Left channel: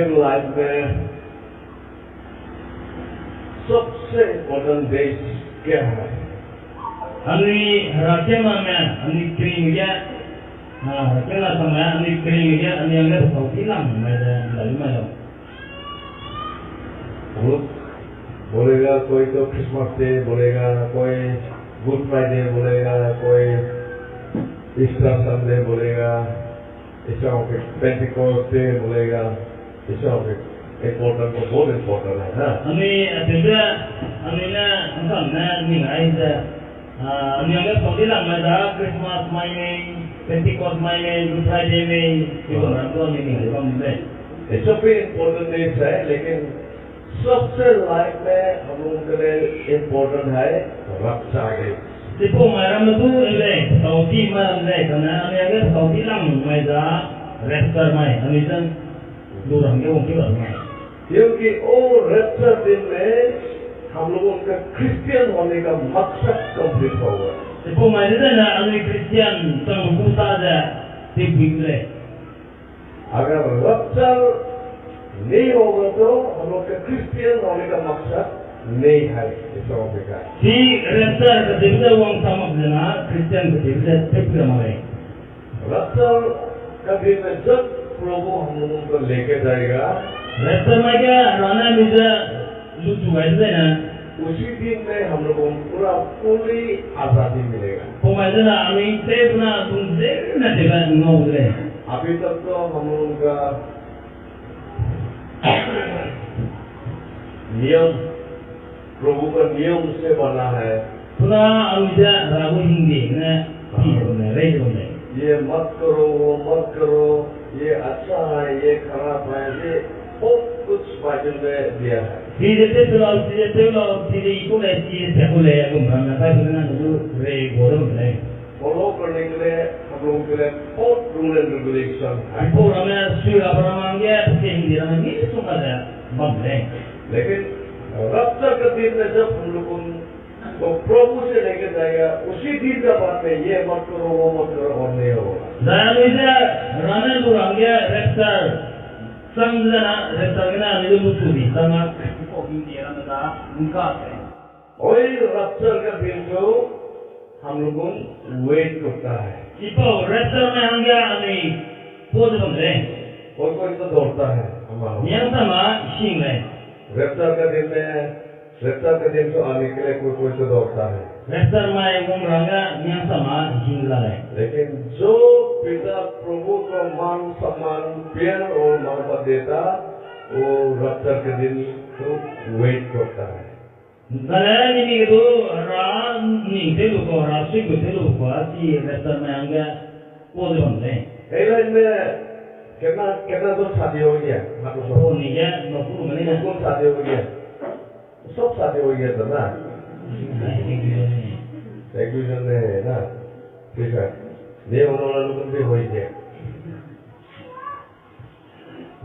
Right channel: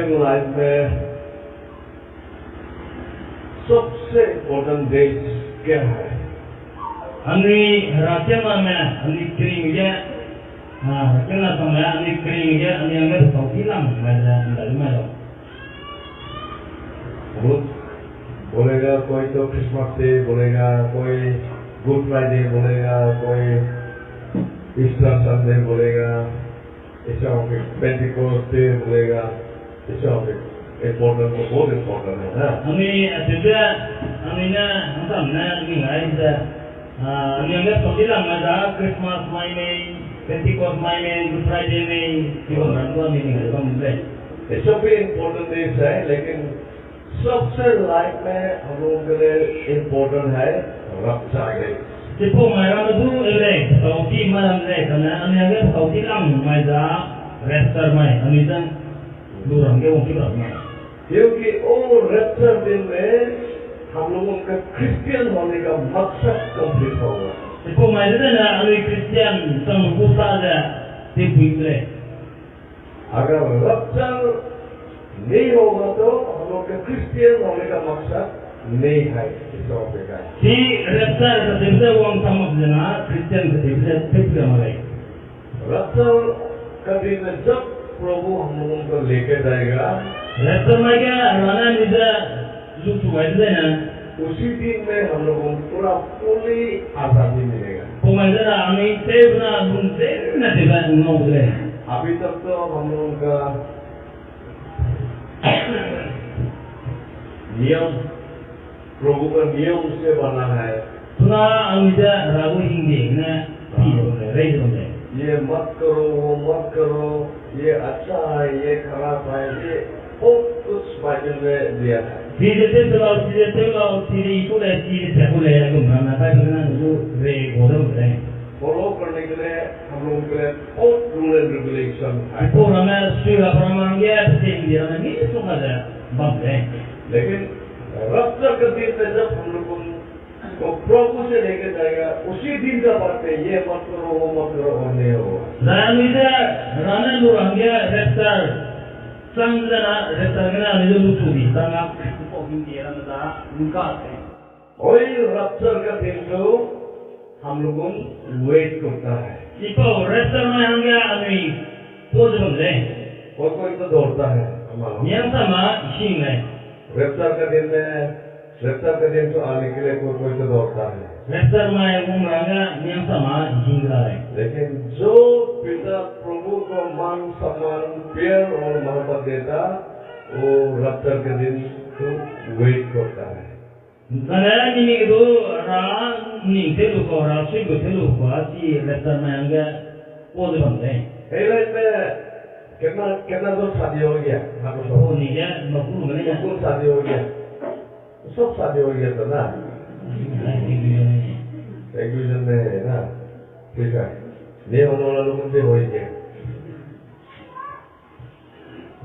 Christian life में सबसे important days क्या है? Ani rakyatnya ani keringinya, rakyatnya sama ani keringinya ani yang nggak tahu hilang, macam dari mana? बोलेगा कोई तो क्रिसमस डे बोलेगा, कोई गुड फ्राइडे बोलेगा, कोई ईस्टर संडे बोलेगा, ऐसा पेंटिकोस्ट डे बोलेगा, ऐसा इम्पोर्टेंट तो बहुत इम्पोर्टेंट है ना? Ani ada, ani na, entah na ni ada, ani yang nggak tahu hilang macam Christmas main, Pentecost main, Good Friday main, itu orang tua ni ada benda. ये सब भी important days है, लेकिन सबसे लाइफ में हम लोगों के लिए इम्पोर्टेंट है रक्षा day. Tipu malam itu eleh, tahu di malam eleh, karena ani yang nggak tahu hilang macam rapture main, ani kan durang ke orang kita main. क्योंकि वो रक्षा दिन में हम लोगों का क्रिश्चियन होने का मकसद कंप्लीट होगा। Tipu main itu na ani Christian sang kusa aja tipu eleh. अगर रक्षा नहीं होगा तो हम लोग का क्रिश्चियन होने का मकसद नहीं है इस टॉपिक का। Si rapture ketika orang sama jena Christian ketika tipu ramai. रक्षा का दिन में जब प्रभु हम लोगों को लेके जाएगा, Rapture mereka rana bisa lucu aja na. उसी दिन में हम लोगों को पूरा पूरी आजादी मिलेगा। Pemain itu na ami tipu na bunyi na tiba ngau eleh. अभी तक तो हम लोगों का नियम प्रभु का नियम से बना है, Tuna amida ragu hindi na tipu na raise boleh. ये मत करो वो मत करो, ये अच्छा है ये खराब है, ये बहुत कुछ बाइबल में दिया है। Tidak itu leh, tidak boleh aku mana apa itu na itu bodoh boleh. Follow करने के लिए हम लोगों के लिए बहुत रूल एंड रेगुलेशन है, Ibu ramai sudah pernah manggil, pasti dia ramai ni semua ada boleh. लेकिन रक्षा का दिन में जब हम लोग को प्रभु से लेके जाएगा, उसी दिन का बात है, ये मत करो वो मत करो और नहीं होगा। Lalu itu rana lu manggil raptor, sanggana raptor kena itu lucu di tengah. Kau hindi ramai dah muka saya. वही रक्षा का दिन को हम लोगों वेट करता है। Ibu raptor manggil ani pose boleh. कोई कोई तो दौड़ता है हमारा। Yang sama sing leh. रक्षा का दिन तो आने के लिए कोई कोई तो दौड़ता है, Raptor mai umranga yang sama sing leh. लेकिन जो पिता प्रभु को मान सम्मान प्यार और मोहब्बत देता, वो रक्षा के दिन तो वेट करता है। Karena ini itu ni telu ko rasi telu ko si raptor mai angga pose boleh. Airline में कितना तो शादी हो गया, Oh ni ya, nak puluh mana ya? कौन शादी हो गया, सब शादी हो गया था ना, एक दूसरे ने ना, ठीक है, ये होने वाला लोगों से हो ही गया।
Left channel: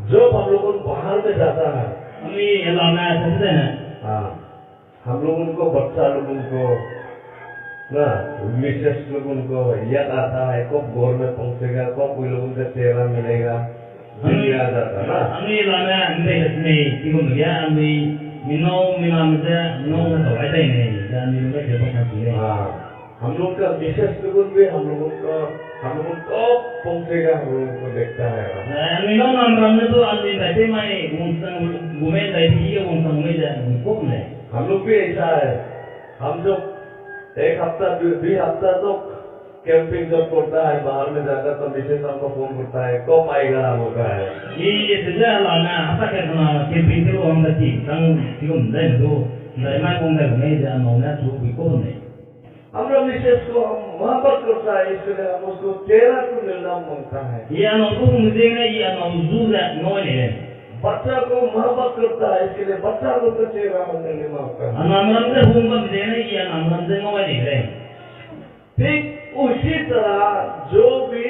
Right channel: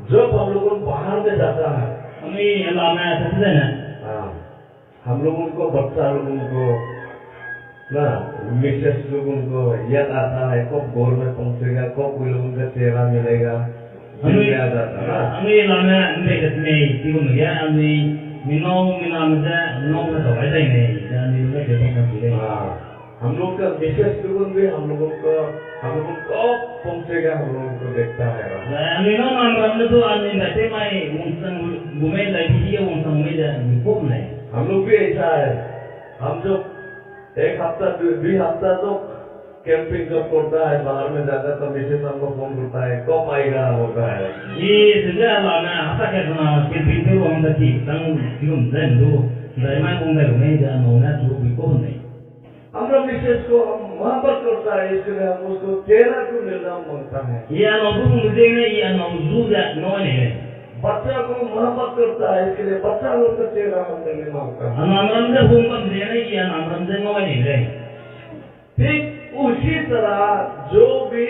जब हम लोगों बाहर में जाता है, Kami lama saja na. हाँ, हम लोगों को बच्चा लोगों को ना मिसेस लोगों को याद आता है, कब घर में पहुंचेगा, कब कोई लोगों का चेहरा मिलेगा, दिल में आ जाता है ना। Kami lama ni ni tiga ya, kami minau muda minau na tawai dah ni, dan ni juga dia pun boleh. हाँ, हम लोग का मिसेस लोगों भी हम लोगों को कब पहुंचेगा, हम लोगों को देखता है। Minau namram na tu kami dah mai muncang gumen dah dia muncang gumen dah ni pun leh. हम लोग भी ऐसा है, हम जब एक हफ्ता दो हफ्ता तो कैंपिंग जब करता है, बाहर में जाता तो मिसेस हमको फोन करता है, कब आएगा होता है। Ini sejak lama apa kerana kepintu orang tadi, tang tiga dah tu, dah mai pun dah gumen dah nona tu pun leh. हमारा मिसेस को हम मोहब्बत करता है, इसलिए हम उसको चेहरा को मिलना मांगता है। Ia nak tu mesti ni, ia nak zuza noi ni. बच्चा को मोहब्बत करता है, इसके लिए बच्चा लोग का चेहरा हम नहीं मांगता है। Anamram se hum kan dia ni, ia anamram se noi ni leh. ठीक उसी तरह जो भी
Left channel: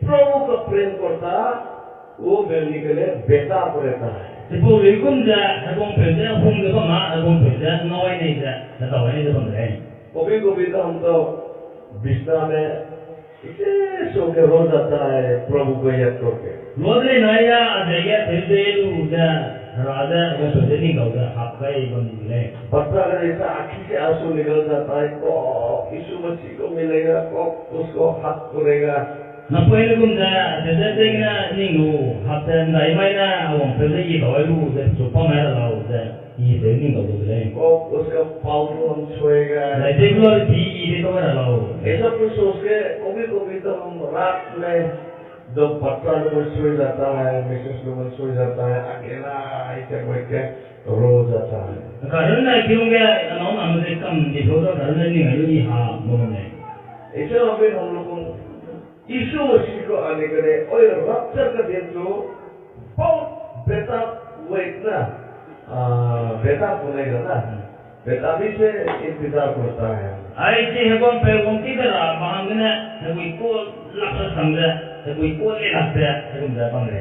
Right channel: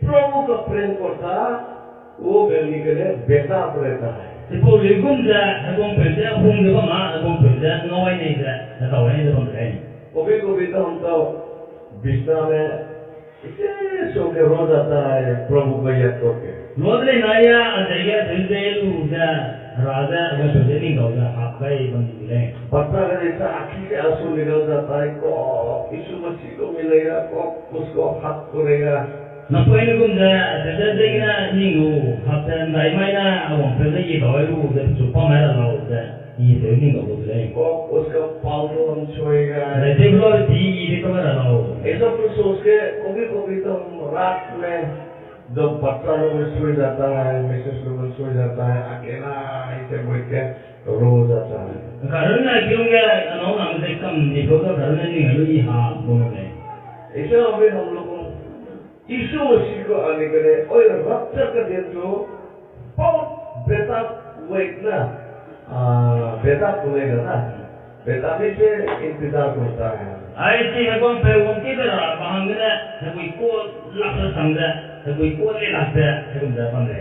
प्रभु का प्रेम करता, वो मिलने के लिए बेताब रहता है। Sepuluh ribu je, aku kerja, hum je apa, aku kerja, noi ni je, tahu ni je bang leh. कभी कभी तो हम तो बिस्तर में इसे सो के रो जाता है प्रभु को याद करके। लोदले नाया अजय थेलु दा राजा अगर सोचे नहीं गाउदा हाथ का एक बंदी मिले। बच्चा का जैसा आँखी से आंसू निकल जाता है, कब यीशु मसीह को मिलेगा, कब उसको हाथ करेगा। न पहले गुंजा तेरे देखना निंगो हाथ अंदाई मायना अवंग तेरे ये गावलू दे चुप्पा मेरा लाओ दे ये तेरे निंगो बोले। कब उसका पाँव को हम छुएगा। ऐसे भी लोग दी ये तो मेरा लाओ। ऐसा कुछ सोच के कभी-कभी तो हम रात में जब बच्चा लोग सो जाता है, मिसेस लोग सो जाता है, अकेला ऐसे बैठ के रो जाता है। कारण ना क्यों क्या नौ नाम से कम ये लोग कारण नहीं है ये हाँ बोलने। ऐसे अभी हम लोग यीशु मसीह को आने के लिए और रक्षा का दिन जो बहुत बेटा वेट ना बेटा बोलेगा ना, बेटा भी से इंतजार करता है। ऐसे है कौन पे कौन की तरह बाहंगना है कोई को लक्ष्य समझा है कोई को ले लगता है कौन जा पाएंगे।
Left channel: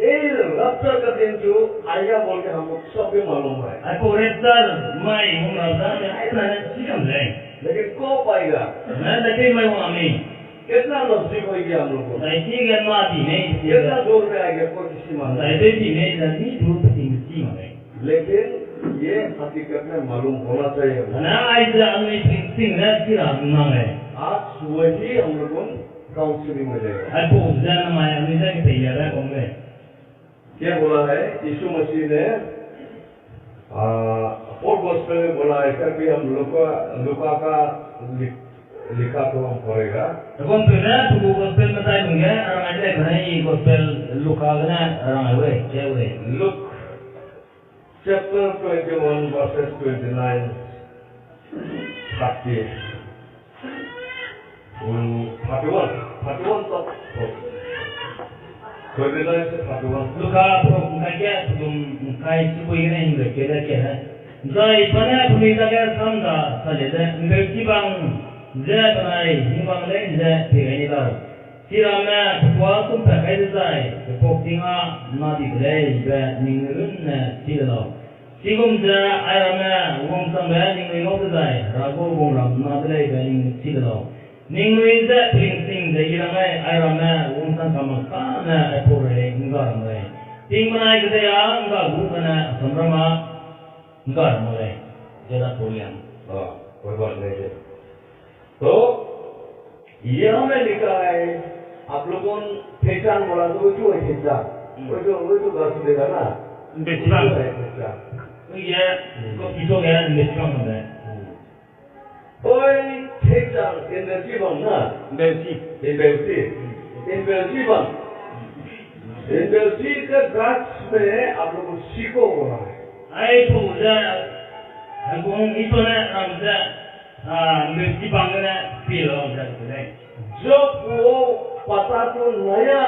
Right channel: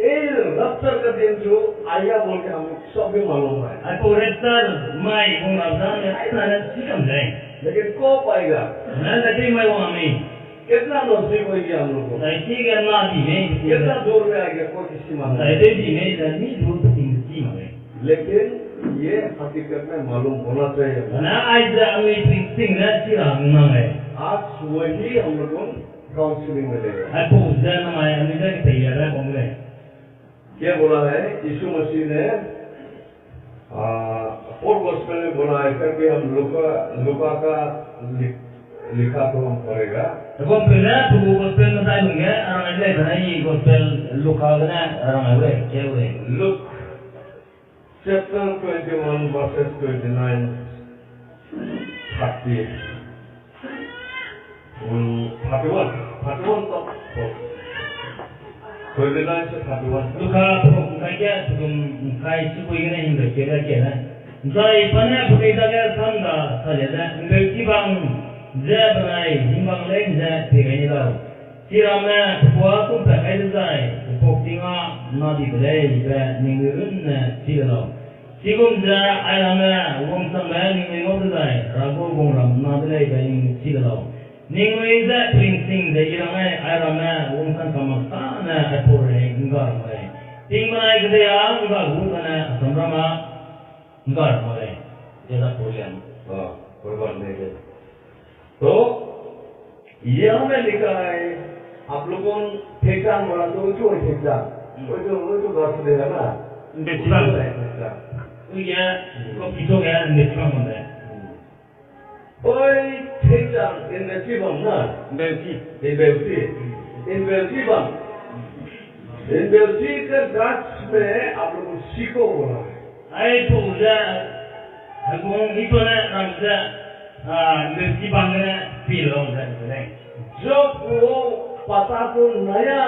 ये रक्षा का दिन जो आया बोल के हम लोग सब भी मालूम है। आपको रेस्टर माई हूँ राजा ने ऐसा नहीं सीखम जाए। लेकिन कब आएगा? मैं लेते मैं वहाँ में कितना नजदीक हो गया हम लोग को? ऐसी करना भी नहीं कितना दूर में आ गया कोई किसी मालूम ऐसे भी नहीं जानी दूर पति मिलती मारे। लेकिन ये हकीकत में मालूम होना चाहिए ना आज अमेरिकन सिंह ने चिरा मांगे। आज वही हम लोग को काउंसलिंग मिलेगा। आपको जाना माया अमेरिका की तैयार है कौन क्या बोला है यीशु मसीह ने और गॉस्पेल में बोला है करके हम लुका का लिखा तो हम पढ़ेगा। कौन पे ना तो गॉस्पेल में ताई लूँगे orang ada kerana ini gospel लुका करना orang ada क्या बोले? Luke chapter 21 verses 29 30 31 तक 29 से 31 लुका pro क्या तुम काय सिपोई करना हिंदू क्या है? जाए पने पुनीता क्या समझा साले इंग्लिश bang जब नाई हिंबांग ले जब पिघलने लाओ सिरामना पुआ तुम पकाई जाए पोक्तिंगा नादी बले जब निंगुन सिलाओ सिगुम जब आयरना वंग संबे निंगुन जाए रागो गोंगराम नादले बनिंग सिलाओ निंगुन जब प्रिंसिंग जब इलामे आयरना वंग संग कमस्ता न अपोरे इंगार मरे तिंग बनाए कदे यां इंगा गुकना संब्रमा इंगार मरे जरा पोलियम कोई बात नहीं है। तो ये हमें लिखा है आप लोगों ने ठेकान बोला तो वो है ठेकान वो तो गाँव देगा ना बेचना है ठेकान ये को किसो गया बेचना होता है ओए ठेकान इन बेचीबम ना बेची इन बेची के गाछ में आप लोगों सीखो बोला है आई तो उधर हम इतो ने रामजा बेची बांगना पीलो उधर उधर जब वो पता तो नया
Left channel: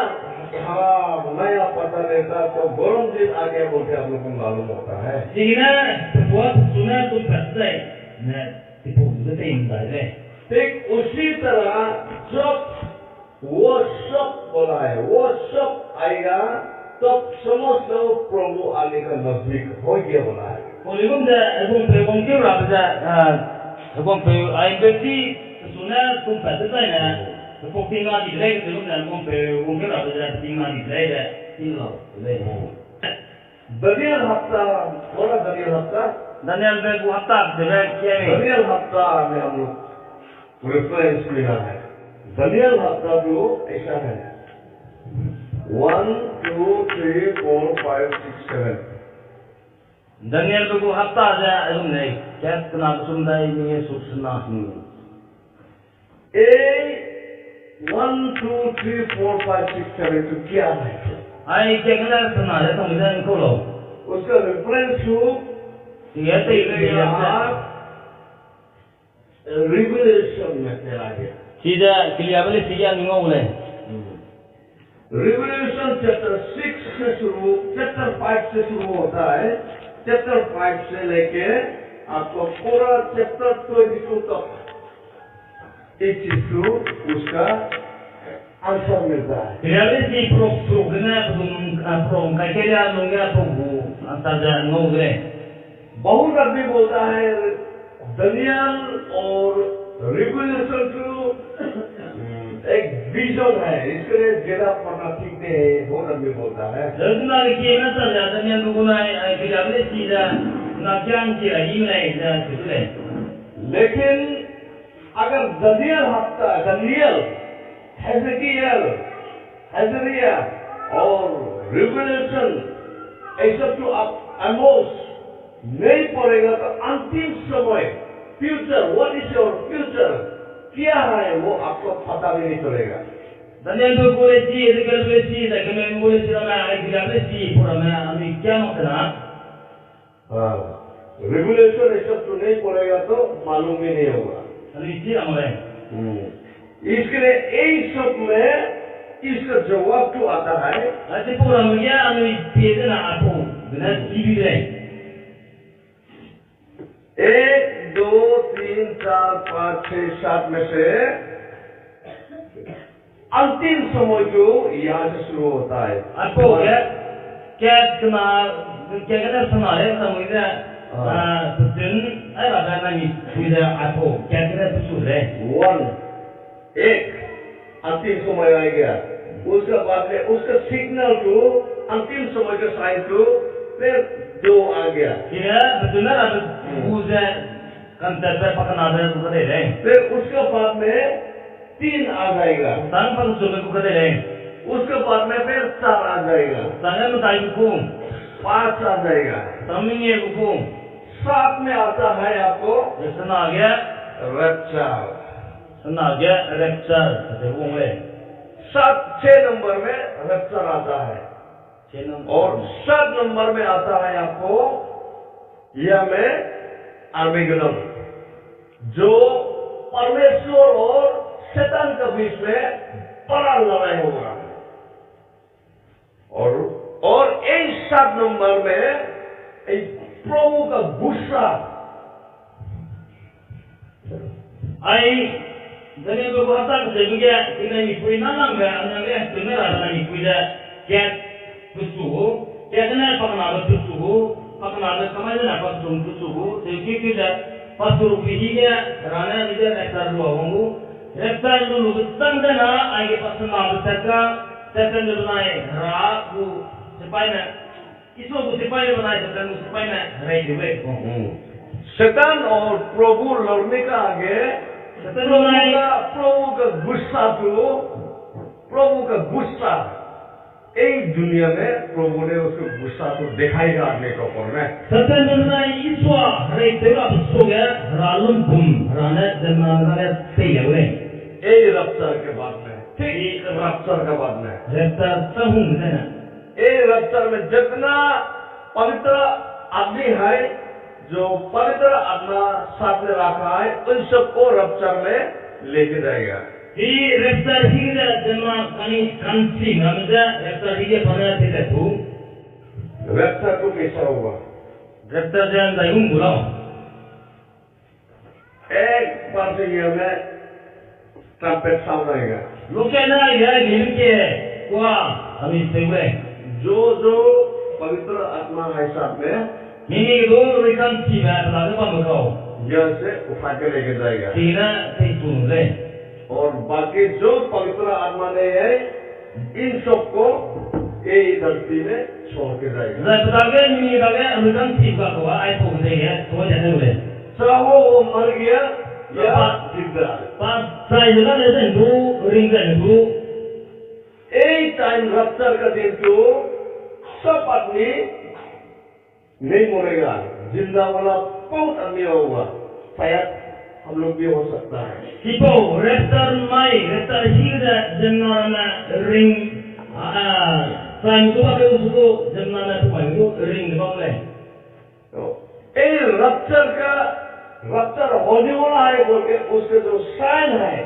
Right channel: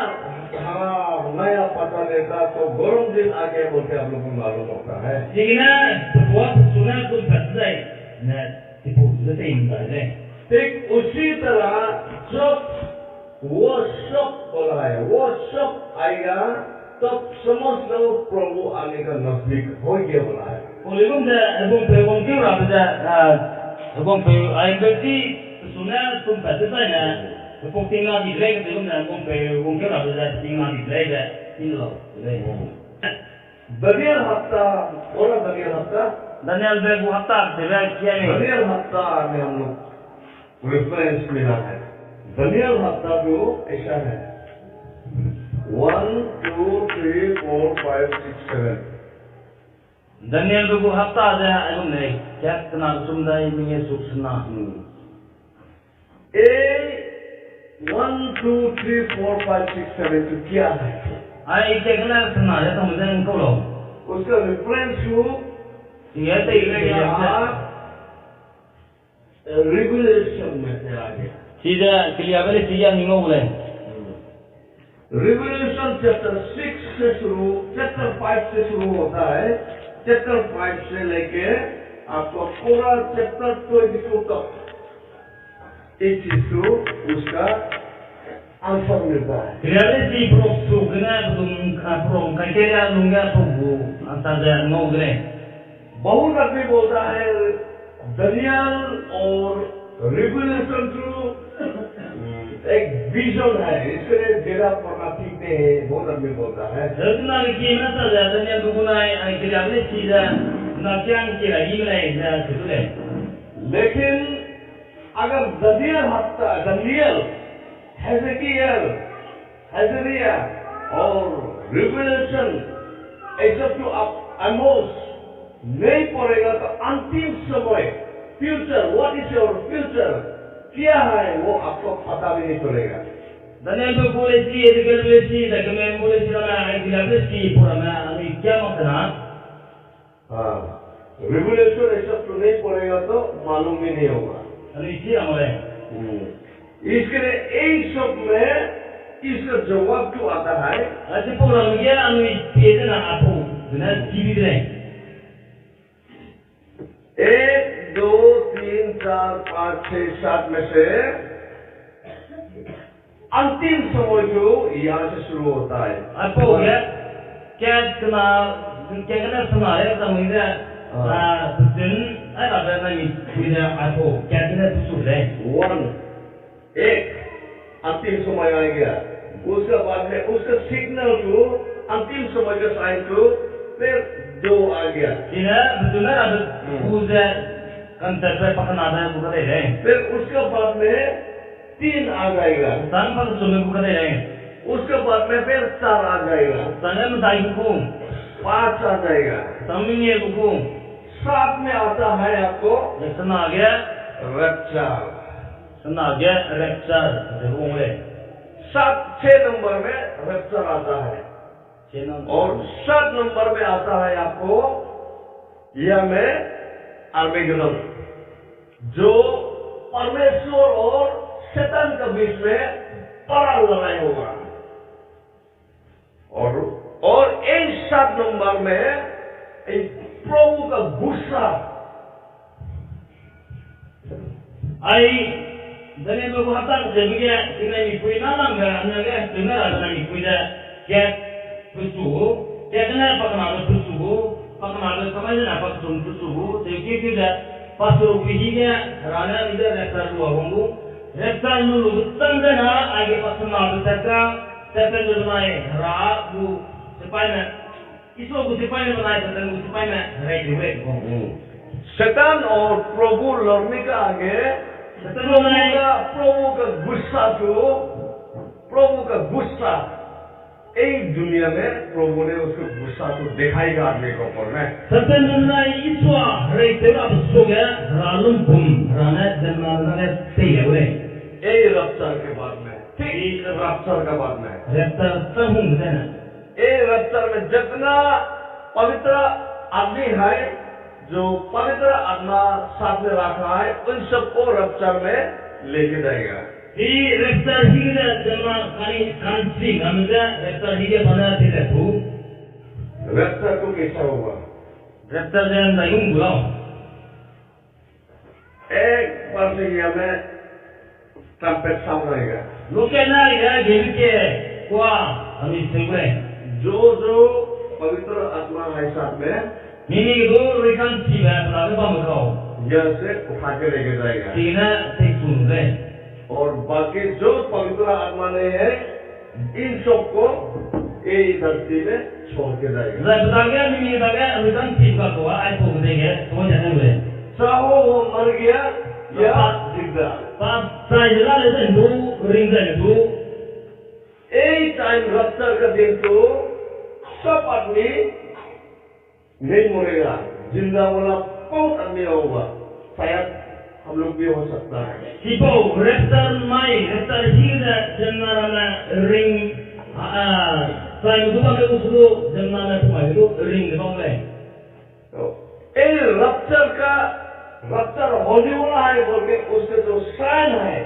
पता लेता तो गरम दिन आगे बोलते आप लोगों को मालूम होता है। जिगना तो बहुत सुना तुम फंसते न इतो उधर से इंसान है। ठीक उसी तरह जब वो सब बोला है वो सब आएगा तब समझ लो प्रभु आने का नजदीक हो गया बोला है। बोलेगुम जा एबं पे बंग क्यों राब जा एबं पे आई बेची सुना तुम फंसते ना तो पोक्तिंगा दिखले के तुम ना एबं पे बंग क्यों राब जा पोक्तिंगा दिखले के इल्लो दनियल हफ्ता बोला दनियल हफ्ता Daniel Begu हफ्ता देवे क्या नहीं दनियल हफ्ता में हम लोग रेफरेंस मिला है। दनियल हफ्ता जो ऐसा है 1 2 3 4 5 6 7 Daniel Begu hafta aja ayam nih क्या kena sumdai ini suksna ए 1 2 3 4 5 6 7 तो क्या है? आई क्या kena sena ya tamu jangan kau loh उसका रेफरेंस जो ये तो रिवलेशन में चला गया। सीधा क्लियर वाले सीधा निंगो बोले रिवलेशन चैप्टर 6 से शुरू चैप्टर 5 से शुरू होता है। चैप्टर 5 से लेके आपको पूरा चैप्टर 22 तक इस चीज को उसका आंसर मिलता है। क्लियर वाले सी प्रो कना प्रो क्या क्या लूँगा तो वो अंतर नो गरे बहुत आदमी बोलता है दनियल और रिवलेशन टू एक विजन है, इसके लिए ज़्यादा पढ़ना ठीक नहीं है, बहुत आदमी बोलता है। Jadi kita saja dan yang digunakan kita boleh tidak nak yang kira ini lah itu lah. लेकिन अगर दनियल, हेज़किय्याह और रिवेलेशन ये सब जो आप आमोस नहीं पढ़ेगा तो अंतिम समय future, what is your future, क्या है वो आपको पता भी नहीं चलेगा। Daniel boleh sih, Ezekiel boleh sih, Zakaria boleh sih, ramai kita boleh sih, pura-pura kami क्या मतलब? हाँ, रिवेलेशन ये सब तो नहीं पढ़ेगा तो मालूम ही नहीं होगा। Kami sih ramai. इसके लिए इन सब में इसका जवाब जो आता है, Ada program dia kami pilih na apa, dengan TV deh. 1, 2, 3, 4, 5, 6, 7 में से अंतिम समय जो यहाँ से शुरू होता है। Apa ya? क्या kena senarai sama dia? Betul, ada nami kita apa? क्या kena betul deh? 1, 1 अंतिम समय आ गया, उसके बाद में उसका सिग्नल जो अंतिम समय का साइन जो फिर 2 आ गया, Kira betul ada uza kan terpakai nada bukan deh. फिर उसके बाद में 3 आ जाएगा, Sang pang sume bukan deh. उसके बाद में फिर 4 आ जाएगा, Sangat mentai buku, 5 आ जाएगा, samingnya buku. 7 में आता है आपको Senaga, rupture, senaga rapture, sebelum le. 6 number में रप्चर आता है Channel और 7 नंबर में आता है आपको यह में आर्मेगेडोन, जो परमेश्वर और शैतान के बीच में बड़ा लड़ाई होगा। और इन 7 नंबर में एक प्रभु का गुस्सा, Ai dari beberapa kata sebagai kita ikut nama anda sebenarnya ada ikut cat bersuhu, cat ni pakai nama bersuhu, pakai nama kemana nak pakai sum bersuhu, jadi kita pasur pihinya rana ini rektar luar wonggu, rektar lulu betul dana, agi pasur nama berserta, serta lulu naik ragu supaya इसको सिपाही बनाए तो तंग सिपाही में right हुए शैतान और प्रभु लड़ने का आगे प्रभु का गुस्सा एक दुनिया में प्रभु ने उसको गुस्सा तो दिखाएगा आदमी को ऊपर में। सत्यन में ईश्वर राइट तेरा पुस्तक रालुम बुम राने जन्माने तेरे बोले ए रफ्तार के बाद में, ठीक रफ्तार के बाद में रफ्तार सहूं देना ए रफ्तार में जितना पवित्र आदमी है, जो पवित्र आत्मा साथ में रखा है, उन सबको रफ्तार में लेके जाएगा। ये रफ्तार ही के जन्मा कानी कांसी हमजा रफ्तार ही के बना थे तू रफ्तार को कैसा होगा? रफ्तार जन दायुं बुलाओ एक बार से ये में ट्रम्पेट साउंड आएगा, लोग कहना है गेम के क्या हम इससे बोले जो पवित्र आत्मा है साथ में मीनी के दो रिकान सी बात लागे बमकाओ यह से उठा के लेके जाएगा, तीना से सुन ले और बाकी जो पवित्र आत्मा नहीं है इन सबको यही धरती में छोड़ के जाएगा। जब बतागे मीनी के बतागे रिकान सी का को आई को देंगे तो जाने बोले चाहो वो मर गया या जिंदा, पाप साइला ले दो रिंग दे दो यही टाइम रफ्तार का दिन तो सब आदमी नहीं मरेगा, जिंदा वाला बहुत आदमी होगा, शायद हम लोग भी हो सकता है। सिपो रेफ्तार माई रेफ्तार ही के जन्ना में रिंग साइम तो बाके उसको जन्ना में तो माई तो रिंग दे बोले तो ये रफ्तार होने वाला है बोल के उसके जो साइन है,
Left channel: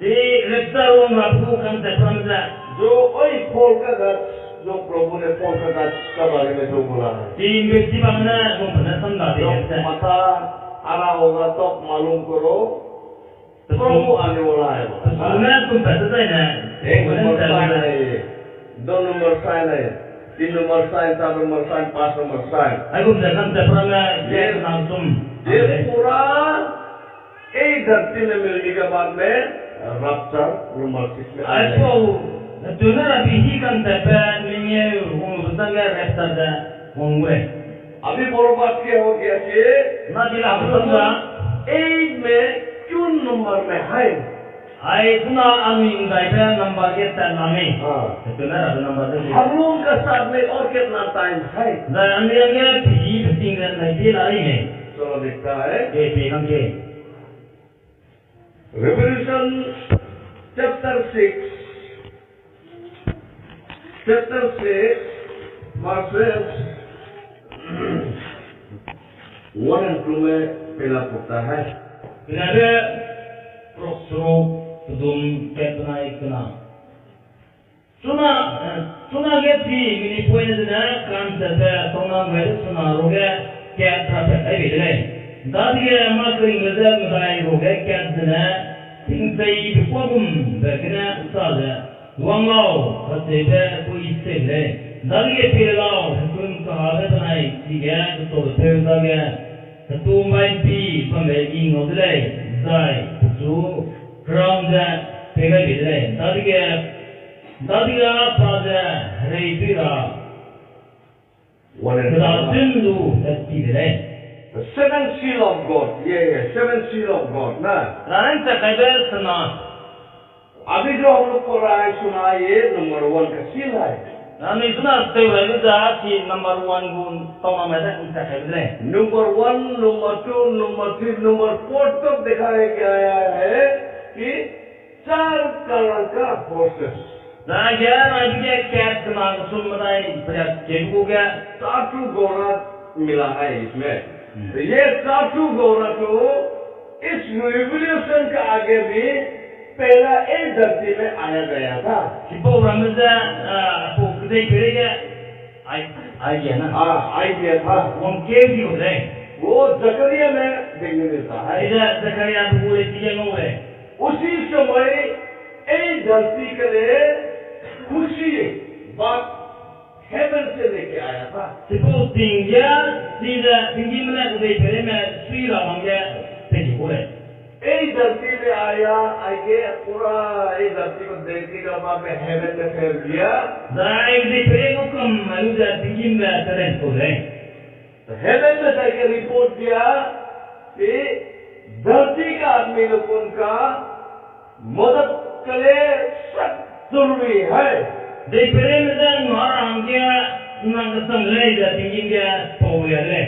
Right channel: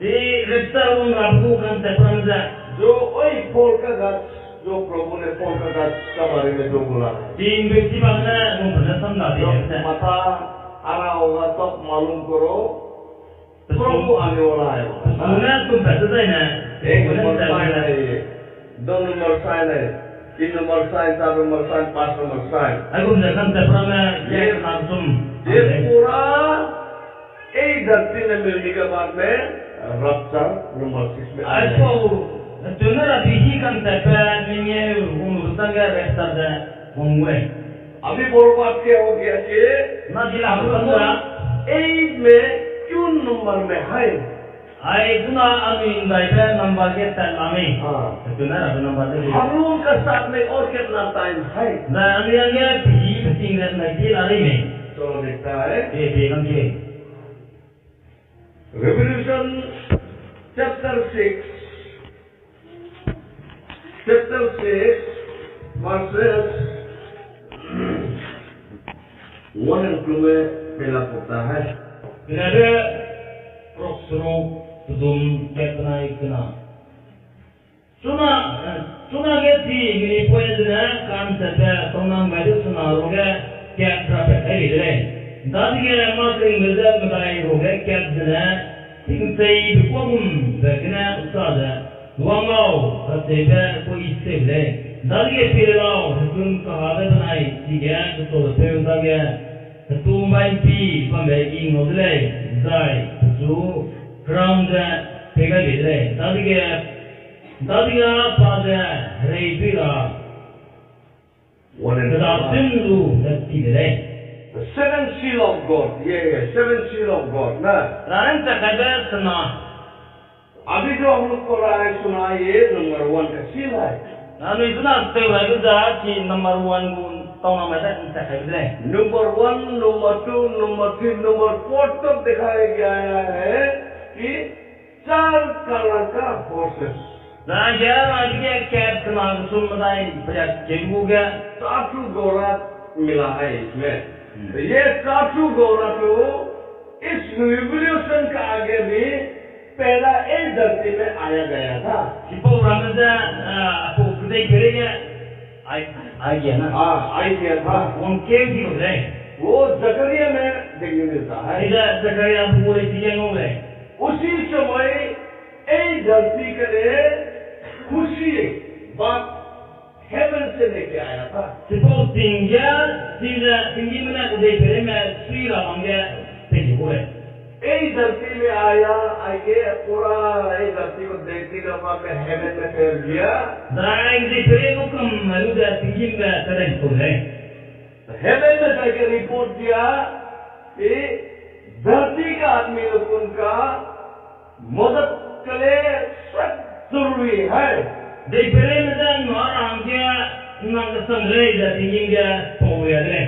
ये रेफ्तार वो आपको kan terpranza जो वही फल का गाछ, जो प्रभु ने फल का गाछ का बारे में जो बोला है, तीन व्यक्ति बागना मुंबई समझाते हैं मता हरा होगा तो मालूम करो प्रभु आने वाला है। सुना तुम पता है ना एक नंबर साइन है ये, 2 नंबर साइन है, 3 number sign, 4 number sign, 5 number sign. aku kan terpranza ये langsung ये पूरा यही धरती में मिलने के बाद में rapture number 6 में आ Ai जाएगा। po tuna ra bihi kan tepe ninge betang ga resta da ngure. अभी बोलो बात क्या हो गया कि Na jila betanga 8 में क्यों नंबर में है? ai tuna ami indai pe number ge ta lame. हाँ, Tuna ra number de. हम लोगों का साथ में और कितना टाइम है? Da ani ange bihi beting ga nai de la ri ne. चलो देखता है Ke pe kan ke. Revelation chapter 6 verses 1 and 2 में पहला पढ़ता है। Pinada prosro tudum ketna ikna. Suna ge ti mini poe dina kan tebe tonam ga suna roge ke trape ai bidle. Dadige ma kring geza madai roge ke dina ting sei bipogum begna usada. Wangao katebe ko isele. Dadige pilao kun kahave banai tige to te dage ketumbai pi pambe ingodle zai zu crown da pega bidle. Dadige pada reipira 1 and 2. Tindu bidle. The seventh seal of God. Yeah, seventh seal of God. ना Ranan ta kaibe sana. अभी जो हम लोग पढ़ रहा है सुना ये नंबर 1 का सील है। Nanu isuna stay right da ti number 1 gun tauna mai ta ta kaibe. Number 1, number 2, number 3, number 4 तक दिखाया गया है कि 4 कलर का forces Da ya na ke cat na sum madai pada kebu ga. चाटू गौरा मिला है इसमें। तो ये चाटू गौरा तो इस रिवोल्यूशन का आगे भी पहला एक धरती में आया गया था। Sipo ramada apo kudai kerega ai ya na. हाँ, आई गया था। Wong kebu di ko dai. वो जकरिया में देखने मिलता है। Ida Zakaria bule tiga ngore. उसी समय एक धरती के लिए खुशी बात हेवन से लेके आया था। Sipo tinggal tinggi mana kudai kere me sui la mangga tegi kore. एक धरती में आया, आके पूरा एक धरती को देखने के बाद में हेवन में फेर दिया। Dai kudai kere ko kam malu da tinggi me teren kore. तो हेवन में जाके रिपोर्ट दिया कि धरती का आदमी लोगों का मदद के लिए सख्त जरूरी है। Dai kere me da ngara angga nang sangle da tinggi me poya le.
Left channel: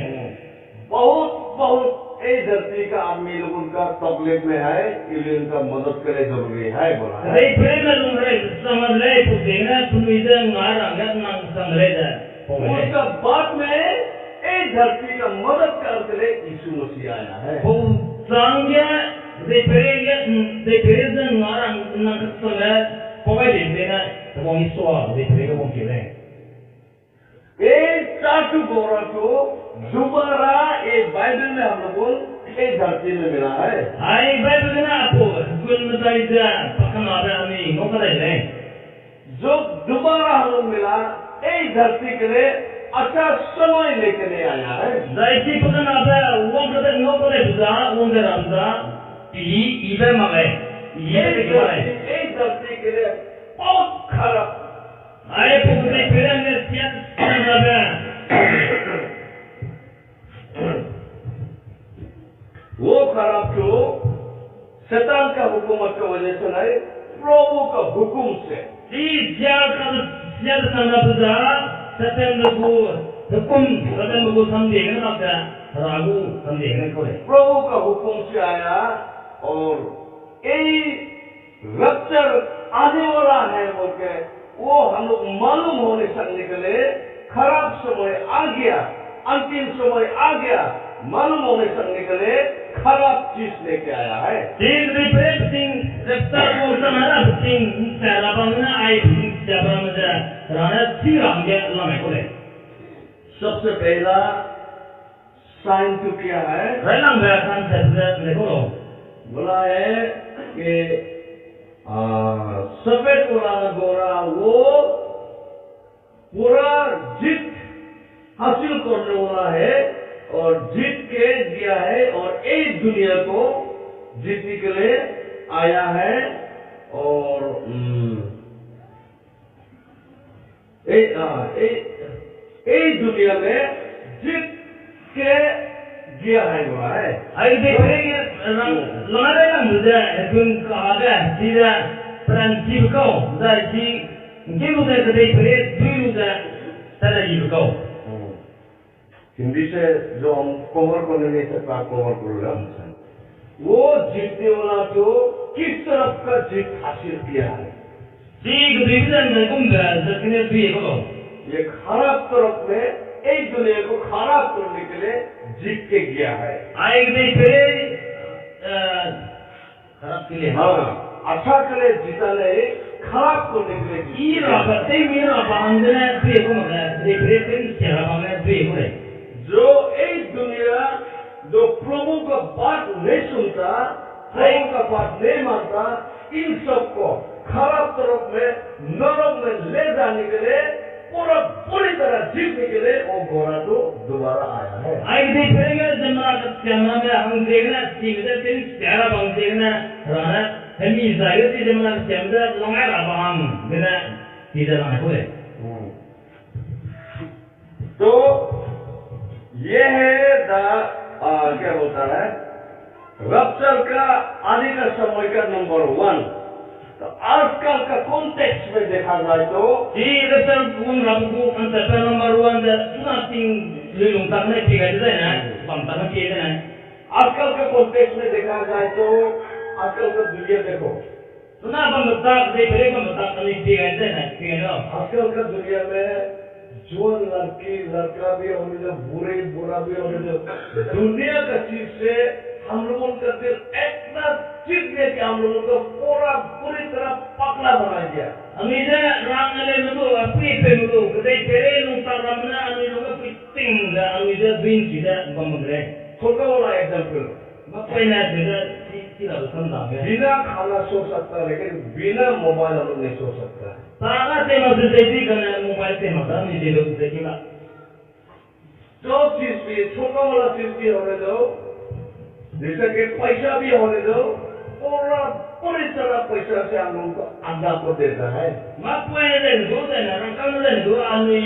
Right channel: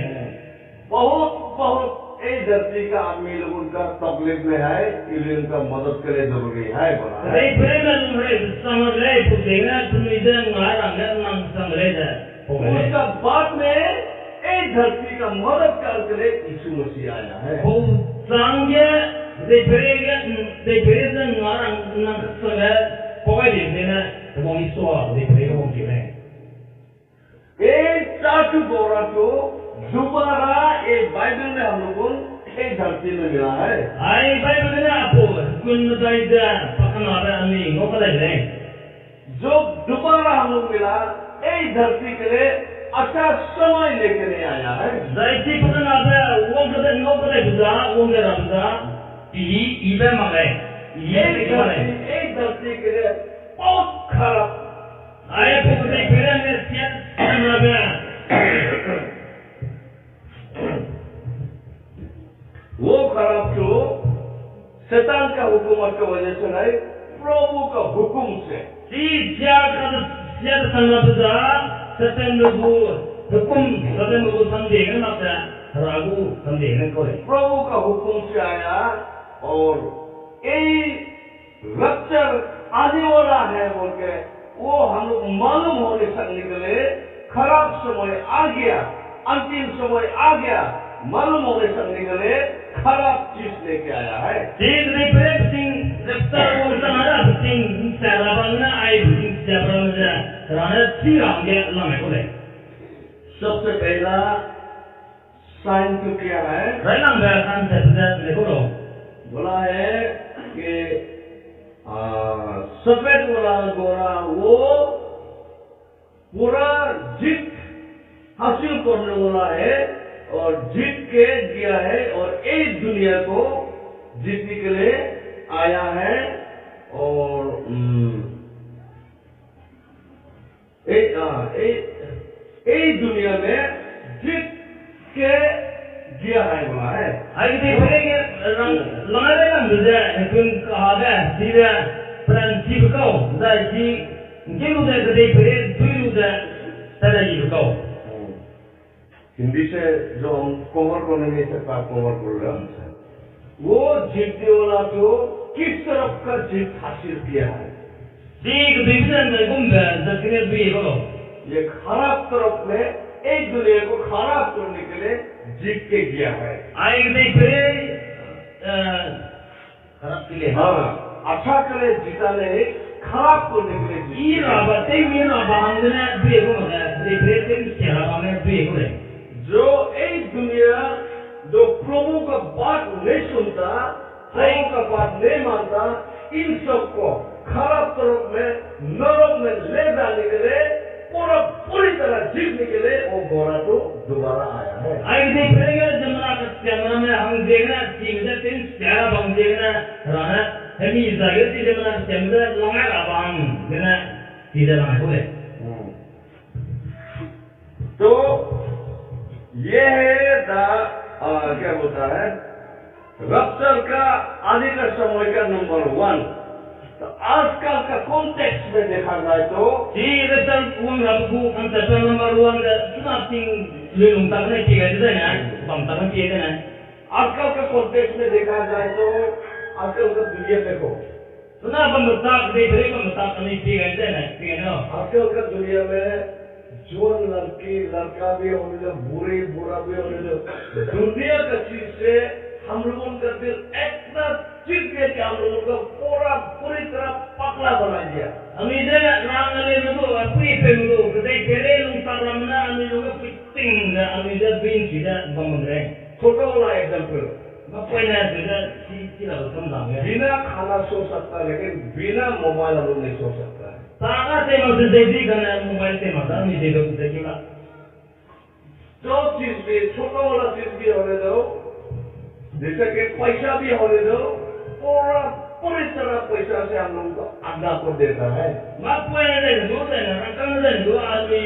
बहुत ये धरती का आदमी लोगों का तकलीफ में है, इसलिए उनका मदद के लिए जरूरी है बोला है। Dai kere me lungre sangle putengna tumida ngara angga nang sangle da poya le. उसका बाद में इस धरती का मदद करने के लिए यीशु मसीह आया है। Ko sangya dai kere da ngara nang sangle poya le na bong iswa dai kere ko bong kire. एक चाटू गौरा को दोबारा एक बाइबल में हम लोगों एक धरती में मिला है। Ai Bible na apo kun dai da pakana ba ami ngoko dai le. जो दोबारा हम लोग मिला एक धरती के लिए अच्छा समय लेके ले आया है। Dai ki pakana ba wong da ngoko dai da wong da da pi ibe male. Ibe ke male. एक धरती के लिए बहुत खराब Ai po dai pera ne siat na ba. वो खराब तो शैतान का हुकूमत की वजह से नहीं, प्रभु का हुक्म से। Si siat ka siat sanna da satan bu hukum satan bu samde na da ragu samde na ko le. प्रभु का हुक्म से आया और यही रप्चर आने वाला है बोल के वो हम लोग मालूम होने सकने के लिए खराब समय आ गया, अंतिम समय आ गया, मालूम होने सकने के लिए खराब चीज लेके आया है। Sing dai pera sing reptar wong sanara sing sarabang na ai sing sarabang da rana siram ge la me ko le. सबसे पहला साइन तो क्या है? Railang ba kan sa da le ko lo. बोला है कि सफेद वाला गोरा वो पूरा जीत हासिल करने वाला है और जीत के दिया है और एक दुनिया को जीतने के लिए आया है और दुनिया में जीत के गया है बोला है। आई दे फिरेंगे लंगारे लंगुजा कुन कहा गया सीधा प्रांतीय को जाती किनु दे दे फिरे दुई रुजा तरह को हिंदी से जो हम कवर करने में सकता कवर कर रहे हैं वो जीतने वाला तो किस तरफ का जीत हासिल किया है ठीक डिवीजन में घूमता दक्षिण दुई को ये खराब तरफ में एक दुनिया को खराब करने के लिए जीत के गया है। आई दे फिरे खराब के लिए अच्छा के लिए जीता नहीं खराब करने के लिए ये राबते में ना बांधने दुई को ना दे फिरे तीन क्या बांधने दुई को जो एक दुनिया जो प्रभु का बात नहीं सुनता प्रभु का बात नहीं मानता इन सबको खराब तरफ में नरक में ले जाने के लिए पूरी तरह जीतने के लिए वो घोड़ा तो दोबारा आया है। आई देख फिरेंगे जमना में हम देखना तीन तीन प्यारा बम देखना राना हम इस जगह से जमना जमना लंगा राबांग देना सीधा लंगा हुए तो ये है क्या बोलता है रप्चर का आदि का समय का नंबर 1। तो आजकल का कॉन्टेक्स्ट में देखा जाए तो जी रप्चर कौन रबू कंसेप्ट नंबर 1 द चुना सिंग ले लूं तक नहीं ठीक है ना बम तक नहीं है ना आजकल का कॉन्टेक्स्ट में देखा जाए तो आजकल का दुनिया देखो सुना बम तक दे फिरे बम तक नहीं ठीक है ना आजकल का दुनिया में जो लड़की लड़का भी होने जो बुरा भी होने जो दुनिया का चीज से हम लोगों का दिल इतना चिढ़ गया कि हम लोगों को पूरी तरह पकड़ा बना दिया। हम इधर राम ने लोगों अपनी पे लोगों कदे केरे लुंटा रामना हम लोगों को तिंग हम इधर बिन सीधा बमंदरे छोटा वाला एग्जांपल मैं कोई ना इधर सीधा समझाऊंगा बिना खाना सो सकता है लेकिन बिना मोबाइल हम लोग नहीं सो सकता है। तागा से मत देखी करना मोबाइल से मत नहीं दे दो देखिएगा जो चीज भी छोटा वाला चीज भी होने दो जैसे कि पैसा भी होने दो पूरी तरह पैसा से हम लोगों को आज्ञा को देता है। मत कोई नहीं दो ना रंग नहीं दो आदमी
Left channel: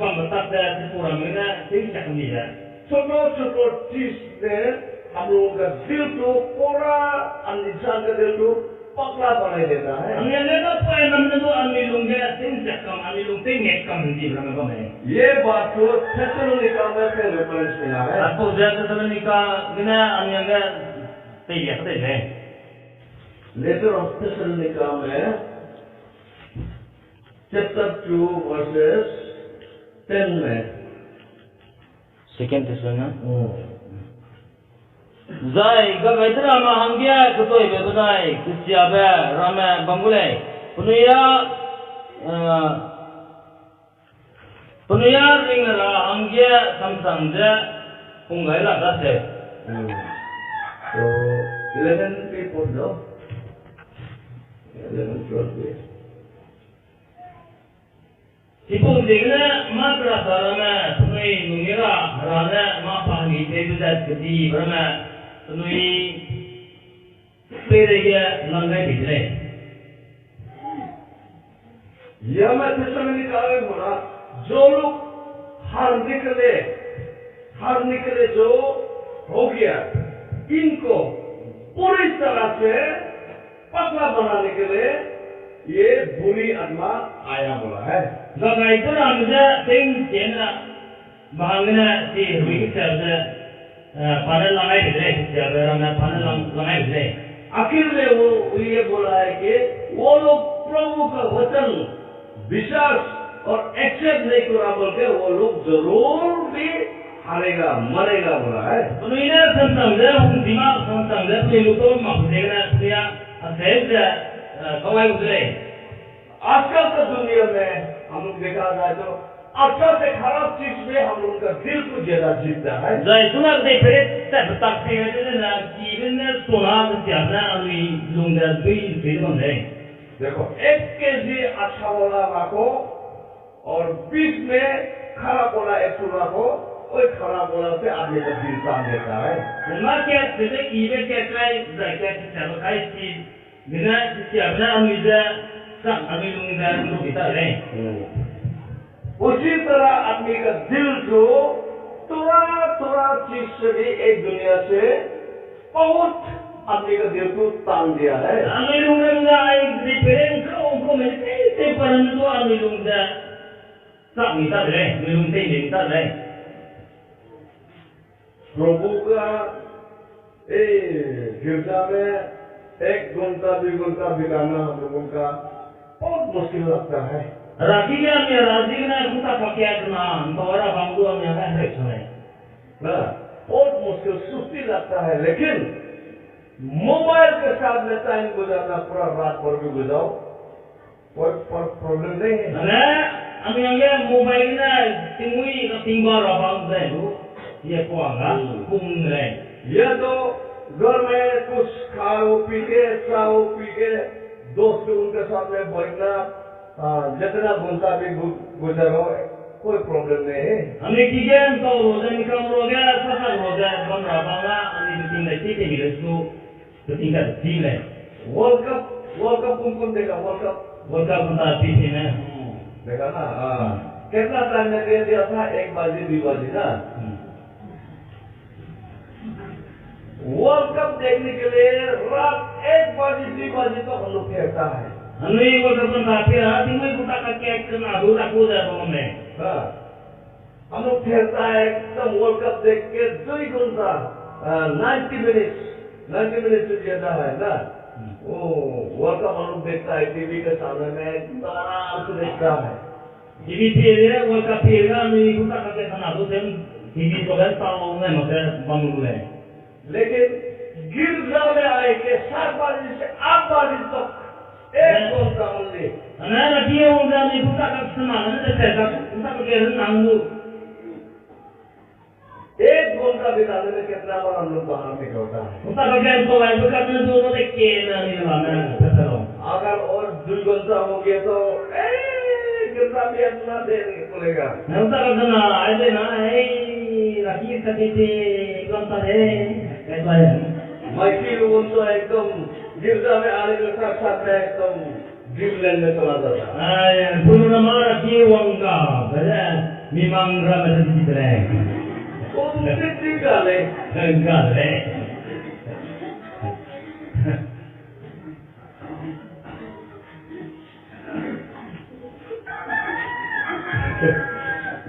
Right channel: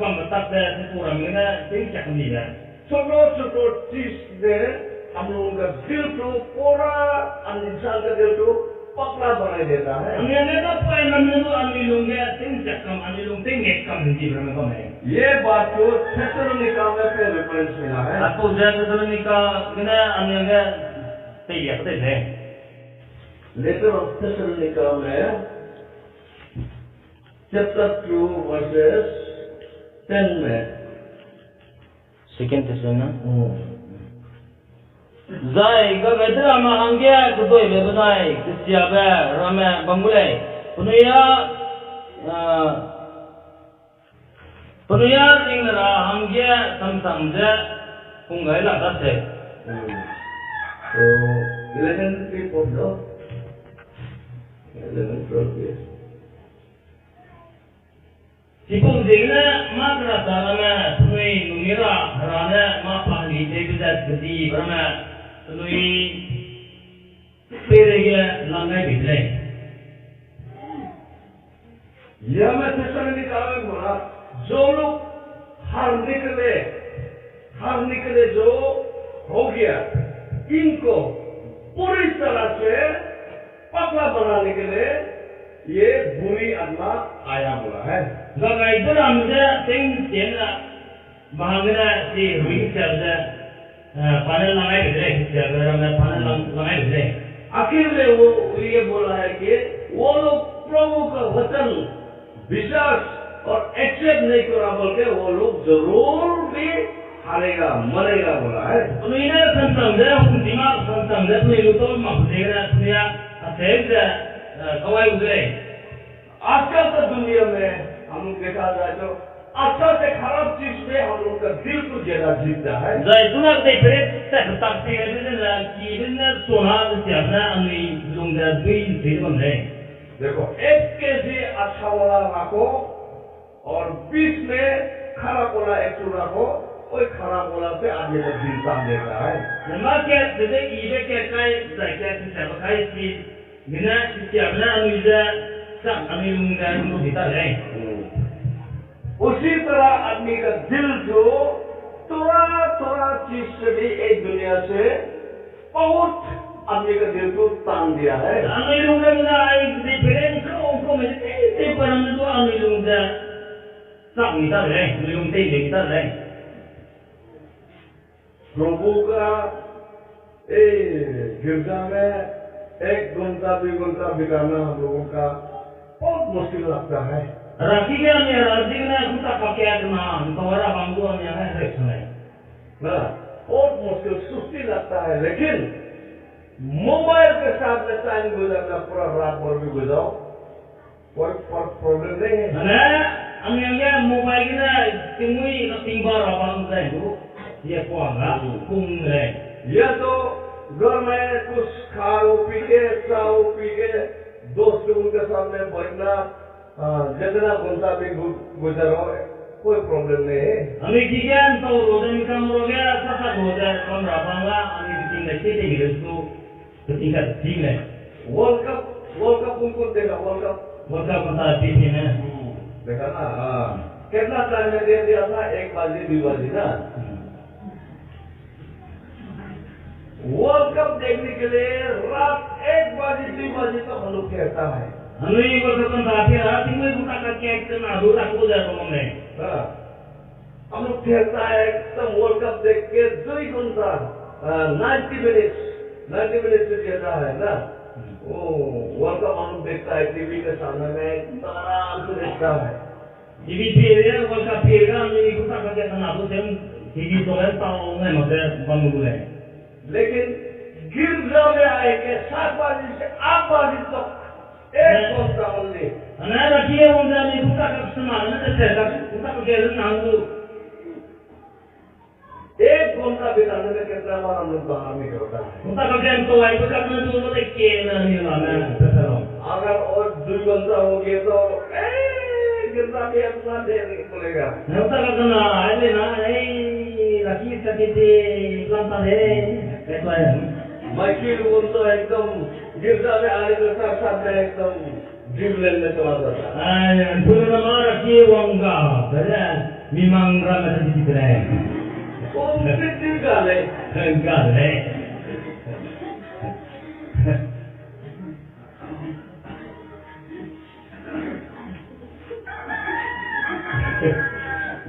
बम तक से पूरा मिलना ठीक चक नहीं है छोटो चीज में हम लोगों का दिल को पूरा इंसान का दिल को पकड़ा बना देता है। हम ये ना कोई नमन दो आदमी लोग तीन चक्कम आदमी लोग तीन एक कम हिंदी में बम है ये बात को थेसलोनिका में से रेफरेंस मिला है। आपको थेसलोनिका किना अन्य तैयार करते हैं लेटर ऑफ थेसलोनिका में चैप्टर 2 वर्सेस 10 में second थेसलोनिका Zai gagai drama hangya kedoi bebadai kesiabe rame bangule penuya ringlara hangya samsangja pungai lagase so 11 people no 11 12 Sipung jengna makra sarana punui numira rana ma pahani debizat gedi rama punui perega langai bidre यह मैं थेसलोनिका में बोला जो लोग हार निकले जो हो गया इनको पूरी तरह से पकड़ा बनाने के लिए ये बुरी आत्मा आया बोला है। gagai drama ting jena bahangna si rugi sabda panel langai bidre sabda rama panel langai bidre आखिर में वो ये बोला है कि वो लोग प्रभु का वचन विश्वास और एक्सेप्ट नहीं करा बोल के वो लोग जरूर भी हारेगा मरेगा बोला है। तो इन्हें संतंग दिमाग संतंग अपने लोगों में देखना दुनिया असेज कवाई उतरे आजकल का दुनिया में हम लोग देखा जाए तो अच्छा से खराब चीज में हम लोग का दिल को ज्यादा जीतता है। सुना कते प्रेत तकती है ना जीवन सोना ज्यादा अन्य लुंगा भी फिर बन रहे देखो 1 केजी अच्छा वाला रखो और 20 में खराब वाला 1 रखो कोई खराब वाला से आगे तक दिल काम देता है। ना क्या जैसे ईबे क्या काय जाके सब खाई चीज Bina siapa na anuja sang anu lungga lu kita le. उसी तरह आदमी का दिल जो थोड़ा थोड़ा चीज से भी एक दुनिया से बहुत आदमी का दिल को तान दिया है। Anu lungga ai di pereng ko mesti te paran tu anu lungga sang kita le, lung te kita le. प्रभु का गिरजा में 1 घंटा 2 घंटा बिताना हम लोगों का बहुत मुश्किल लगता है। Rakinya ni razikna kita pakai kena, bahwa bangdu ni yang reksana. ना बहुत मुश्किल सुस्ती लगता है, लेकिन मोबाइल के साथ में टाइम गुजारना पूरा रात भर भी गुजारो कोई प्रॉब्लम नहीं है। Ana ami yang mobile na tingui tinggal abang dah tu, dia kuangga kung le. ये तो घर में कुछ खाओ पी के चाओ पी के दोस्त उनके सामने बैठना जितना घंटा भी गुजारो कोई प्रॉब्लम नहीं है। Ami kian tahu roda ni kamu roda, sasa roda kamu abangga, ami tinggal kita ni tu, tinggal tinggal. World cup कौन देखा? World cup Mereka pun tak habis na. देखा ना? कितना टाइम में दे दिया था? 1 बजे 2 बजे ना? वर्ल्ड कप देखने के लिए रात 1 बजे 2 बजे तक हम लोग खेलता है। Anu ini mereka pun tak habis. Tinggal kita kakek kena dulu aku dah pemain. हम लोग खेलता है एकदम वर्ल्ड कप देख के 2 घंटा 90 मिनट से ज्यादा है ना। वो वर्ल्ड कप हम लोग देखता है टीवी के सामने में एकदम आराम से देखता है। TV period, World Cup period, anu ini kita kakek kena dulu sem TV tu kan tahu ngai macam bangun dulu. लेकिन गिरजा में आए के 7 बजे से 8 बजे तक 1 घंटा only. Ana rakyat orang dah ni kita kakek senang, ana cakap kita kakek senang tu. 1 घंटा बिताने में कितना बार हम लोग बाहर निकलता है। Kita kakek tu lagi bukan tu tu kena ni mana betul. अगर और 2 घंटा हो गया तो गिरजा भी अपना देर बोलेगा। Kita kakek kena ada na, rakyat kakek je kelanta deh. Kayak ya. माइकिल वो तो एकदम गिरजा में आने के साथ साथ में एकदम ड्रीमलैंड में चला जाता है। Dulu nama rakyat wangga, pada memang ramai di situ leh. वो कितनी गाले Enggak leh.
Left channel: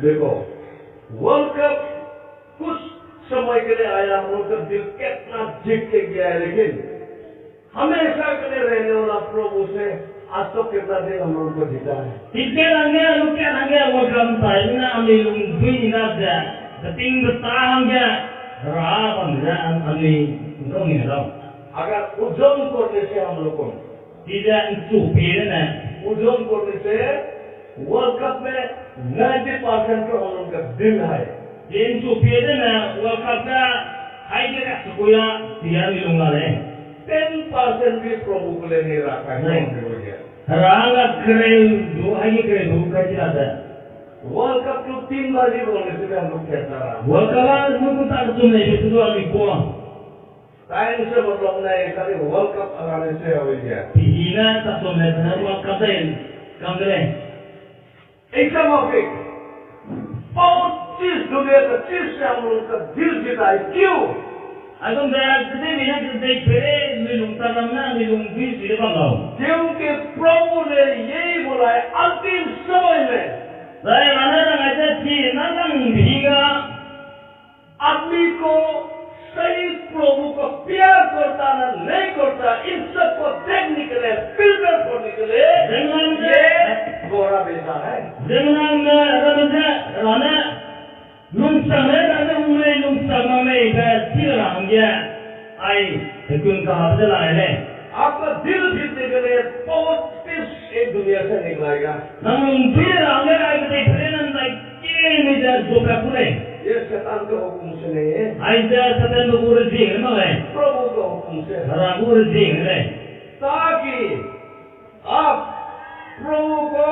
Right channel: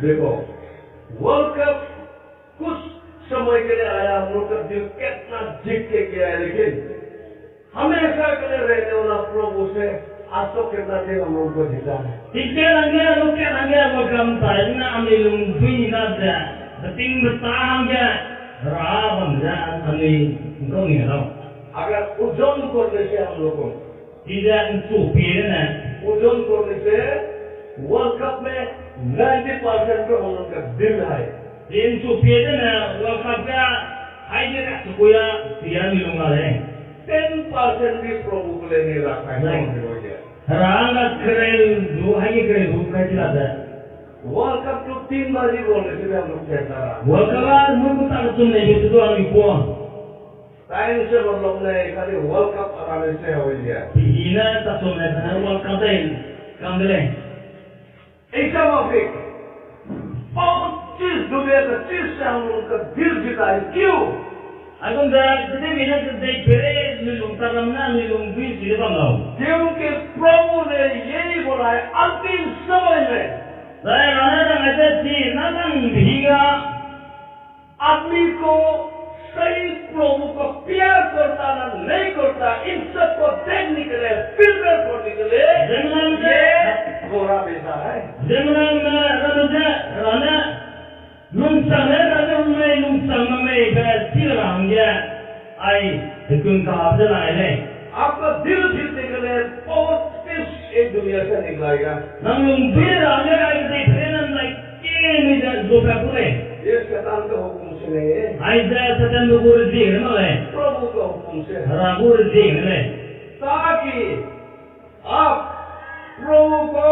देखो वर्ल्ड कप कुछ समय के लिए आया, हम लोग का दिल कितना जीत के गया है, लेकिन हमेशा के लिए रहने वाला प्रभु से आज तो कितना दिन हम लोग को जीता है। Tiga langgar wakam tadi na ambil lungui ni dah. Beting bertahang je. Rabam je ambil kau ni tau. अगर उज्जवल करने से हम लोग को Tidak cupi na. उज्जवल करने से वर्ल्ड कप में 90% तो हम लोग का दिल है। Dia cupi na wakam ka hai dia sukuya dia milunga leh. 10% भी प्रभु को लिए नहीं रखा है। Ranga keren du hai keren du kaji ada. World cup तो 3 बाजी बोलने से भी हम लोग खेलता रहा। Wakala mungkin tak cuma itu tu ambil puang. Time से मतलब नहीं, खाली वर्ल्ड कप आने से हो गया। Ina tak cuma itu wakam tain kamdele. एकदम अफिक बहुत चीज दुनिया का चीज से हम लोग का दिल जीता है। क्यों? Agam dah kita bina kita pere milung taramna milung bui sila bangau. क्योंकि प्रभु ने यही बोला है अंतिम समय में Saya mana orang ada si nangang dihiga. आदमी को सही प्रभु को प्यार करता ना नहीं करता, इन सबको देखने के लिए फिल्टर करने के लिए ये गोरा बेचा है। Zaman ramaja rana lungsang rana umai lungsang umai bersirang dia. Ai ikun kahab jalan le. आपका दिल जीतने के लिए बहुत किस एक दुनिया से निकलेगा। Nang lungsirang dia ai kita perenan like ni dah dopa pule. ये शैतान के हुक्म से नहीं है, Ai dah satan berbuat jing nama le. प्रभु के हुक्म से है। Ragu jing le. ताकि आप प्रभु को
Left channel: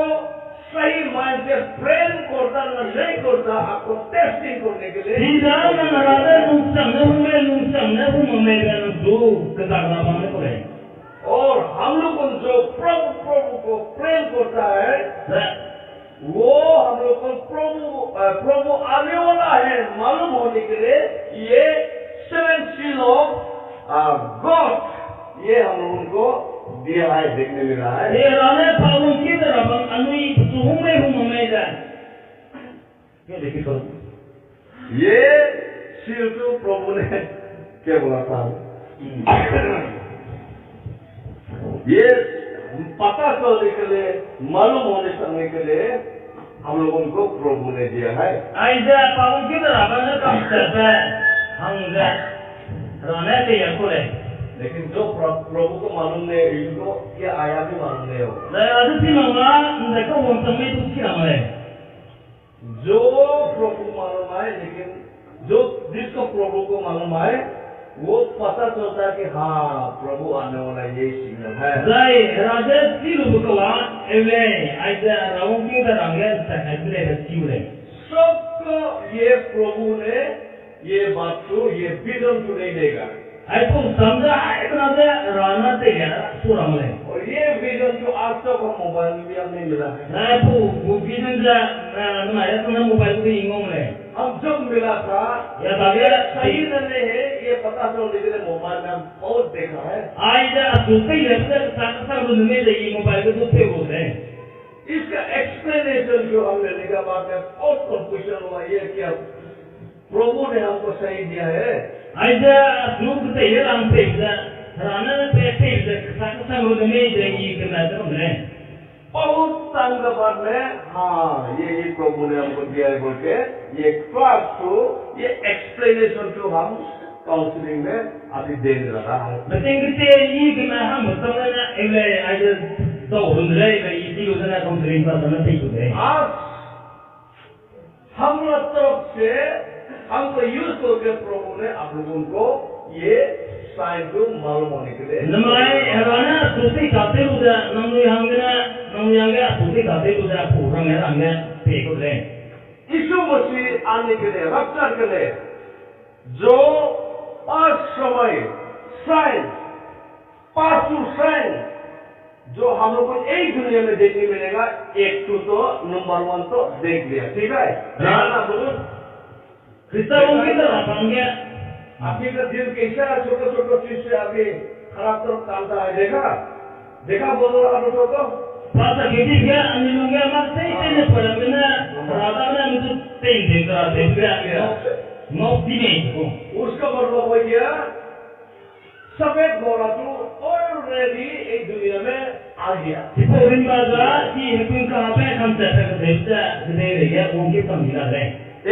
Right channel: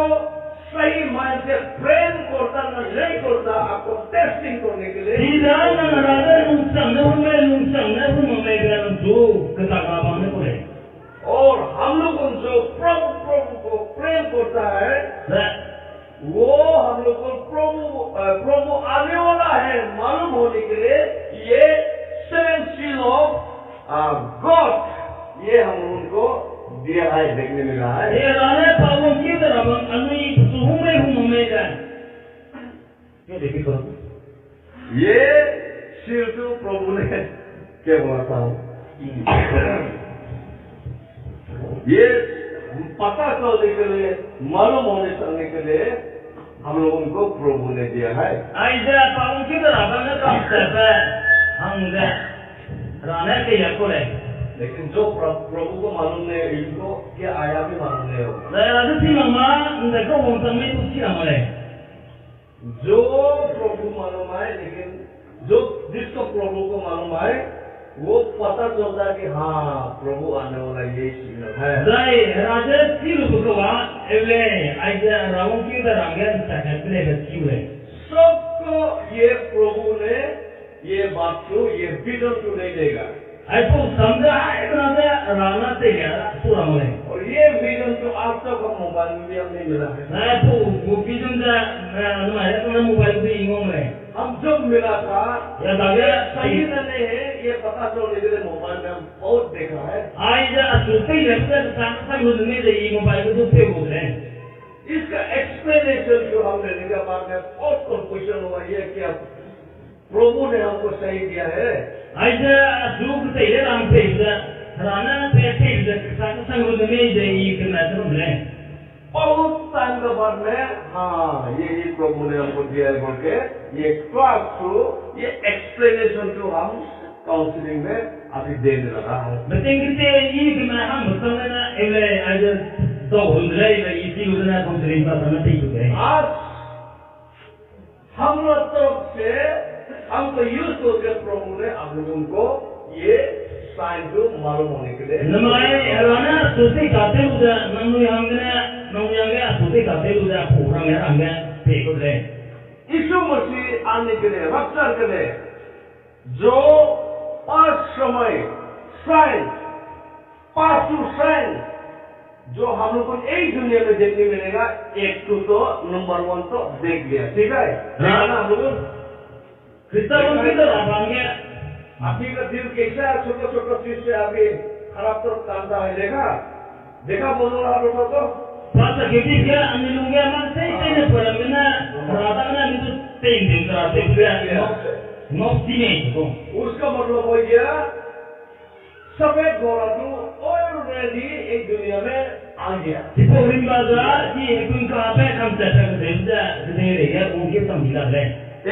सही माइंड से प्रेम करता ना नहीं करता, आपको टेस्टिंग करने के लिए Tidak nang rada lungsang umai bersang bersang tu ketak lapang le pule. और दिया है, देखने मिला है। ये राने पावन की तरह बंग अनुई सुहुमे हुमे जाए क्या देखी करो ये शील तो प्रभु ने क्या बोला था, ये पता चलने के लिए, मालूम होने चलने के लिए हम लोगों को प्रभु ने दिया है। ऐसे पावन की तरह बंग कम से पे हम जा राने के या कोले लेकिन जो प्रभु को मालूम नहीं है, इनको क्या आया भी मालूम नहीं होगा। नहीं राजू थी मामा देखो वो समय तो क्या हमारे जो प्रभु मालूम है, लेकिन जो जिसको प्रभु को मालूम है वो पता चलता है कि हाँ प्रभु आने वाला यही सिग्नल है। जाए राजा थी लोग को वहाँ एवले ऐसे रावण क्यों तो रंगन सकते ले बच्ची ले सबको ये प्रभु ने ये बात को, ये विजन को नहीं देगा। ऐसे समझा है कि ना राना ते क्या सूरा मले और ये विजन को आज तक हम मोबाइल में भी हमने मिला है। नहीं तो वो विजन जा हमारे तो मोबाइल भी इंगों में हम जब मिला था या दागे सही नहीं है, ये पता चलने के लिए मोबाइल में हम बहुत देखा है। आज सूते ही रहते साथ साथ में जाइए मोबाइल को दूसरे बोल रहे हैं। इसका एक्सप्लेनेशन जो हम लेने के बाद में बहुत कंफ्यूजन हुआ, ये क्या प्रभु ने हमको सही दिया है। आज सूख ते ये राम पे राना पे साथ साथ में जाइए करना तो बोले बहुत टाइम के बाद में हाँ ये प्रभु ने हमको दिया है बोल के ये क्लास को, ये एक्सप्लेनेशन को हम काउंसलिंग में अभी देने लगा है। बतेंगे ये कि मैं हम बताने ना एवले आज तो रुंदरे इसी को ना काउंसलिंग का समय ठीक हो गए। आज हम लोग तरफ से हमको यूज करके प्रभु ने आप लोगों को ये साइन को मालूम होने के लिए नमाए राना सोते जाते उदा नंगु यांगे सोते जाते उदा पूरा मेरा हमने पे को ले यीशु मसीह आने के लिए, रफ्तार के लिए जो 5 समय साइन, 5 साइन जो हम लोग को एक दुनिया में देखने मिलेगा, एक तो नंबर 1 तो देख लिया, ठीक है। राना लोग क्रिस्तान की तरह बन गया। आपकी का दिल कैसा है, छोटे छोटे चीज से आगे खराब तरफ कामता है, देखा बोलो रहा दोस्तों को पास खेती क्या अन्य मार से इतने पर बिना राधा ना मुझे तीन दिन राते गया नौकरी नहीं को उसका मतलब हो गया सफेद घोड़ा तो ऑलरेडी एक दुनिया में आ गया। सिपोरिन बाजार जी हिकुन कहाँ पे हम चर्चा कर दे रहे हैं उनके समझा रहे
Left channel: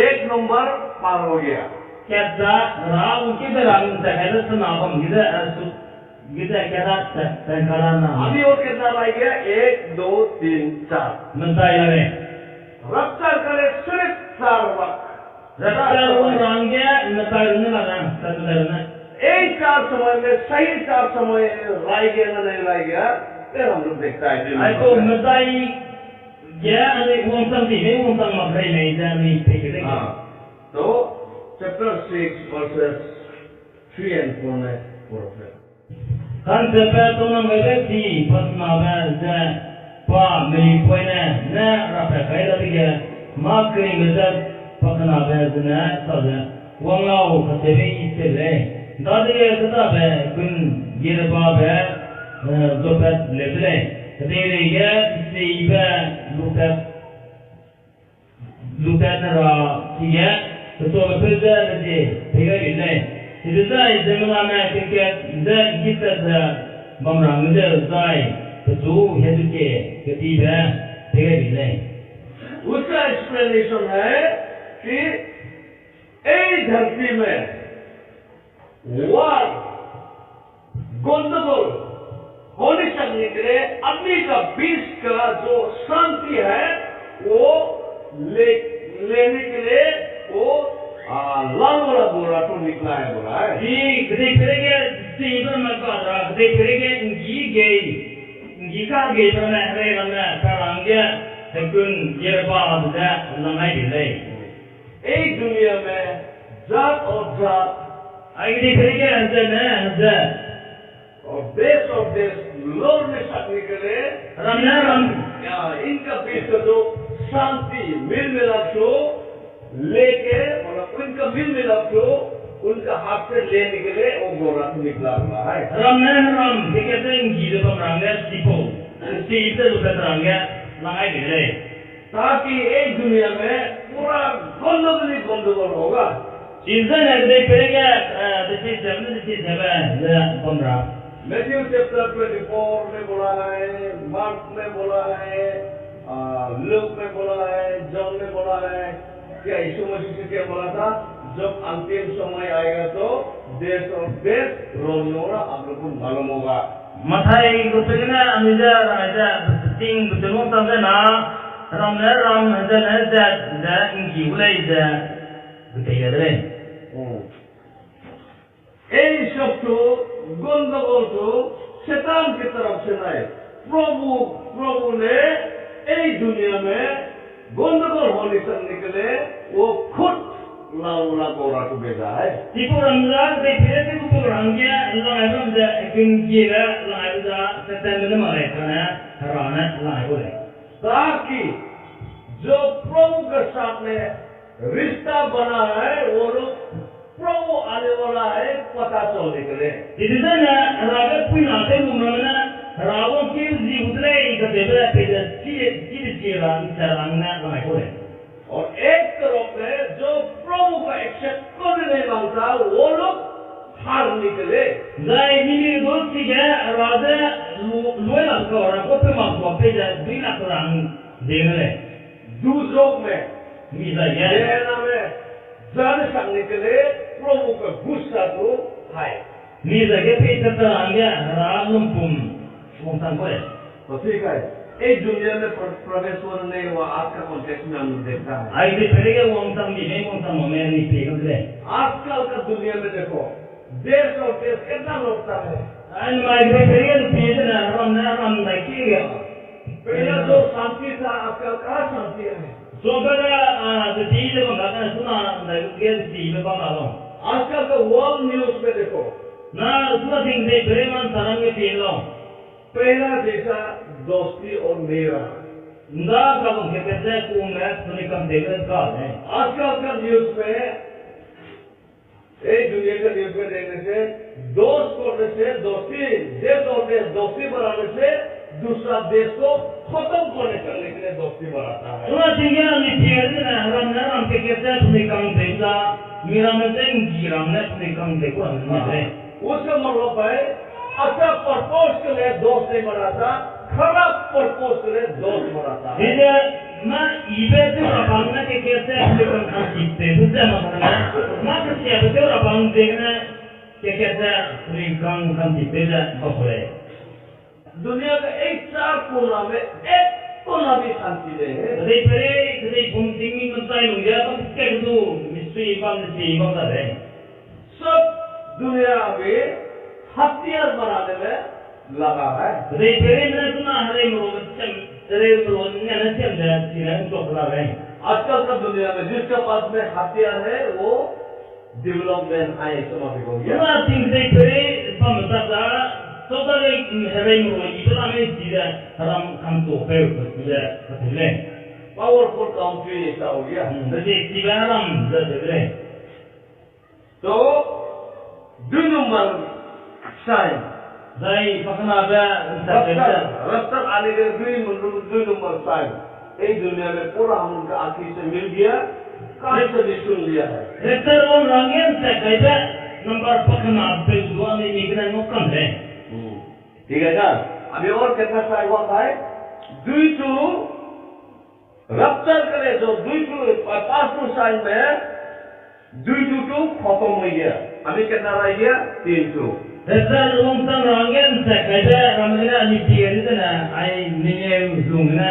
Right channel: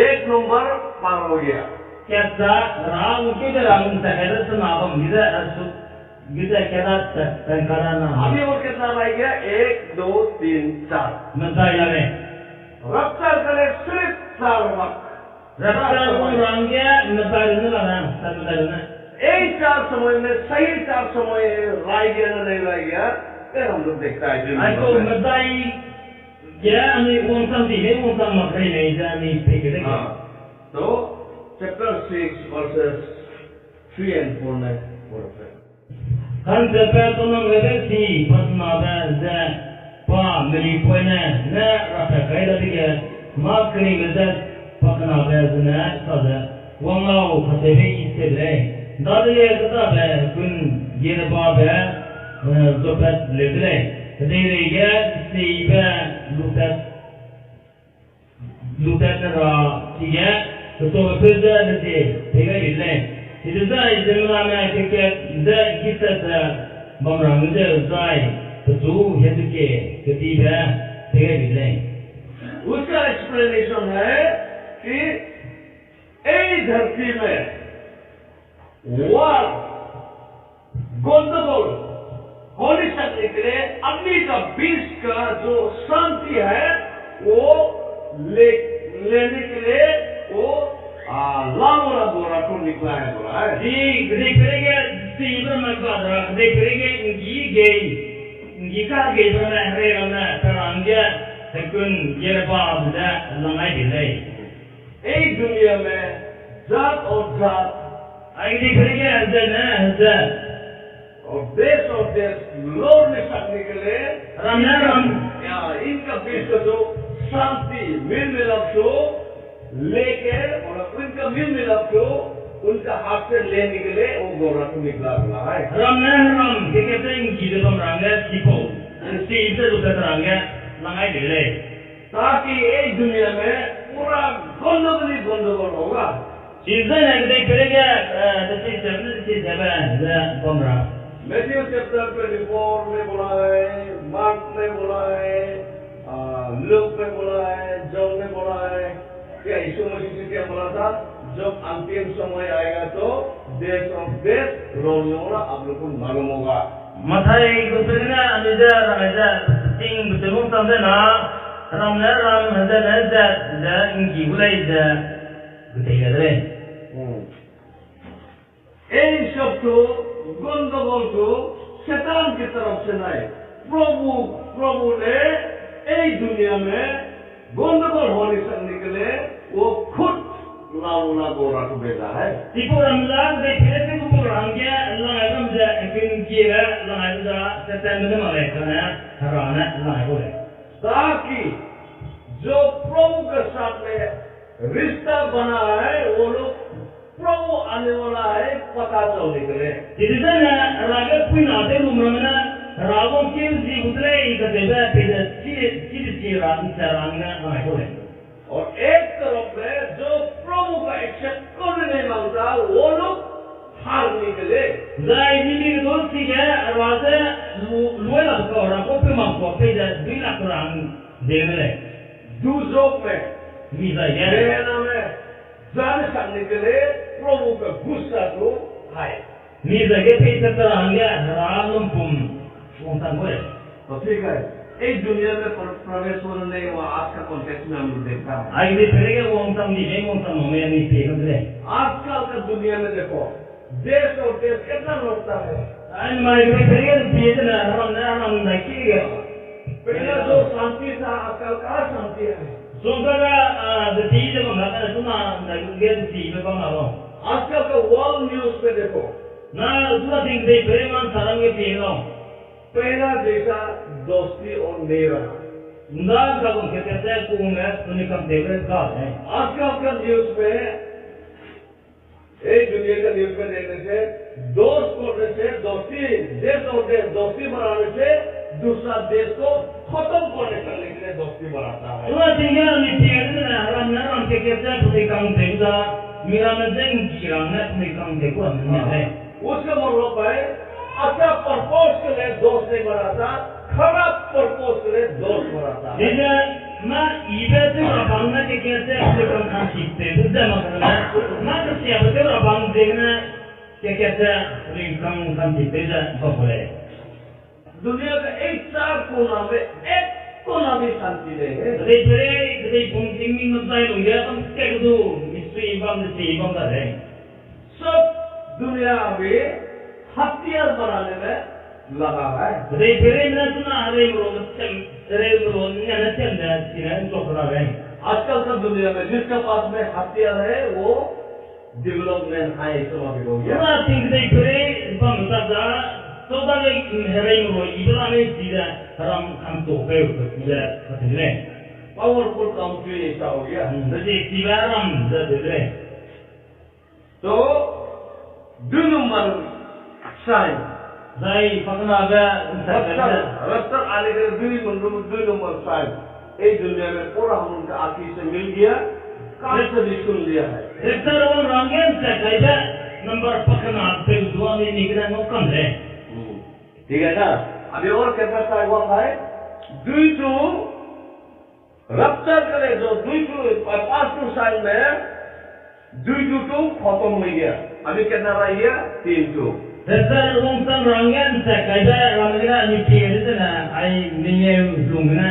1 नंबर पार हो गया। क्या राव उनके दरांग सहेदर सुनाबम गिदा क्या था संकारा ना अभी और कितना रह गया, 1 2 3 4 मंदाई लगे रफ्तार करे सिर्फ 4 वक्त रफ्तार वो रंग गया मंदाई ने लगा संदाई ने एक 4 समय में सही 4 समय रह गया ना नहीं रह गया, फिर हम लोग देखता है आई तो मंदाई क्या अने वंशन भी नहीं वंशन मकड़ी नहीं जानी ठीक है। हाँ तो चैप्टर 6 वर्सेस 3 and 4 में बोलते हैं kan sepe to na ngebe ti pas na ba za pa meli poina na rafa kai da tige ma kri ngeza pas na ba za sa da wang lao khasebe iste le da de kata ba kun ye ba ba do pat le le de re ya si ba lutat na ra tige to pe da de tega ile itu zai zemla में क्योंकि the गीत the बमरंग the zai तो हेतु के गति है तेरे बिल्ले उसका एक्सप्लेनेशन है कि इस धरती में वार गंदगोल होने सकने के लिए अग्नि का बीच का जो शांति है वो लेने के लिए वो लाल वाला बोरा तो निकला है, बोला है जी गदे करेंगे सीबर मत बादरा गदे करेंगे इंगी का गई पर ना हरे रमना तरंगे तकुन ये बात दा लंगाई बिल्ले एक दुनिया में जात और जात आगे करेंगे हज़ा और देश लड़ने सकने के लिए रम इनका बीच का जो शांति मिल मिलाप को लेके और इनका मिल मिलाप को उनका हाथ से ले निकले वो घोड़ा से निकला हुआ है। ram na ram ke ke te ngi de bam rang ga sipo si de lu ka rang ga langai de le ताकि एक दुनिया में पूरा गंदगोल होगा। season na de pere ga de se 7 de bam rang Matthew chapter 24 में बोला है, mark में बोला है, लूक में बोला है, जॉन में बोला है, क्या यीशु मसीह ने क्या बोला था, जब अंतिम समय आएगा तो देश और देश रोने वाला आप लोगों को मालूम होगा। mathai ko pegna anija raja ting butun tam da na ram da da ngi ulai da butai da le ये सब तो गंदगोल तो शैतान की तरफ से नहीं, प्रभु ने इस दुनिया में गंदगोल होने से निकले वो खुद लाउला गोरा को भेजा है। tipo ramla de pere te ko rang ya langai ram da ngi ga langai da september ma le kana harana langai ko le ताकि जो प्रभु के साथ में रिश्ता बना है वो लोग प्रभु आने वाला है पता चल निकले। idana raga puina de lumrana ragon ke ji udre ka de ba pe da chi rang sarang na langai ko le और एक तरफ में जो प्रभु का एक्सेप्ट करने नहीं मांगता वो लोग हार निकले। dai ni do si ga raga luela ko ra ko pe ma ko pe da duila rang de le दूसरों में mi da ya लेना में जाने से निकले प्रभु का गुस्सा तो है। mi da ge pe ta rang ya ralum pum wong san ko le तो ठीक है, एक दुनिया में प्रवेश होने नहीं हुआ। आज का कॉन्टेक्स्ट में हम देखता है, ai de pere ge wong sam di me wong sam me ni pe kan le आजकल का दुनिया में देखो देश और देश कितना लड़ता है। ai mai de pere ge pe na ram na ki ga पहला जो शांति था आजकल कहाँ शांति है। so ga de ti de ba na su na ge de ti be ba ma lo आजकल का वर्ल्ड न्यूज में देखो na su na ting de pere man sarang ge pe lo पहला जैसा दोस्ती और नहीं रहा। nda ka bang ke se ku me ni kam de ga है आजकल का न्यूज में एक दुनिया का न्यूज में देखने से दोस्त करने से दोस्ती, देश और देश दोस्ती बनाने से दूसरा देश को खत्म करने के लिए दोस्ती बनाता है। Una tinggal ni tiada na ram ke kerja punikang desa, mira mendeng girang na punikang dekwa ni. उसका मतलब है अच्छा पर्पस के लिए दोस्त नहीं बनाता, खराब पर्पस के लिए दोस्त बनाता है। Jadi ma ibe tu rabang na ke kerja punikang kan sitte, sudah makna. Ma kerja betul rabang dekna ke kerja punikang kan sitte dah boleh. दुनिया का एक चार कोना में एक कोना भी शांति नहीं है। Jadi pun tinggi mentai lu ya kan ke tu misteri bang dah deh. सब दुनिया में हथियार बनाने में लगा है। Jadi mana tu na hari merogot ni ada cem dah sini untuk lah deh. आजकल का दुनिया में जिसके पास में हथियार है वो डेवलपमेंट है समाज हो गया। Una tinggi bang dah so da le hari merogot ibla me tidak haram kan tu peu sudah betul. Powerful country ऐसा हो गया। Jadi tibaram dah deh. तो 2 number sign Jadi pakna ada रफ्तार आने के 2 नंबर साइन एक दुनिया में पूरा हम उनका आंखी से मिल गया, कान से भी सुन लिया है। Rektor orang rangen sekaya number pakna pel dua ni migran nokam deh. ठीक है ना। अभी और कितना साइन हुआ है? 2 रफ्तार के लिए जो 5 साइन में 2 खत्म हो गया। अभी कितना रह गया? 3 Rektor orang rangen sekaya ramena ni piari tu na ai niye lungna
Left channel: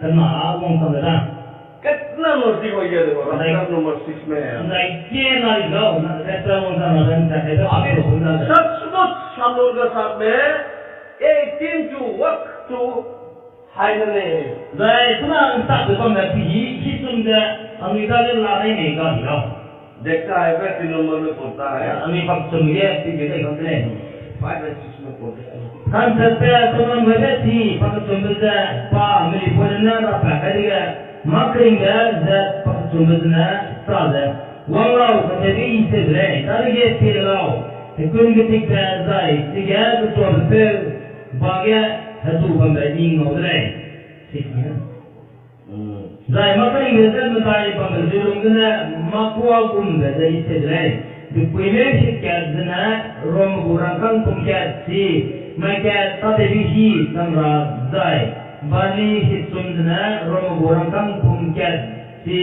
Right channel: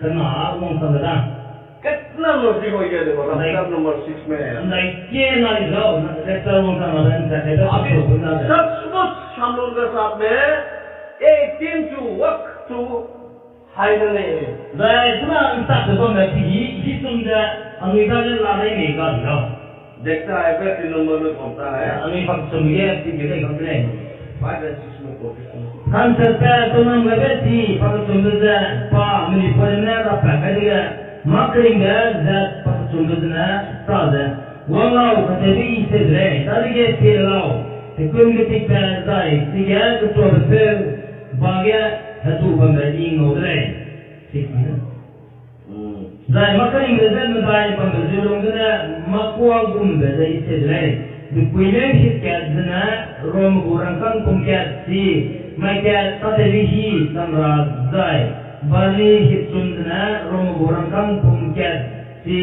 kena orang sana. कितना नजदीक हो गया देखो रफ्तार नंबर 6 में है। Andai ke na lo rektor orang rangen sekaya अभी सचमुच हम लोगों के साथ में एक 3 वक्त हाई नहीं है। Jadi tu na tak sebab dah hitung dah Amerika le lari ni kan lo. देखता है वह 3 नंबर में पड़ता है, Amerika pak semua tiga kan tu. 5 और 6 में पड़ता है। Kan sampai teman berarti pakai sumber dah pa Amerika pun nak apa kali ke makring dah pakai sumber dah sahaja Wang lau ka te bi se le, ta ge te lau. Te kun ge tik pa zai, ti ga ku to pe ba ge ha tu ban da ding no le. Sik ni. Zai ma kai me zai ma dai ban da zilong na ma kwa gum da dai se le. Di pwile hit ka zna rom gurang kang kum ka si ma ka ta te bi hi tam ra zai. Bali hit sun zna rom gurang kang kum ka si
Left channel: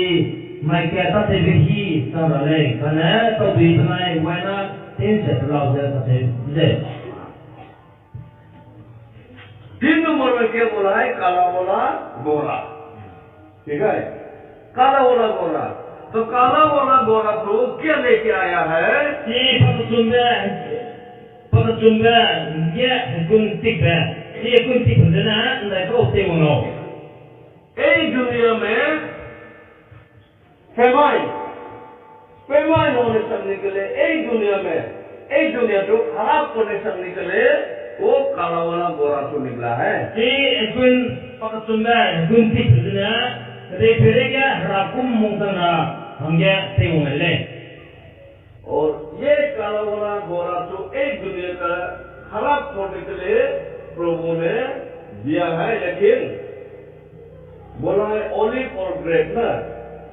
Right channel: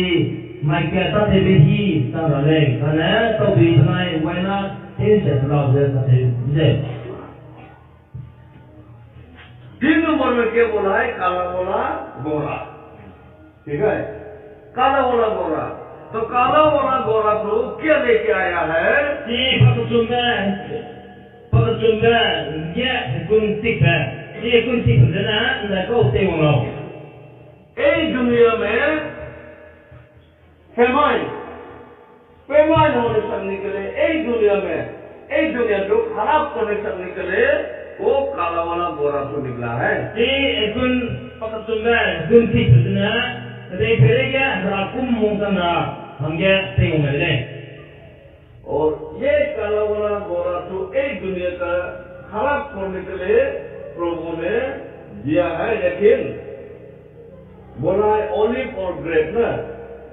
mai kia ta te vihi ta ra le kana to bi mai why not tin se lao de ta te de तीन number में क्या बोला है? काला वाला गोरा, ठीक है? काला वाला गोरा, तो काला वाला गोरा तो क्या लेके आया है? si pakachunga ya kun tikba ye kun tikba na na ko te wono এই दुनिया में फेमाइन होने सकने के लिए एक दुनिया को खराब करने सकने के लिए वो काला वाला गोरा तो निकला है। si kun pakachunga kun tikba na re perega rakum mungtana hamya te wono le और ये काला वाला गोरा तो एक दुनिया का खराब करने के लिए प्रभु ने दिया है, लेकिन बोला है ओलिव और ग्रेप ना,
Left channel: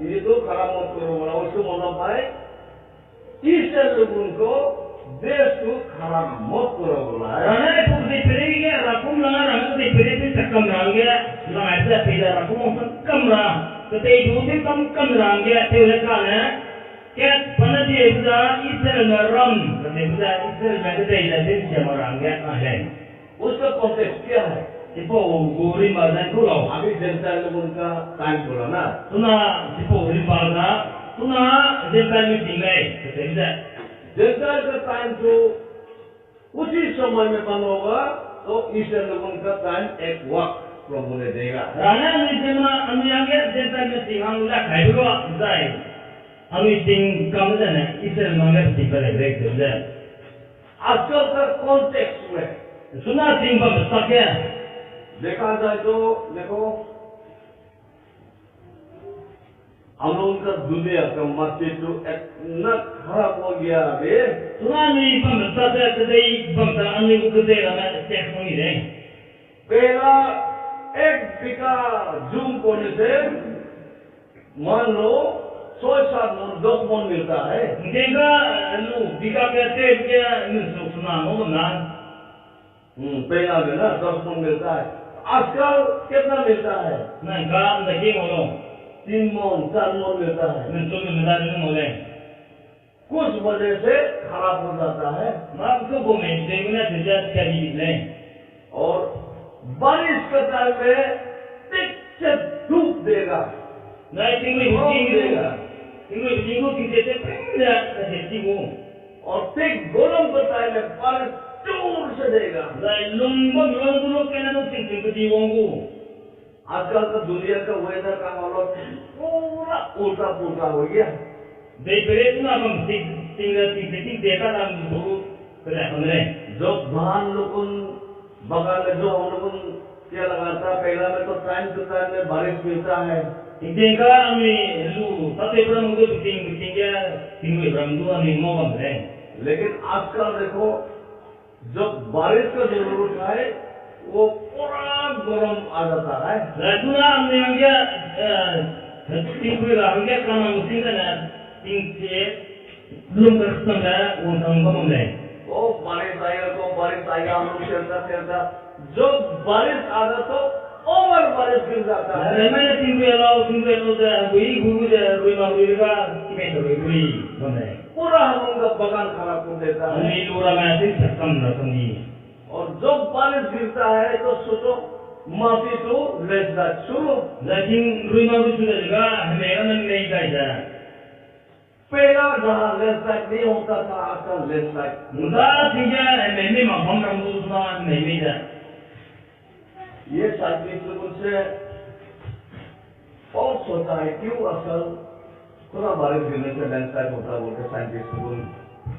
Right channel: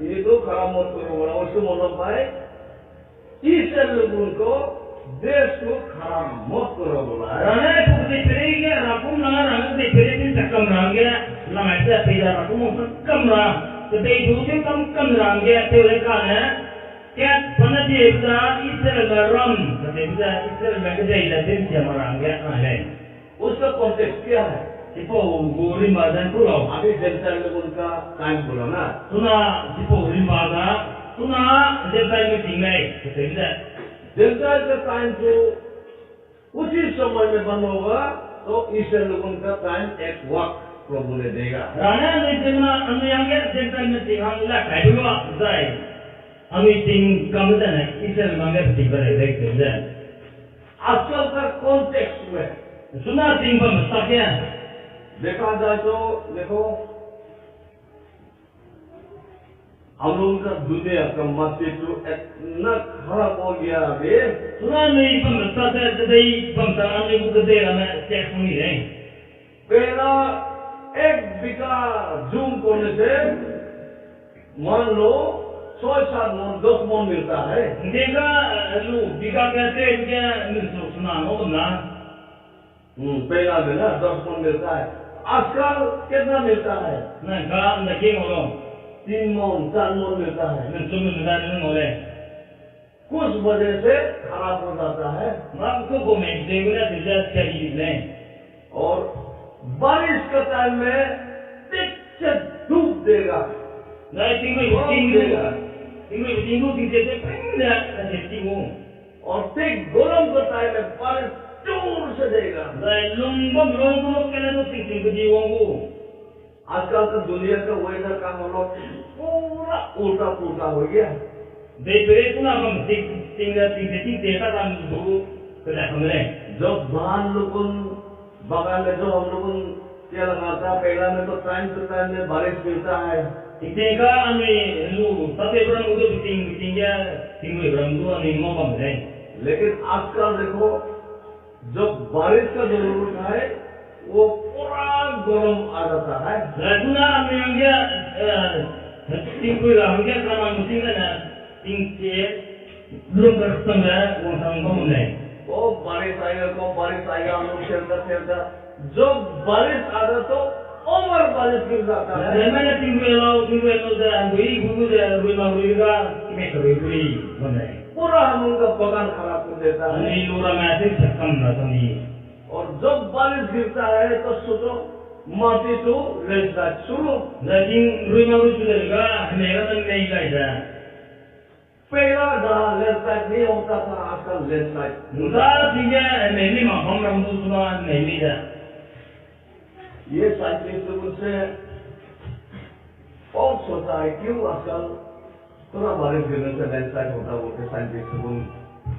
ये तो खराब मत करो बोला। उसको मतलब भाई ईश्वर लोगों को देश को खराब मत करो बोला है। rana ku te perega rakum langa ranga te perega takam ranga langa te peda rakum takam ra te du te kam ranga te le kana क्या पनती है इधर इस्राएल में रम करते हैं इस्राएल में किधर इधर दिन से हमारा अंगे आए उसका कॉन्टेक्स्ट क्या है? सिपो गोरी मार्जन को लाओ अभी जनता लोगों का टाइम बोला ना, सुना सिपो गोरी मार्जन सुना जनता में टिंगाई करते हैं जनता का टाइम तो उसी समय में बंद होगा, तो ईश्वर लोगों का टाइम एक वक्त प्रभु ने देगा। राना में जन्म अनुयांगे जनता में टिंगांग ला खाइबुआ जाए अनु टिंग कम जाने इस्राएल मांगे टिंग बने देखते हैं आजकल का कॉन्टेक्स्ट में सुना टिंग पर मस्ता क्या देखा जाए तो देखो हम लोगों का दुनिया का मध्य तो इतना खराब हो गया अभी। सुना नहीं पर मस्ता से कदई बमता अन्य को कदई रहा चेक होनी रहे पहला 1 बीघा जूम करने से मान लो 6-7 मन 10 मन मिलता है। देखा लू बीघा कहते क्या सुना हो ना पहला में ना 10 मन मिलता है, आजकल कितना मिलता है? ना काम लगे मोलो 3 मन 4 मन मिलता है। न तुम मिला नहीं मोले कुछ वजह से खराब हो जाता है मां को में देखना तुझे क्या ले और बारिश के टाइम में टिक से धूप देगा ना tinggu tidak pernah ada tinggu और ठीक गरम के टाइम में बारिश जोर से देगा। lumbang dulu kena tu tinggu di wonggu आजकल का दुनिया का वेदर का हालत पूरा उल्टा पुल्टा हो गया। daripada itu nak tinggal देखा था dulu kerja हमने जो धान लोगों बगान में जो हम लोगों क्या लगाता पहला में तो टाइम टू टाइम में बारिश मिलता है। देखा हमें लू सत्य ब्रह्म को tinggu ब्रह्म तो हमें मौका मिले, लेकिन आजकल देखो जब बारिश का जरूरत है वो पूरा गर्म आ जाता है। Lakulah hame angga tinggu angga karena musim kana tinggi belum bertambah uang tanggung mulai. वो बारिश आएगा हम लोग खेलता जब बारिश आता तो ओवर बारिश गिर जाता है। Mana tinggu dah guru dah rumah ka kime terui mana. पूरा हम उनका बगान खराब कर देता है। Ani lura masih cakam dah sini. और जब बारिश गिरता है तो सोचो माटी तो लैंडस्लाइड शुरू। Jadi rumah sudah juga hame kan नहीं जाएगा. पहला जहाँ लैंडस्लाइड नहीं होता था आजकल landslide. Mudah tinggal hame mamam rambu semua नहीं dah. ये साइंटिस्ट लोगों से बहुत सोचा है क्यों आजकल थोड़ा बारिश गिरने से लैंडस्लाइड होता बोल के साइंटिस्ट लोगों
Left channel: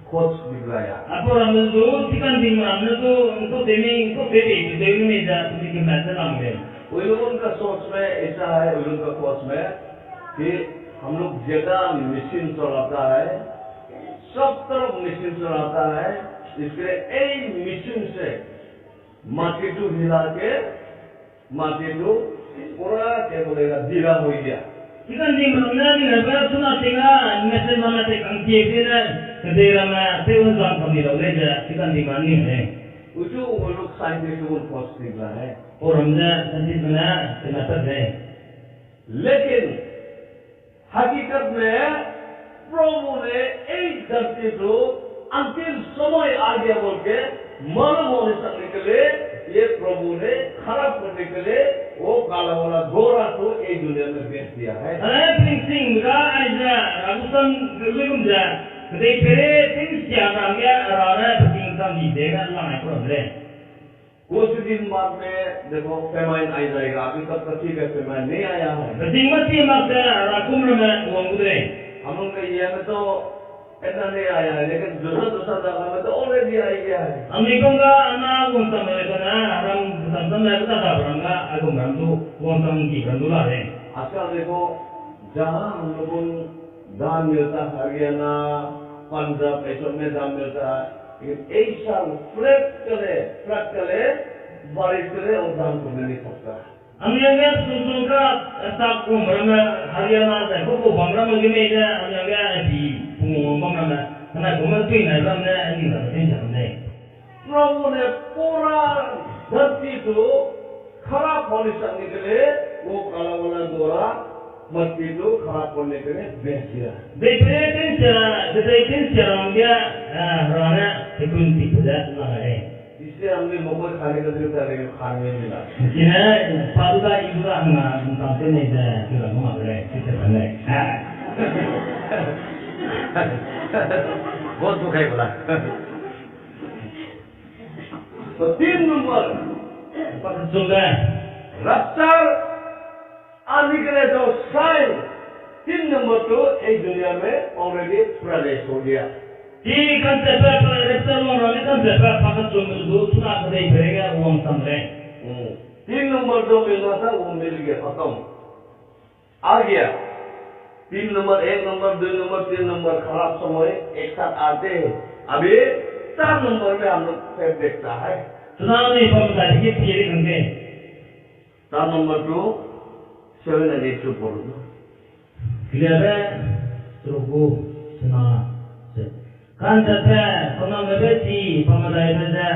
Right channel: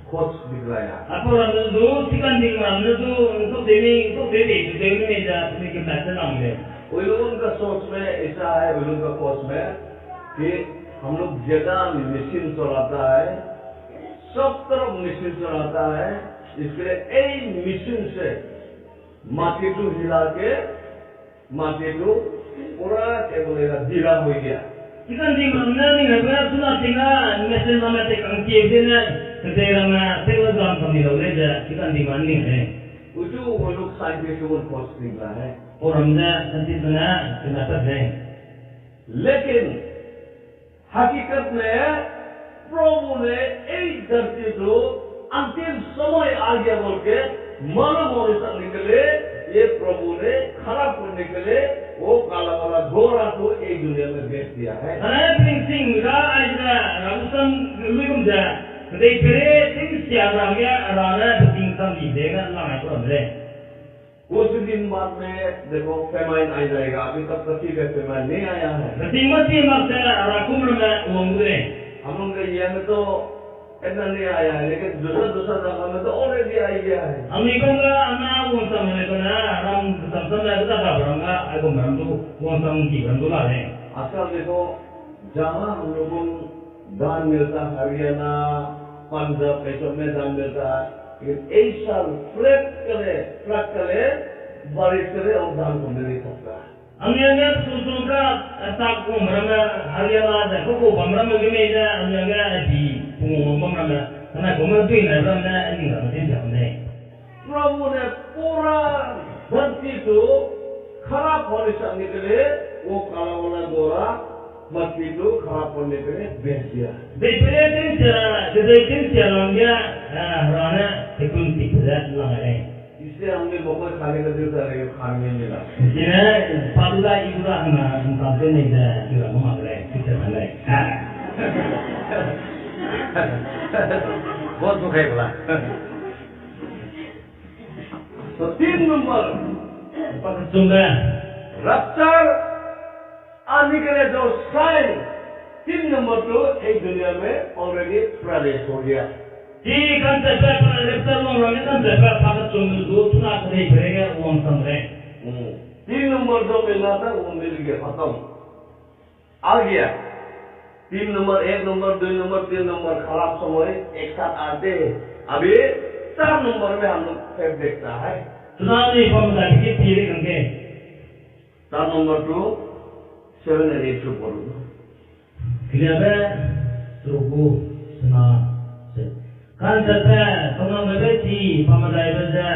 खोज दिखलाया। Apa orang itu tikan tinggal itu untuk demi meja sedikit macam apa? उन लोगों का सोच में ऐसा है, उन लोगों का खोज में कि हम लोग जगह मशीन चलाता है, सब तरफ मशीन चलाता है, इसके लिए एक मशीन से माटी को हिला के माटी को पूरा क्या बोलेगा ढीला हो गया। Ikan di mana ni lepas sudah tinggal mesin mana tek angki sini kedai ramai tewan kami lalu je ikan di mana ni है उसे वो लोग साइंटिस्ट को खोज निकला है और हमने संजीत बना kenapa है लेकिन हकीकत में प्रभु ने एक धरती को अंतिम समय आ गया बोल के मानव होने तक निकले ये प्रभु ने खराब करने के लिए वो काला वाला गोरा तो एक दुनिया में भेज दिया है। Pening sing ka aja ragusan legum ja kedai pere ting siapa dia rara pening sam di dega langai problem कुछ दिन बाद में देखो फेमाइन आ जाएगा, अभी तक तो ठीक है फेमाइन नहीं आया है। pening masih maksa rakum lama uang gudre हम लोग के ये में तो इतना नहीं आया है, लेकिन दूसरा जगह में तो ऑलरेडी आ गया है। Ami ko nga ana uang sam mereka na ram sam mereka tak orang nga aku ram tu uang sam ki ram tu lah deh आजकल देखो जहाँ हम लोगों को दान मिलता है हरियाणा पंजाब ऐसब में दान मिलता है, लेकिन एक साल फ्लैट करे बारिश करे और दान को मिल नहीं सकता है। Ami nga susun ka tak ko marama Haryana da ko bamram ge me da ami nga di pungo bamram da kana ko ma tui na ram na ani da tin jam ne प्रभु ने पूरा धरती को खराब होने से निकले वो काला वाला गोरा मट्टी को खराब होने के लिए भेज दिया। de pere tin sia ram ga rana tekun ti da la ga इससे हमने बहुत खाने का दिल था, लेकिन खाने में मिला। Sina paduga ibura na tamte ne da kira ma gare kite bale बहुत दुख है बोला तो 3 नंबर pak sunga रफ्तार आने के लिए जो साइन 3 नंबर तो एक दुनिया में ऑलरेडी प्रदेश हो गया। di kan sepa reptar lo ram kan sepa pakat sunga do tuna kadai berega uang samre 3 number जो मिलना था वो मिल गया, खत्म आ गया। 3 नंबर 1 नंबर 2 नंबर 3 नंबर खराब समय एक साथ आते हैं। अभी 4 नंबर में हम लोग फिर देखता है। tuna ni pam da ki pire kan ke 4 number 2 7 and 8 ऊपर Kiliabe terubu sena se kan sepa tona mebe ti pamadai beza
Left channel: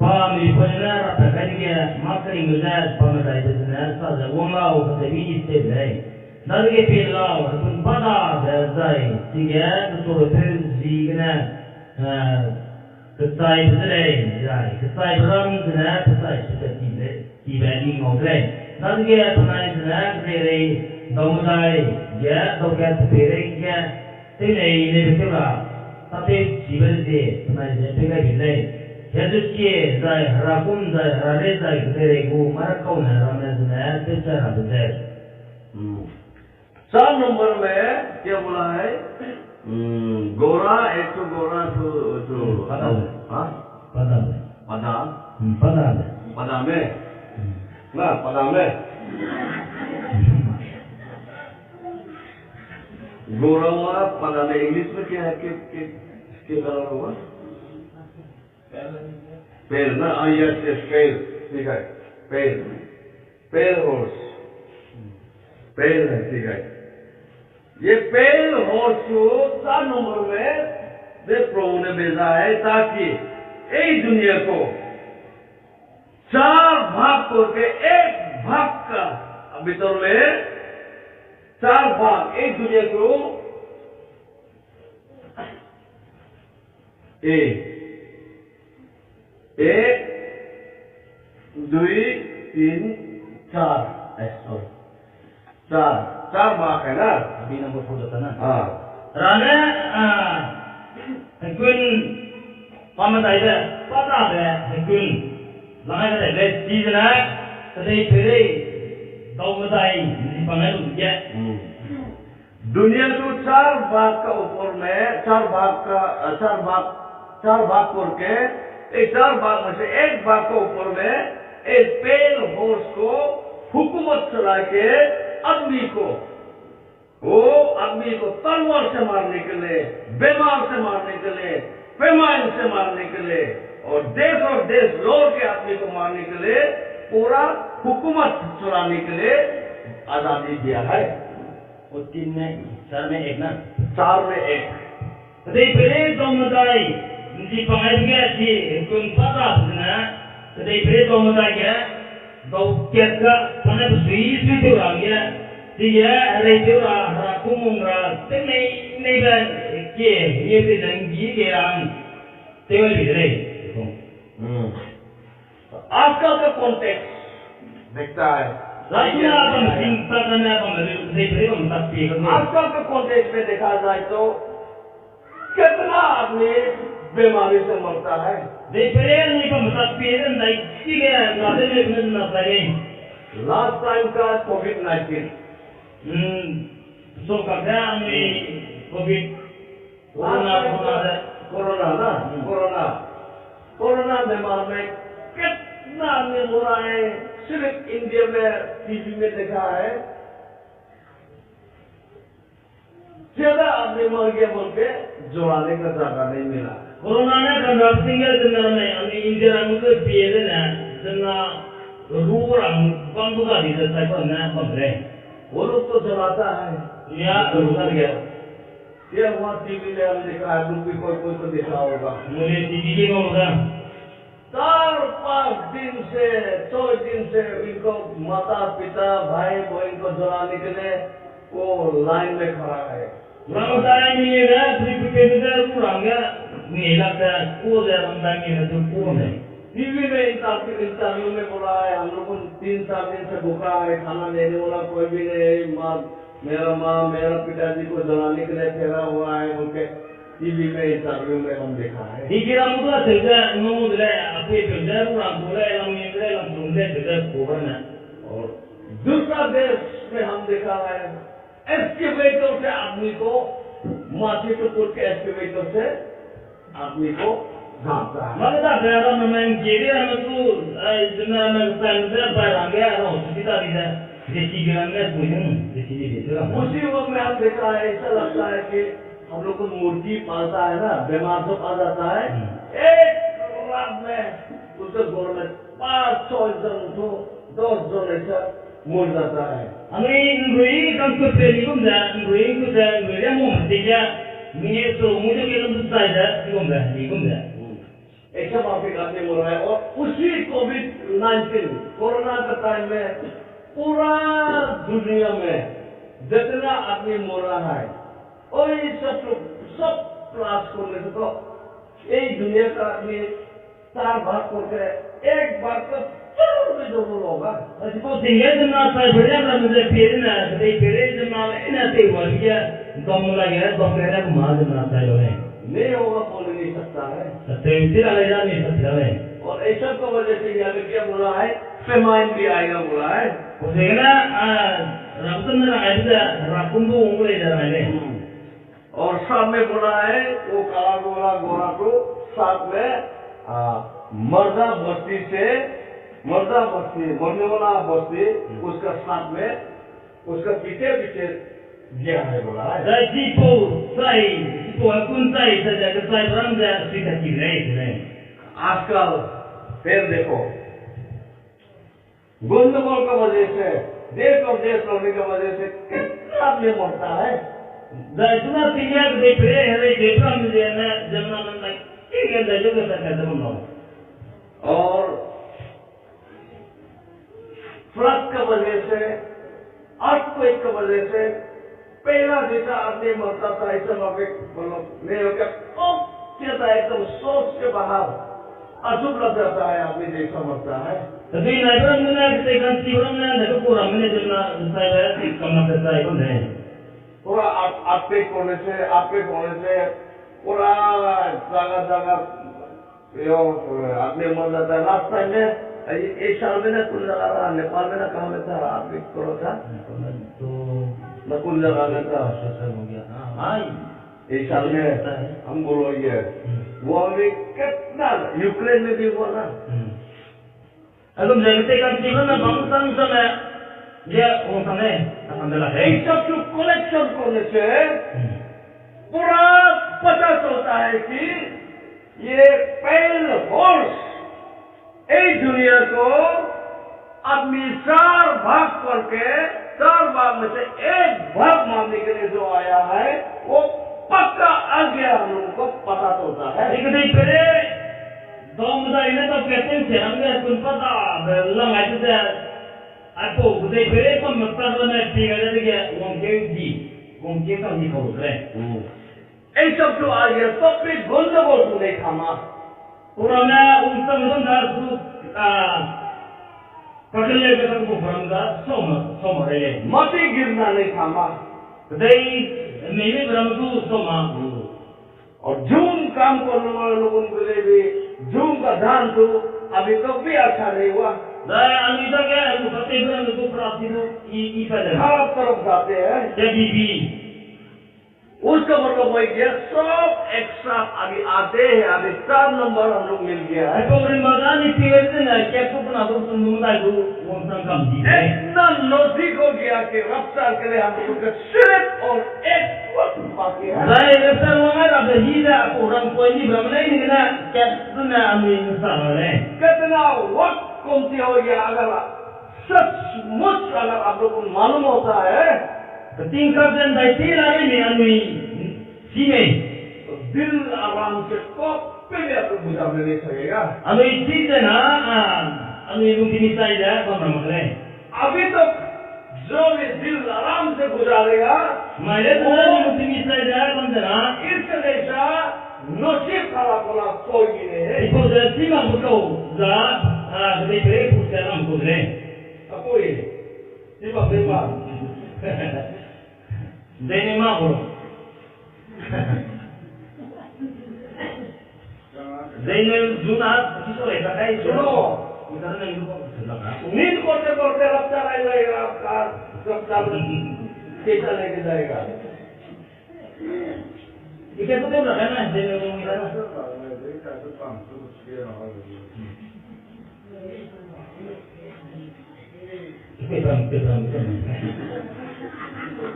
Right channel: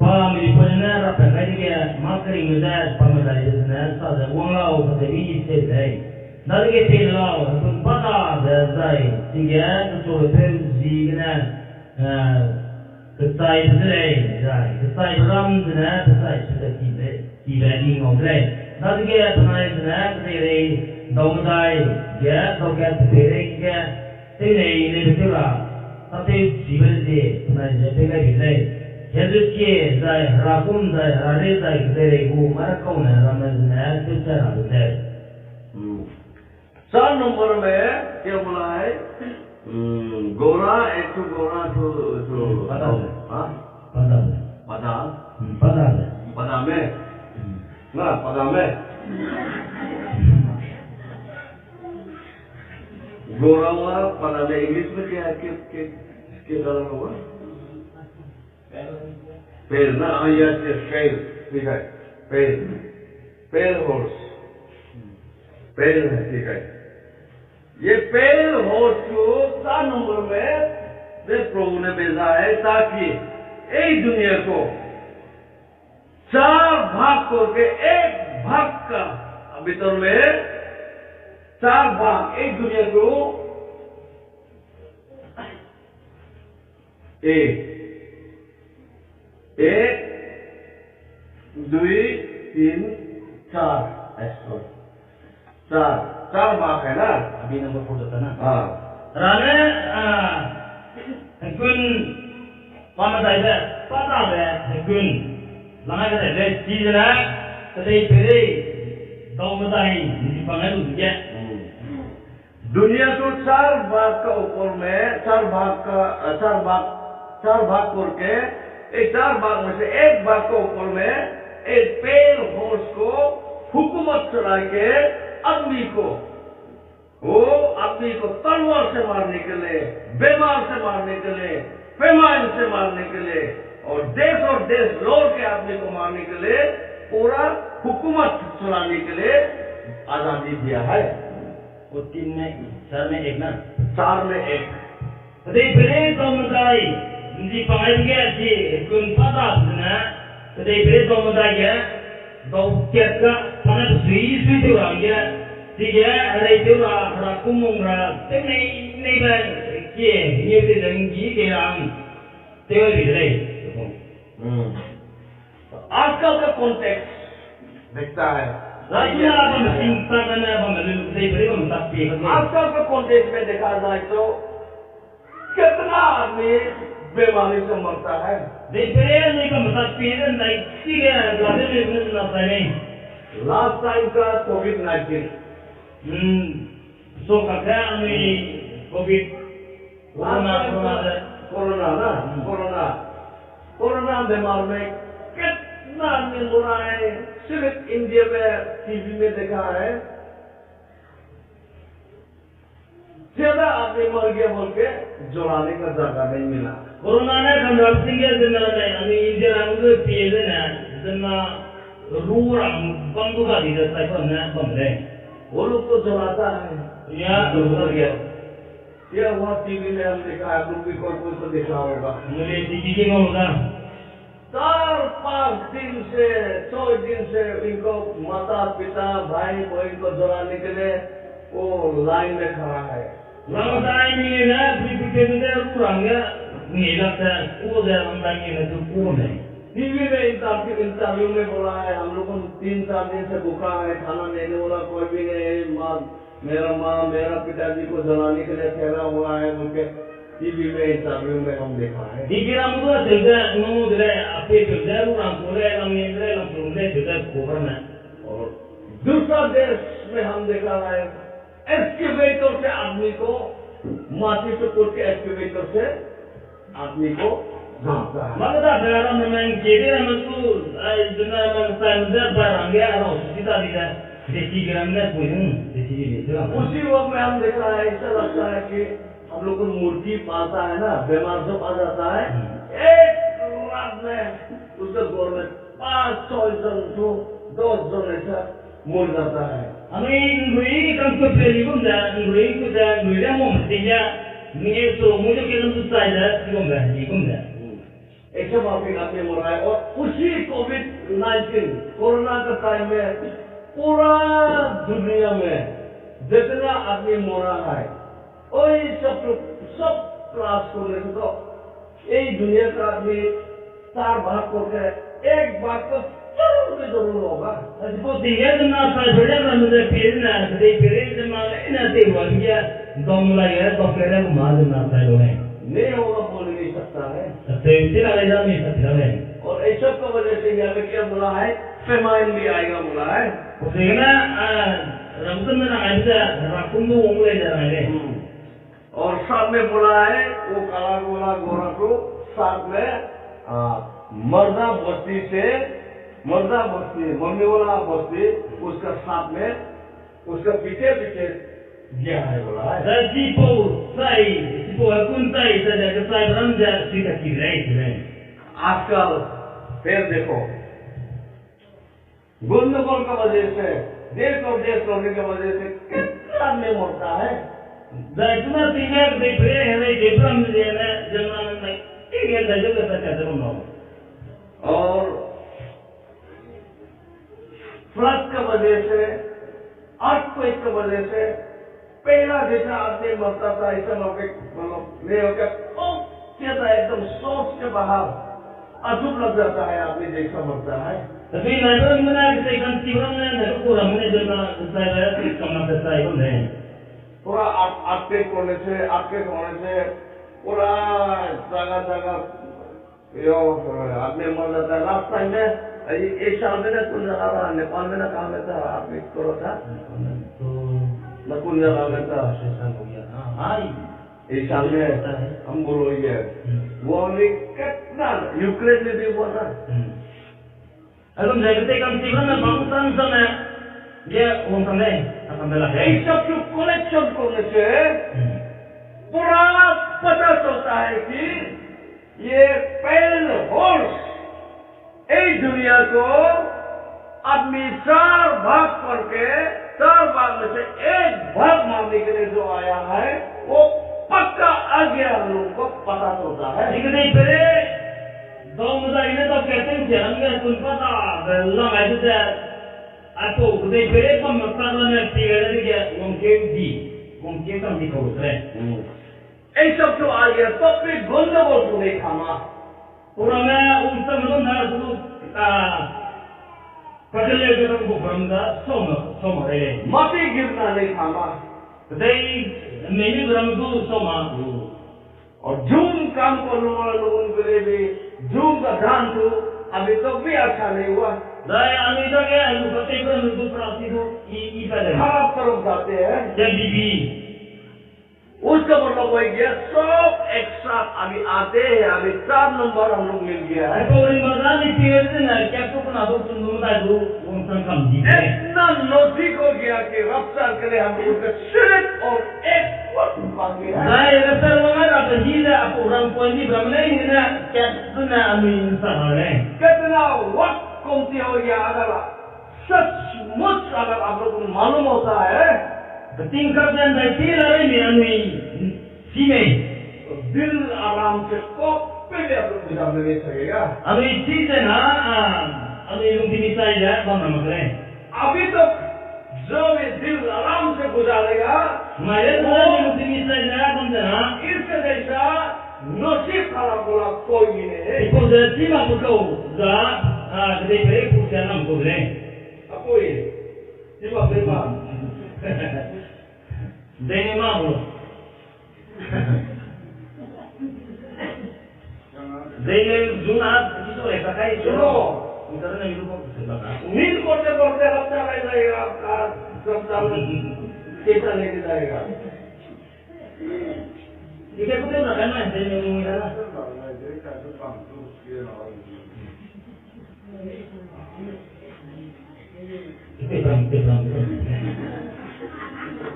pa mi pona ra pa kai ke makari meza pamadai beza sa da wong lao ka te bi se dai dal ke pe lao kun pada da dai tiga to pe zi gna ketai dai dai ketai ram dna ketai se ti ba ni ngom dai dal ke panai dna ke re Domdai ya dokat pere ya tene ne bitula tate jiban de na je pega bilai yadukye zai harakum zai harare zai tere go marakau na ramna na techa ra de 4 number में क्या बोला है गोरा एक तो गोरा तो हाँ pada पदा pada पदा में ना पदा में गोरा हुआ पदा में इंग्लिश में क्या है के कलर हुआ पेल ना यस यस पेल ठीक है पेल हॉर्स पेल है ठीक है ये पेल हॉर्स को 4 नंबर में वे प्रभु ने भेजा है ताकि एक दुनिया को 4 भाग करके एक भाग का भीतर में 4 भाग एक दुनिया को एक 2 3 4 ऐसा 4 भाग है ना abi number 4 jata na हाँ rane kun pamadai ba pada ba kun langai ka de ji na kadai pere domdai ni pangai lu ya दुनिया को 4 भाग का ऊपर में 4 भाग करके इस 4 भाग में से एक भाग के ऊपर में एक पेल हॉर्स को हुकूमत चला के आदमी को वो आदमी को तलवार से मारने के लिए, बीमार से मारने के लिए, फेमाइन से मारने के लिए और देश लौट के आदमी को मारने के लिए पूरा हुकूमत चलाने के लिए आजादी दिया है। वो 3 में 4 में 1 ना 4 में 1 Kadai bere domadai di pangai ke si kun pada na kadai bere domadai ya do kerja panai sui tu orang ya dia ada itu ra kumung ra nei ban ke ye de nang ji ke ang tewa bi de आजकल का context देखता है Rasuna bang cinta kana bang kadai bere bang tapi आजकल के context में देखा जाए तो कितना आदमी बीमारी से मरता है। लास्ट टाइम का कोविड-19 कोरोना बीमार में कितना आदमी मरा है। सिर्फ इंडिया में टीवी में देखा है ज्यादा आदमी मर गया बोल के जोड़ाने का जगह नहीं मिला। कोरोना ने कंट्रोल सिंह जनरल में अभी इंडिया में मुझे पीएस ने जना रूर बंदूक का दी जाता है ना बंदे वो लोग तो जलाता है या उधर गया ये हुआ टीवी में हम देखा है लोग भी कोई को देखा होगा। मुझे टीवी के होगा 4-5 दिन से 6 दिन से इनको माता पिता भाई बहन को जलाने के लिए वो लाइन में खड़ा है। Ramai ni na, pergi orang ya, ni lah kan, kau dah ramai ni na tu kau ni. TV में इंटरव्यू में बोला है हम लोग 3-4 दिन से भूखा है, खाना देने वाला कोई भी नहीं, मेरा पिताजी को जलाने के लिए ठहरा हुआ है उनके टीवी में इंटरव्यू में हम देखा है। Dikira muda saja, nu dile, apa saja orang boleh, orang yang boleh juga cover na. और दूसरा देश में हम देखा है एक्सकेवेटर से आदमी को माटी से कुट के एक्सकेवेटर से आदमी को झाँकता है। Maka tak ada orang memang kiri orang tu, jenama pandai barang dia orang kita tidak dikira ni punya, dikira itu lah. उसी वक्त में हम देखा है ऐसा लगता है कि हम लोग को मुर्गी पालता है ना, बीमार से पा जाता है, एक रात में उसके गोर में 5-6 जन तो 10 जन ऐसा मर जाता है। Amin ruing kan tu pun dah, ruing tu dah, ruing mau mestinya ni tu muda kita tu saja, pun dah. ऐसा माफी आपने बोला है और उसी कोविड-19 कोरोना का टाइम में पूरा दुनिया में जितना आदमी मरा है वही सब क्लास करने से तो एक दुनिया का आदमी 4 भाग करके एक भाग तो जरूर होगा। Sebab tinggal dengan saya berjaya menjadi pilihan, jadi pilihan dengan ini tiada dia dom lagi, dokter yang mahal dengan saya loh. नहीं होगा बोल नहीं सकता है। Setiap lagi ni setiap lagi. और ऐसा की वजह से यहाँ पे क्या बोला है, फेमाइन भी आएगा बोला है। Sehingga रमजान में आइंदा राकुंडू उम्र इधर आए। और साथ में बोला है वो काला गोरा गोरा को साथ में मर्दा बस्ती मरने वाला बस्ती उसका साथ में उसका पीछे गया है बोला है। Jadi pun saya saja saya beranda kita kira. आजकल फिर देखो गंदगोल की वजह से देश और देश लौटने की वजह से कितना आदमी मरता है। Zaituna tinggal di Pere, hari di Bram di mana zaman mana ini ada juga saya zaman. और फ्लड की वजह से अर्थक्वेक की वजह से पहला जैसा आदमी मरता था ऐसा मतलब नहीं हो गया, एकदम सोच के बाहर अचूक लग जाता है आदमी जैसा मरता है। Tapi naibran mana kita kan tiwam mana dah kurang mana zaman saya berada kama saya pun deh. पूरा अर्थक्वेक होने से पूरा जगह यो आदमी मर जाता है। लास्ट टाइम में एक साल में ना कुल जगह रहा नेपाल में ना कहाँ में था अर्थक्वेक करो था तो न कुल जगह में था हो गया। हाँ एक साल में हम बोलो ये वो अभी कितना यूक्रेन में भी हुआ था। Alam jadi kan tiba na bangsan sana ये उन समय असंभला है इन सब जो कलेक्शन करने से पूरा पता चलता है कि ये पैरल हॉर्स इस दुनिया को आदमी 4 भाग करके 4 भाग में से एक भाग मारने के लिए जो आया है वो पक्का आ गया हम लोगों को पता चलता है। लेकिन फिर दो मुद्दा इन्हें तो कहते हैं हमें कुछ पता लंग है तो आपको उधर फिर कम मतलब में ठीक है कि उनके तो नहीं खोल रहे ये सब जो आ गया तो फिर गंदगोल तो नहीं थामा पूरा मैं उस समय ना पकड़ ले के तो ब्रह्मगा सोम है मती गिरना नहीं थामा दई नहीं ब्रह्म को सोमा और जूम काम करने वाले लोगों के लिए भी जूम का ध्यान तो अभी तक भी अच्छा नहीं हुआ। दाय अमीदा के पते ब्रह्म को प्राप्ति तो ई पहले खराब तरफ जाते हैं जब बीबी उसका मतलब वही है सब एक साथ अभी आते हैं। अभी 4 नंबर हम लोग मिल गया है। तो मर्दानी पीरियड ना क्या तो बना दो सुन दो मत दो वो कम जी इतना नजदीक हो गया कि रफ्तार के लिए हम लोग का सिर्फ और एक वक्त बाकी है। दाय रफ्तार वगैरह अब ही ना पूरा कोई नहीं ब्रह्म नहीं ना क्या सुना अमी इंसान है कितना वक्त कमती हो गया अगर सचमुच अगर आप लोग को मालूम होता है तीन कर दें दायती लारे में अमी सीमे तो दिल आराम से कभी भी आप लोग गुजारने नहीं सकेगा। अमी चीज़ है ना अमी लोग की मिसाइल है बम रमकले अभी तक जो भी दिल आराम से गुजारेगा मेरे तो लोग की मिसाइल है बम देना इससे जैसा नसीब खराब वाला कोई भी नहीं है। इको जैसी माँ बुको जा कभी फिर पूछते हैं हम कुछ नहीं कोई सीमा बेमा देने माँ बोलो देने जुना किसो ऐसा कहीं सुनो इधर नहीं रुको कुछ लगा नींद करते करते रफ्तार आ जाएगा आपका रफ्तार में कैसा लेके जाएगा ये क्या तो ना करना है देने को इधर ना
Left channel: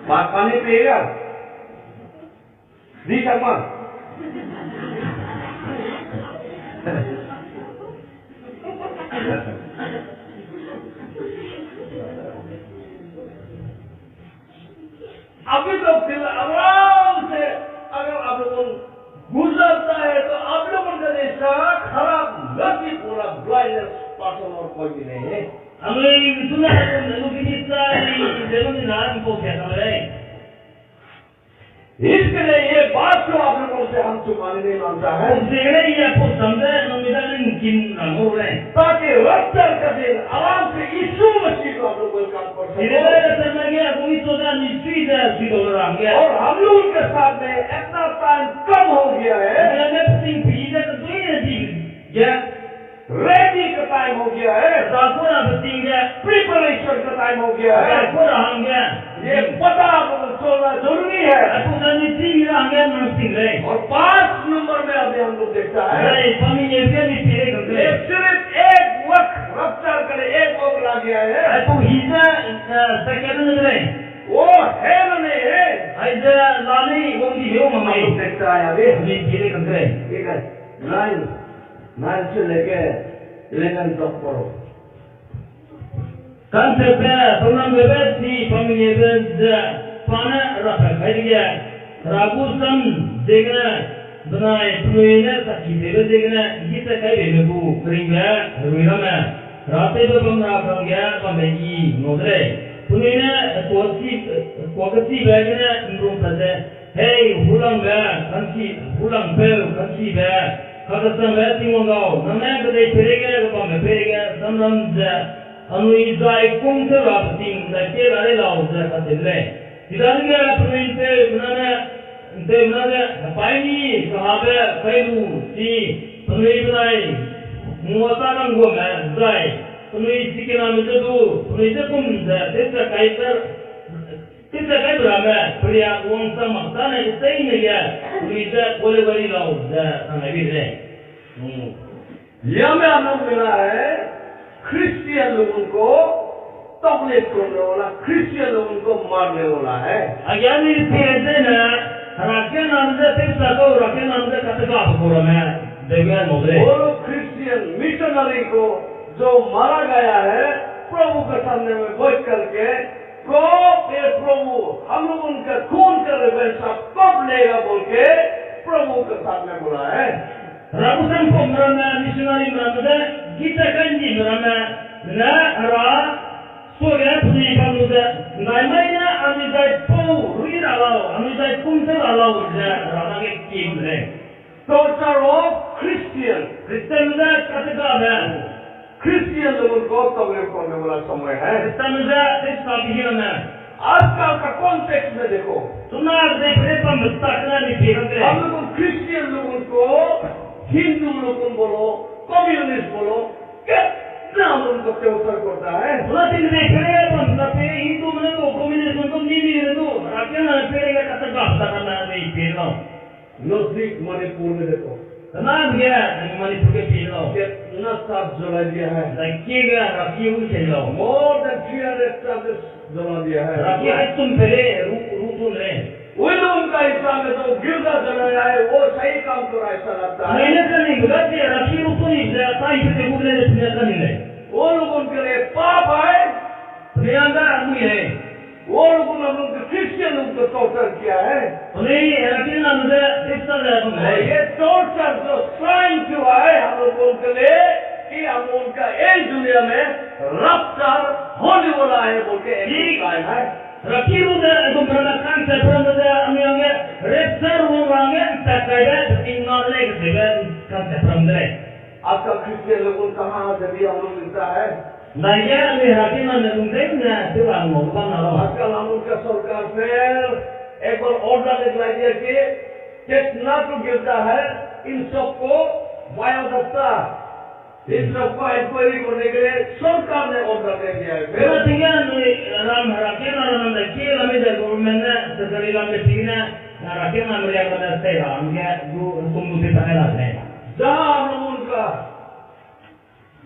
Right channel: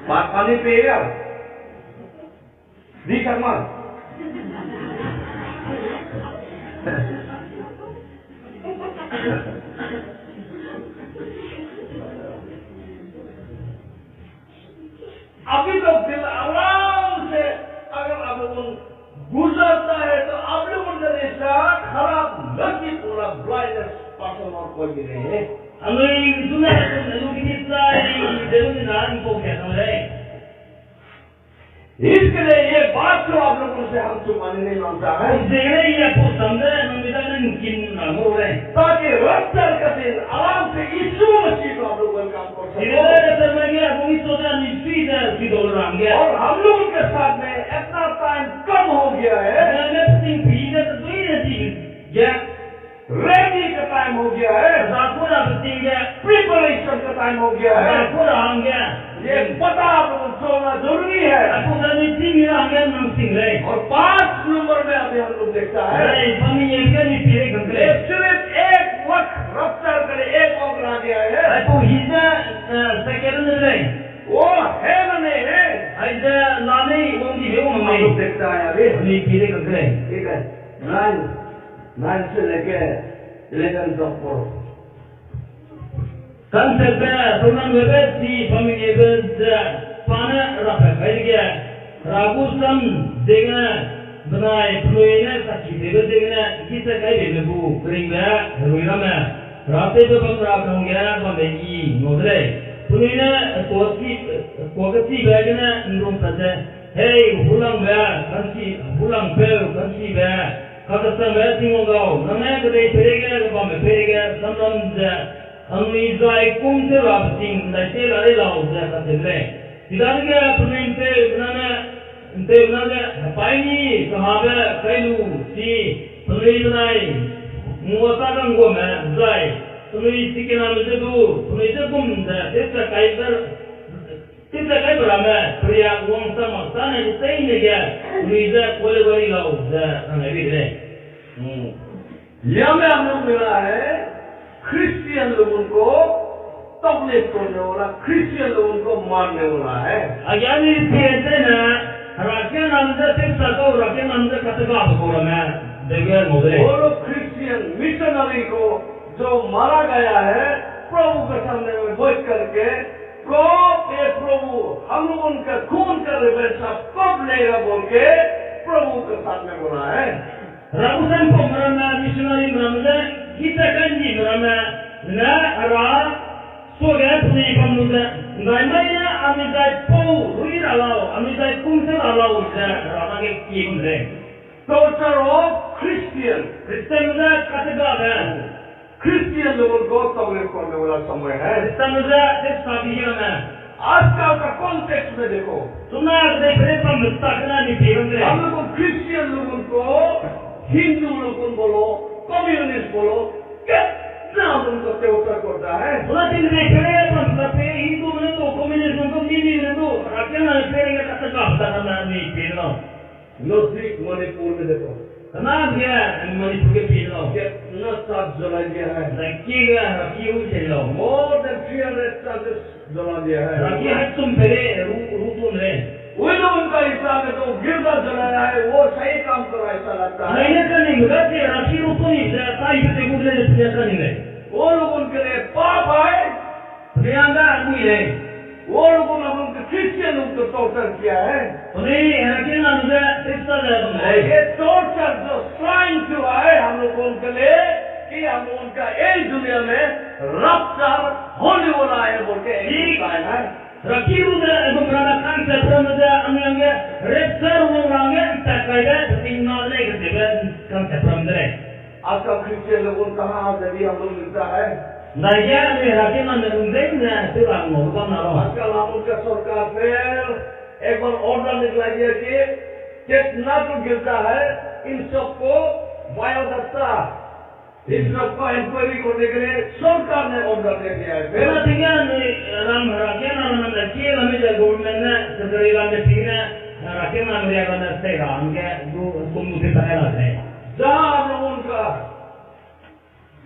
पानी पिएगा जी शर्मा अभी तो दिल आराम से अगर आप लोगों गुजरता है तो आप लोगों का जैसा खराब नसीब पूरा ब्लाइंडनेस पर्सन और कोई भी नहीं है। हमें सुना है तो लोग की सारी जरूरी नाम को क्या समझ रहे इसके लिए ये बात जो आप लोगों से हम छुपाने नहीं मांगता है देखने ही आपको समझे नमिता ने किन नाम हो रहे ताकि रफ्तार का दिन आराम से यीशु मसीह को आप लोग वेलकम कर सको। इधर सर में गया वो इस सोचा निश्चित है कि तो राम गया और हम लोग उनके साथ में इतना टाइम कम हो गया है मैंने सिंह पीछे तो कोई नहीं गया रेडी का टाइम हो गया है दाखोरा बतिंग गया प्रिपरेशन का टाइम हो गया है। दाखोरा हम गया ये पता आप लोगों को चलना जरूरी है। आपको करनी थी मेरा हम गया नमस्ते रहे और 5 नंबर में अभी हम लोग देखता है अरे पमी ये भी नहीं तेरे कंकले सिर्फ एक वक्त रफ्तार करे एक वक्त ला गया है आपको हिजा सेकेंड में रहे वो है ना नहीं है ऐसे लाने वो दी बेव हम मम्मी लोग देखता है अभी अभी तेरे कंकले ठीक है 9 से लेके 11 तक पढ़ो Concept Tunan Bebet si family event Pana Rafa Kaidia Ragusan Degna Benai Pluina Saki Debe Degna Gita Kai Bebu Pringa Ruirama Rate Babam Rakanga Bamegi Nodre Pluina Kwakati Bagana Nrum Pate Hey Hulang Ba Kansi Hulang Bel Kansi Ba Kakastan Ba Tingongao Namaka de Perega Bamba Perega Samram Anui zai kum se rapating na te rare lao za kadle tidar ge apmente nana paini kahabe kailu si panui banai muata kan go ma zai panui sikena medu panui se kum da tesa kai brama priya wong sama sana sei ne ge panui za kole bari lao za anabi re यह में हम लोग मिला है Christian लोगों को तकलीफ करने वाला, क्रिश्चियन लोगों को मारने वाला है। Agar ni tiada na, rakyat namda tiada kau rakyat namda kata kau apa kau ramai dengan modal. वो लोग क्रिश्चियन मिशनरी को जो मारा गया है प्रभु के सामने में बैठ करके कब ये प्रभु हम लोग उनका खून का रिवेंज कब लेगा बोल के प्रभु के सामने बोला है। Ratusan pemerintah misionari meramai kita kanji meramai na ra soalnya punya pemuda naimanya amisai pau ruir alau amisai kumsel alau je ramai ke kim le torture of Christian Kristen muda kata kau Christian लोगों को तकलीफ करने वाला समय है। Kristen muda tetapi mana आजकल का context में देखो, sunnah dekre pembesarnya di film le हम लोग क्रिश्चियन लोगों को हिंदू लोगों बोलो कम्युनिस्ट बोलो कितना हम लोगों को टॉर्चर करता है। sunnah tinggal dekre pembesar Hindu mana tu komunis mana tu Mimi mana tu rakyat mana pernah kata kau bersama ni film नजदीक मणिपुर में देखो Kenapa dia Manipur ke film कितना साथ जला दिया है। Lagi ke rakyat channel more than 300 churches जला दिया है। rakyat tuh pere rutun le वो लोग उनका हिसाब में तो गिरजा जलाया है, वो सही काम कर रहा है ऐसा लगता है। Ini kan ni berarti rakyat rutun ni saya itu boleh dipunyai ni le वो लोग उनके लिए पाप है, Peniaga aku le वो लोगों ने उनके क्रिश्चियन उनको टॉर्चर किया है। Ini rakyat namanya Kristen le और ये टॉर्चर जो साइन हुआ है हम लोगों के लिए कि हम उनका एक दुनिया में रफ्तार होने वाला है बोल के एक साइन है। rakyat muda itu beranakan seperamada amiange repsar orangnya tak kaya tinggal le keseban kan seperamada आपका क्रिश्चियन लोगों कहाँ जब हम लोग मिलता है। Naya ni rakyat mana undangnya tu orang mau bang nalo आजकल हम उनका सरकार फिर एक बार ऑर्डर निकला दिया कि कितना तो गिरता है इन सबको वायुदत्ता इन सबको इंक्वायरी करने के लिए सरकार ने ऑर्डर दे दिया है। फिर Bila tinggal ni ram rakyat nama nama kiri lama je government na segera lama tinggal rakyat nama dia kena stay ram ke tu hukum tu tidak ada le जहाँ हम लोग उनका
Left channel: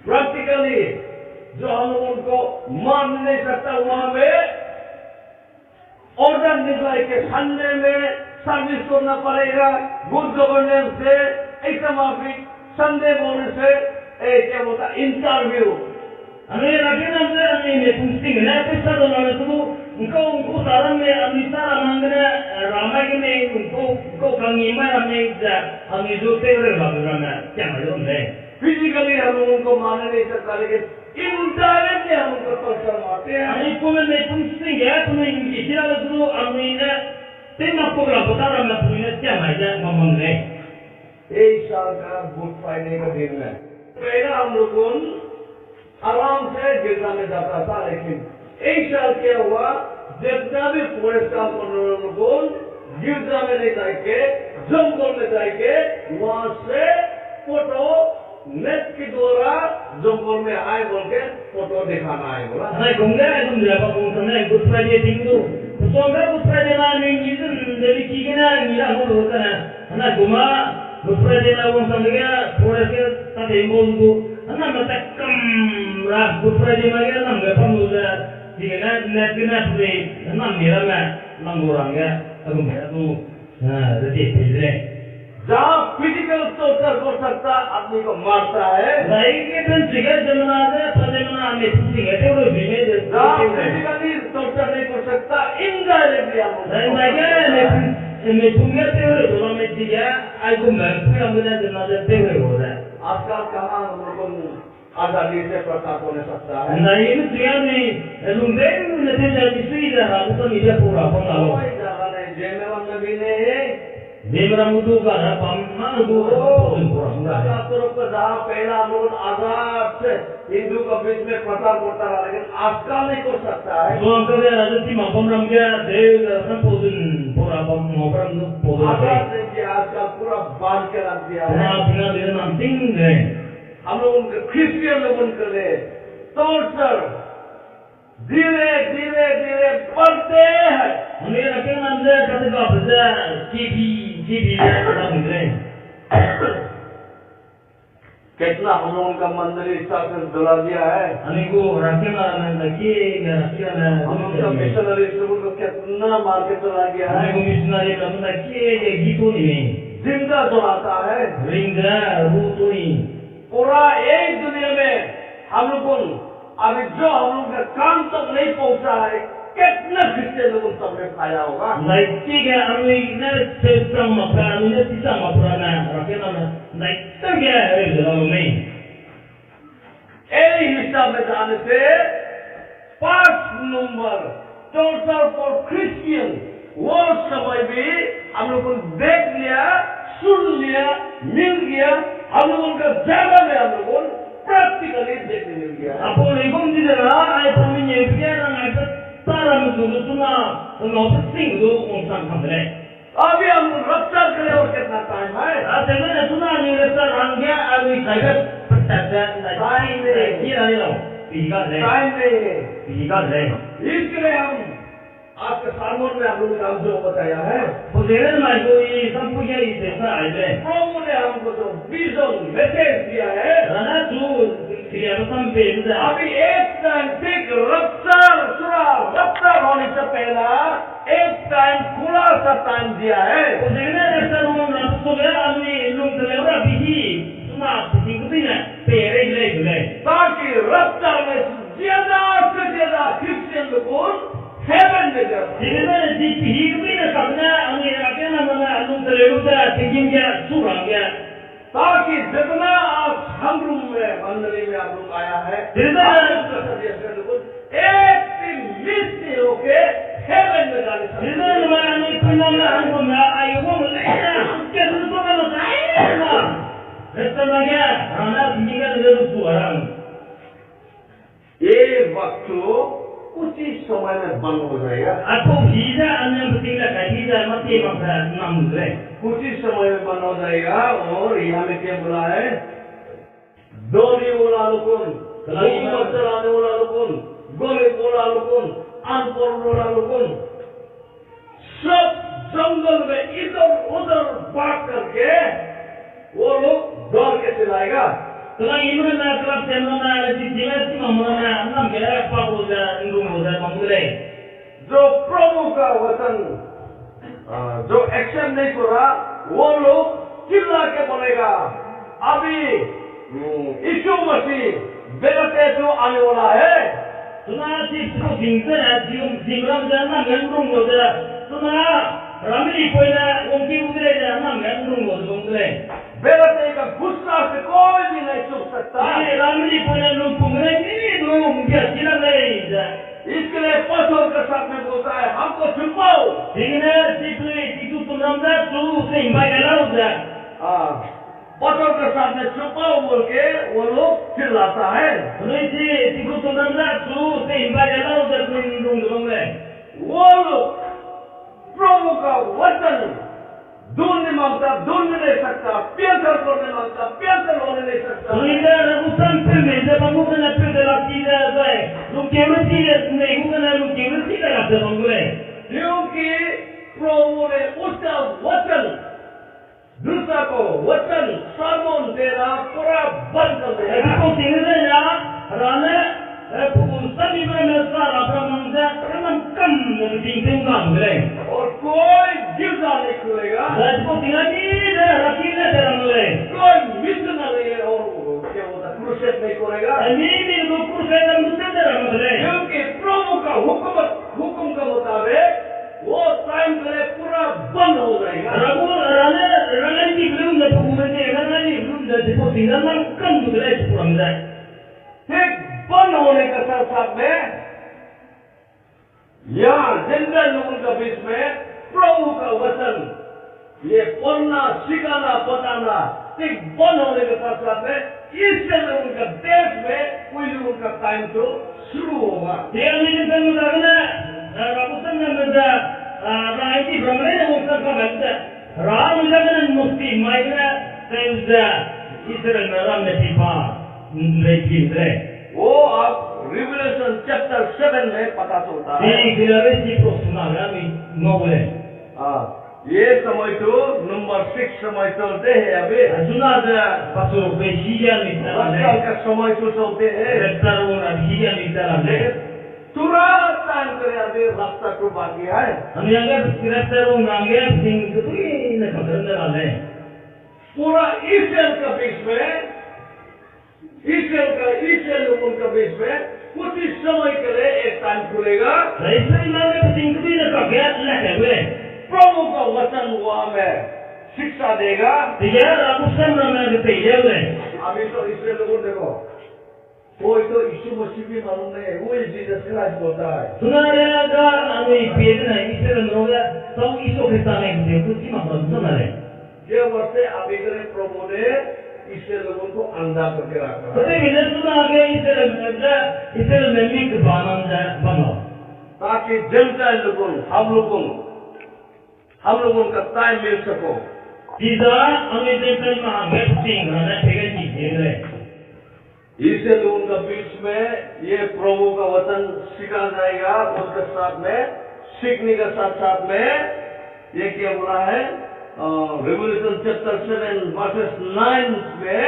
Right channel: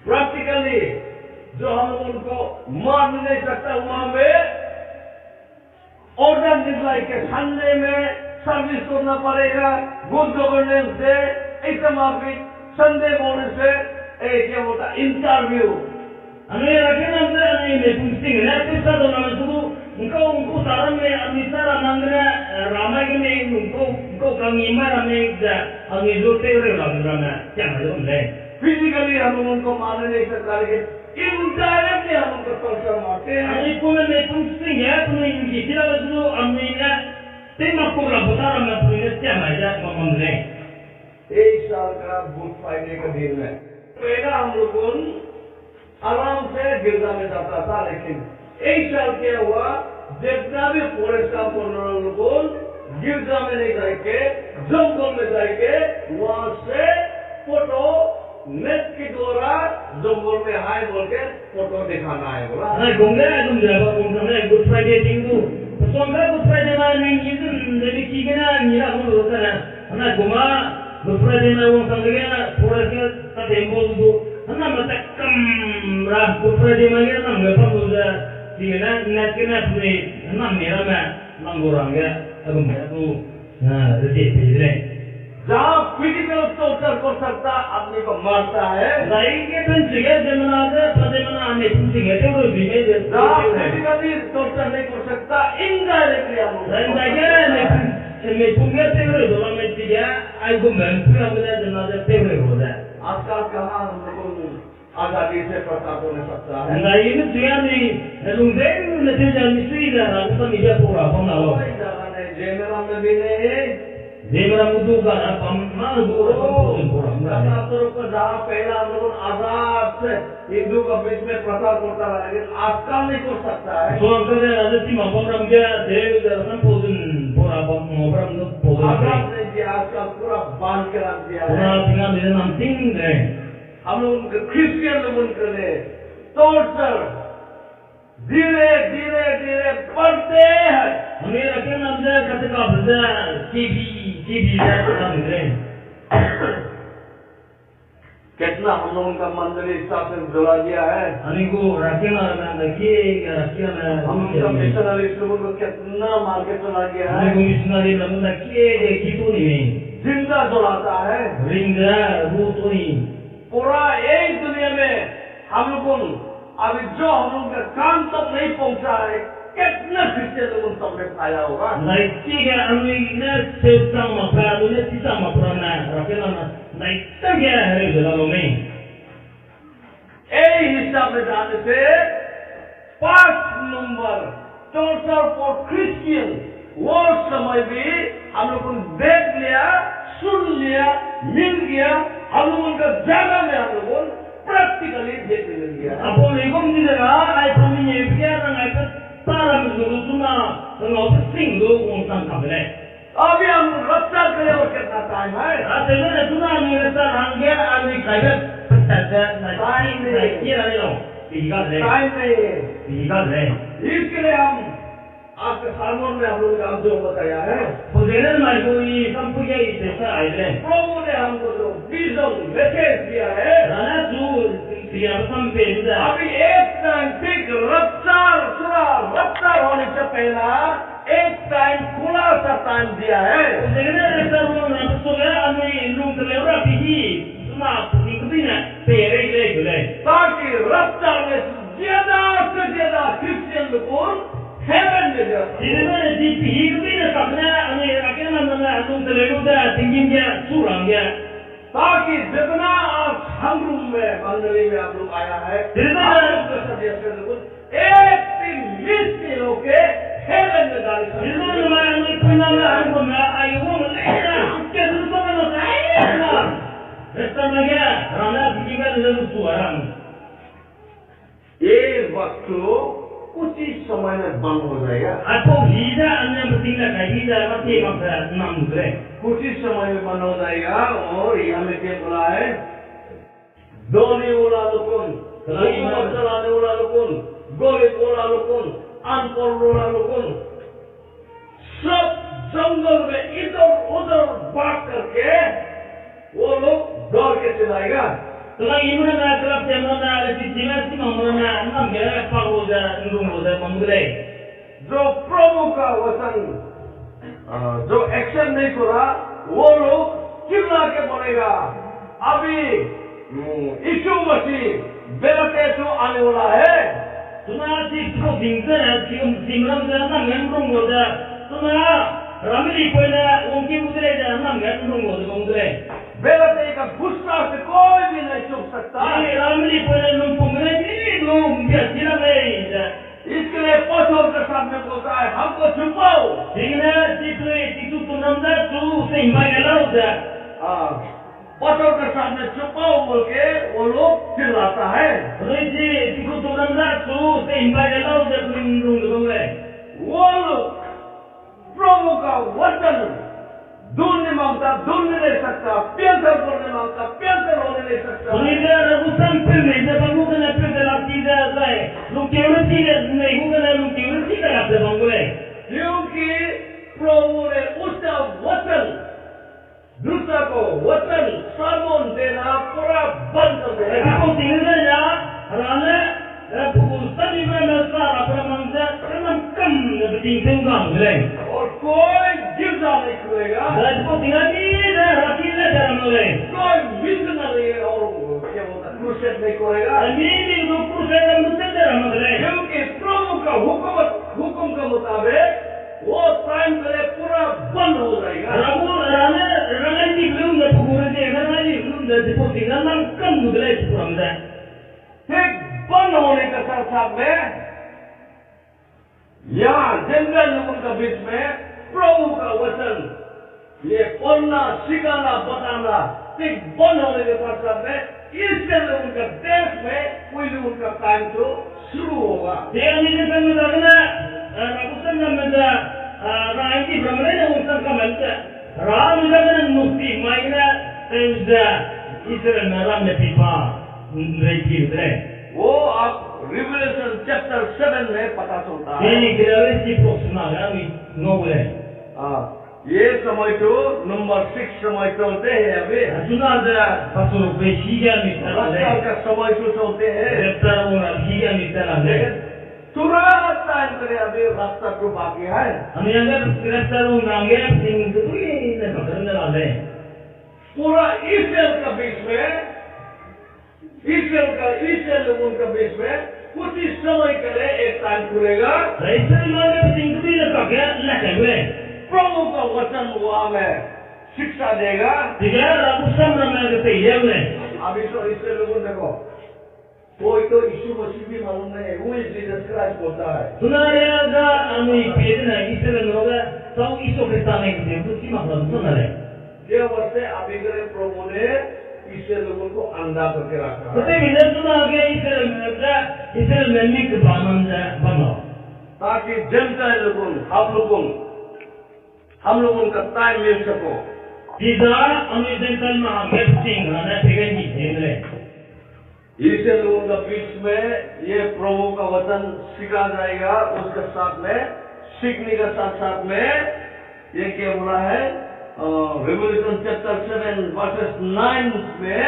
प्रैक्टिकली जो हम लोग उनको मान नहीं सकता वहां पे ऑर्डर निकला है कि संडे में सर्विस करना पड़ेगा गुड गवर्नेंस से ऐसा माफी संडे बोलने से क्या बोलता interview Ani rakyat nama ani ni pusing na kisah tu nama tu engkau saran ni amita ramangna ramai ke ni engkau kangi mai ramai je ami zote orang ramai jangan jom le physically हम लोग उनको मान नहीं सकता लेकिन indirectly हम उनको torture मारते हैं। Ani pun ni pusing ya pun ini tidak tu ami ni tema program betul ramai pun ni jangan je ngomong le एक साल का गुड फ्राइडे का दिन है। पहला हम लोग आराम से गिरजा में जाता था, लेकिन एक साल क्या हुआ जितना भी फॉरेस्ट काम करने वाले लोग गिरजा में नहीं जाएंगे जंगल में जाएंगे वहां से फोटो नेट के द्वारा जंगल में आए बोल के फोटो दिखाना है बोला। Ana gongga agum berapa gongga Good Friday tinggu. Pesongga Good Friday mana ni itu dari kigana ni lah mulu kana. Ana goma Good Friday na orang sambil forest ke tak embol tu. Ana mata kam rah Good Friday mana nam berapa mulu kigana net kena pun nam ni ramai nangorang ya agum tu. Rezeki pedre. जहाँ physical torture कर सकता आदमी को मारता है, Lain ke pencinga zaman ada pada mana ane pencinga tu orang bime je. जहाँ physically torture नहीं कर सकता इनडायरेक्टली हम Lain lagi me punga tu orang dalam media, aku mampu ambil jenazah tu orang. आजकल कहाँ हम लोगों को आजादी से प्रचार होने सकता है। Nah ini dia ni, lungdek ni nanti misi dah, aku tu media pura pun lalu. कोई जगह नहीं, जेमेला में भी नहीं। Dia mudu kan, mana tu pura प्रचार तरफ का जहाँ पहला हम लोग आजाद से हिंदू का बीच में प्रचार करता रहा, लेकिन आजकल नहीं कर सकता है। So angkanya ada ti mampam ramja, dia dah pun pura pun mampam tu pun. आजाद नहीं किया, आजकल पूरा बांध के रख दिया है। Pura tinggal dia nanti ni. हम लोग उनके क्रिश्चियन लोगों के लिए टॉर्चर धीरे धीरे धीरे बढ़ते हैं। हमें रखे नंदे कते का बजा जीबी dah orang ni. कितना हम लोगों का मंदिर इस हिसाब से जला दिया है। Ani ko rakena na daki ya rakena. हम लोग का मिशनरी लोगों को कितना मार के चला गया Ani है। ko missionary na daki ya gitu ni. जिंदा जलाता है। Ringga ruto ni. पूरा एक दुनिया में हम लोग को अभी जो हम लोग का काम तक नहीं पहुंचा है, कितना क्रिश्चियन लोगों तक में पाया होगा। Daki ga anu na sesang mapra anu na tisang mapra na rakena na. Daki ga hari jala ni. हिसाब में जाने से 5 नंबर टोटल फॉर क्रिश्चियन वो समय भी हम लोगों ने देख लिया, सुन लिया, मिल गया। हम लोगों का जगह में हम लोगों को प्रैक्टिकली देखने मिल गया। Apo legom di dalam ay paminye biar ay tara musuh tuna tuna pesing tu unsang kamera. अभी हम रफ्तार करें और कितना टाइम है? Sebenarnya tuna ni rasa rangga ay kaibat peta Time नहीं। kira ni loh. Tiga le. Time नहीं है। Tiga le. इसके लिए हम आज के सामने में हम लोगों ने जो बताया है, Pujian mai ko i sampuja i sesa ay le. प्रभु ने हमको जो विजन मैसेज दिया है, Rana tu siya sampai juga. अभी एक टाइम ठीक रफ्तार होने से पहला एक टाइम खुला सा टाइम दिया है। Pujian rasa rumah nak suka anu lung terlewat biji. Tuna pesing tu ni pere le. ताकि रफ्तार में ज्यादा से ज्यादा क्रिश्चियन लोग हेवन में जा सकें। Sebenarnya di pihak ni nak sabna anu rakena mana anu terlewat dah tinggi dia surang dia. ताकि जितना आप हम रूम में मंदिर में आप लोग आया है, एक भी मिस नहीं होके हेवन में जाने सकते। Sebenarnya mana anu kunama anu mana ayu mau lena kita tu kan lo saya. Rasa dia rana tinggi kan terlewat surang. ये वक्त कुछ ही समय में बंद हो जाएगा। Aku hiza anu penting lah hiza mati maksa enam muda. कुछ ही समय में बंद हो जाएगा। और यहाँ में क्या बोला है? दोनी बोला लोगों, हुकूमत चलाने वाला लोगों, गोली बोला लोगों, अनपढ़ बोला लोगों, सब जंगल में इधर उधर भाग करके वो लोग दौड़ के चलाएगा। Kalau ini mana kalau saya mana ada di sini mana enam kira apa boja indung boja mamudai. जो प्रभु का वचन जो एक्शन नहीं करा, वो लोग चिल्ला के बोलेगा अभी यीशु मसीह बेलते तो आने वाला है। Tuna si tu bingkar simram jangan gandrung boja. Tuna ramli poina ungki udre jangan gandrung boja mamudai. बेलते का गुस्सा से कोई भी नहीं छुप सकता। Ini ramli poina lumpung ini belum dia sila lagi. इसके लिए पत्थर के साथ में बोलता है हमको छुपाओ। Sehingga si tu tunamda tu sehingga elau dah. पत्थर के साथ में छुपाओ बोल के वो लोग चिल्लाता है। Kalau si tu tunamda tu sehingga elau dah lindung tu mamudai. वो लोग प्रभु का वचन ढूंढने मांगता, ढूंढ नहीं सकता, पेंटर करने मांगता, पेंटर होने नहीं सकता। Kalau ini ragusan pilih, jangan bukan pilih lagi dah. Lu kira tidak, नहीं bukan lu kira tidak ada mamudai. क्योंकि प्रभु ने उसका वचन दूसरा को वचन सामोन देना पूरा बंद कर दिया। Tapi kau tinggal saja, kerana urusan ini merasa apa mangsa, memang kam lebih tinggi mamudai. और कोई गिरजा नहीं खुलेगा, Jadi kau tinggal di rakyatnya jangan mulai. कोई मिशनरी और क्या बोलता है क्रूसेड नहीं करेगा। Ini itu kurang dan betul jangan mulai. क्योंकि प्रभु का हुक्म के मुताबिक वो टाइम पहले पूरा बंद हो जाएगा। Ragu rana ini belum dah pengurusan je, rana ini belum dah disebut tinggal kam mulai kurang dah. ठीक बंद होने के साथ साथ में यहाँ जनरल लोगों के बीच में प्रभु का वचन ये पढ़ना, सिखाना, बताना ठीक बंद होने के साथ साथ में इससे लोगों का देश में कोई लोगों का टाइम तो शुरू होगा। Dia ini kan mudahnya, ragusan dan mudah, rana ini beramai dengan urusan kamalnya. Rana mudahnya mukti, mainnya tenda Israel meram nepipa, mereka itu. वो आप रिवलेशन चैप्टर 7 में पता चलता है। Ini kira si profesional, kami no boleh. ये समय तो number 6 समय चलते हैं अभी। Sunada pasuruk besiga ni रफ्तार tala का समय तो चलते हैं। Rektar una higa ni tala तुरंत टाइम करे अभी रफ्तार तो बाकी है। हम yang rektar una angge sing ketui ne pakaran dale पूरा इसराइल का बीच में इसराइल लोगों का बीच में कुछ ही समय के लिए एक टाइम खुलेगा। Raisa image sing ketui ne pakya lakagre प्रभु का वचन वहाँ में शिक्षा देगा। Tiga aku samra me kete yevle अभी तो इसराइल लोगों देखो कोई तो यीशु मसीह भी मालूम नहीं, वो जीसस क्राइस्ट बोलता है। Sunare ga anu ipedna isere noga tau iso kristane kete kuchi makra sunare ये वर्षे अभी करे प्रभु ने इसराइल लोगों को अंधा करके रखा है Kete bile sunage isere memik banam ja bano ताकि जनता लोगों हम लोगों का टाइम मिल सको। Tiga anu dental mahangge sing rana pegan ni jendre Israel लोगों का बीच में ये प्रभु का वचन सिखा जाएगा। उसके साथ में सीखने के साथ साथ में ये क्या बोला है रेवल्यूशन चैप्टर 7 वर्सेस 9 में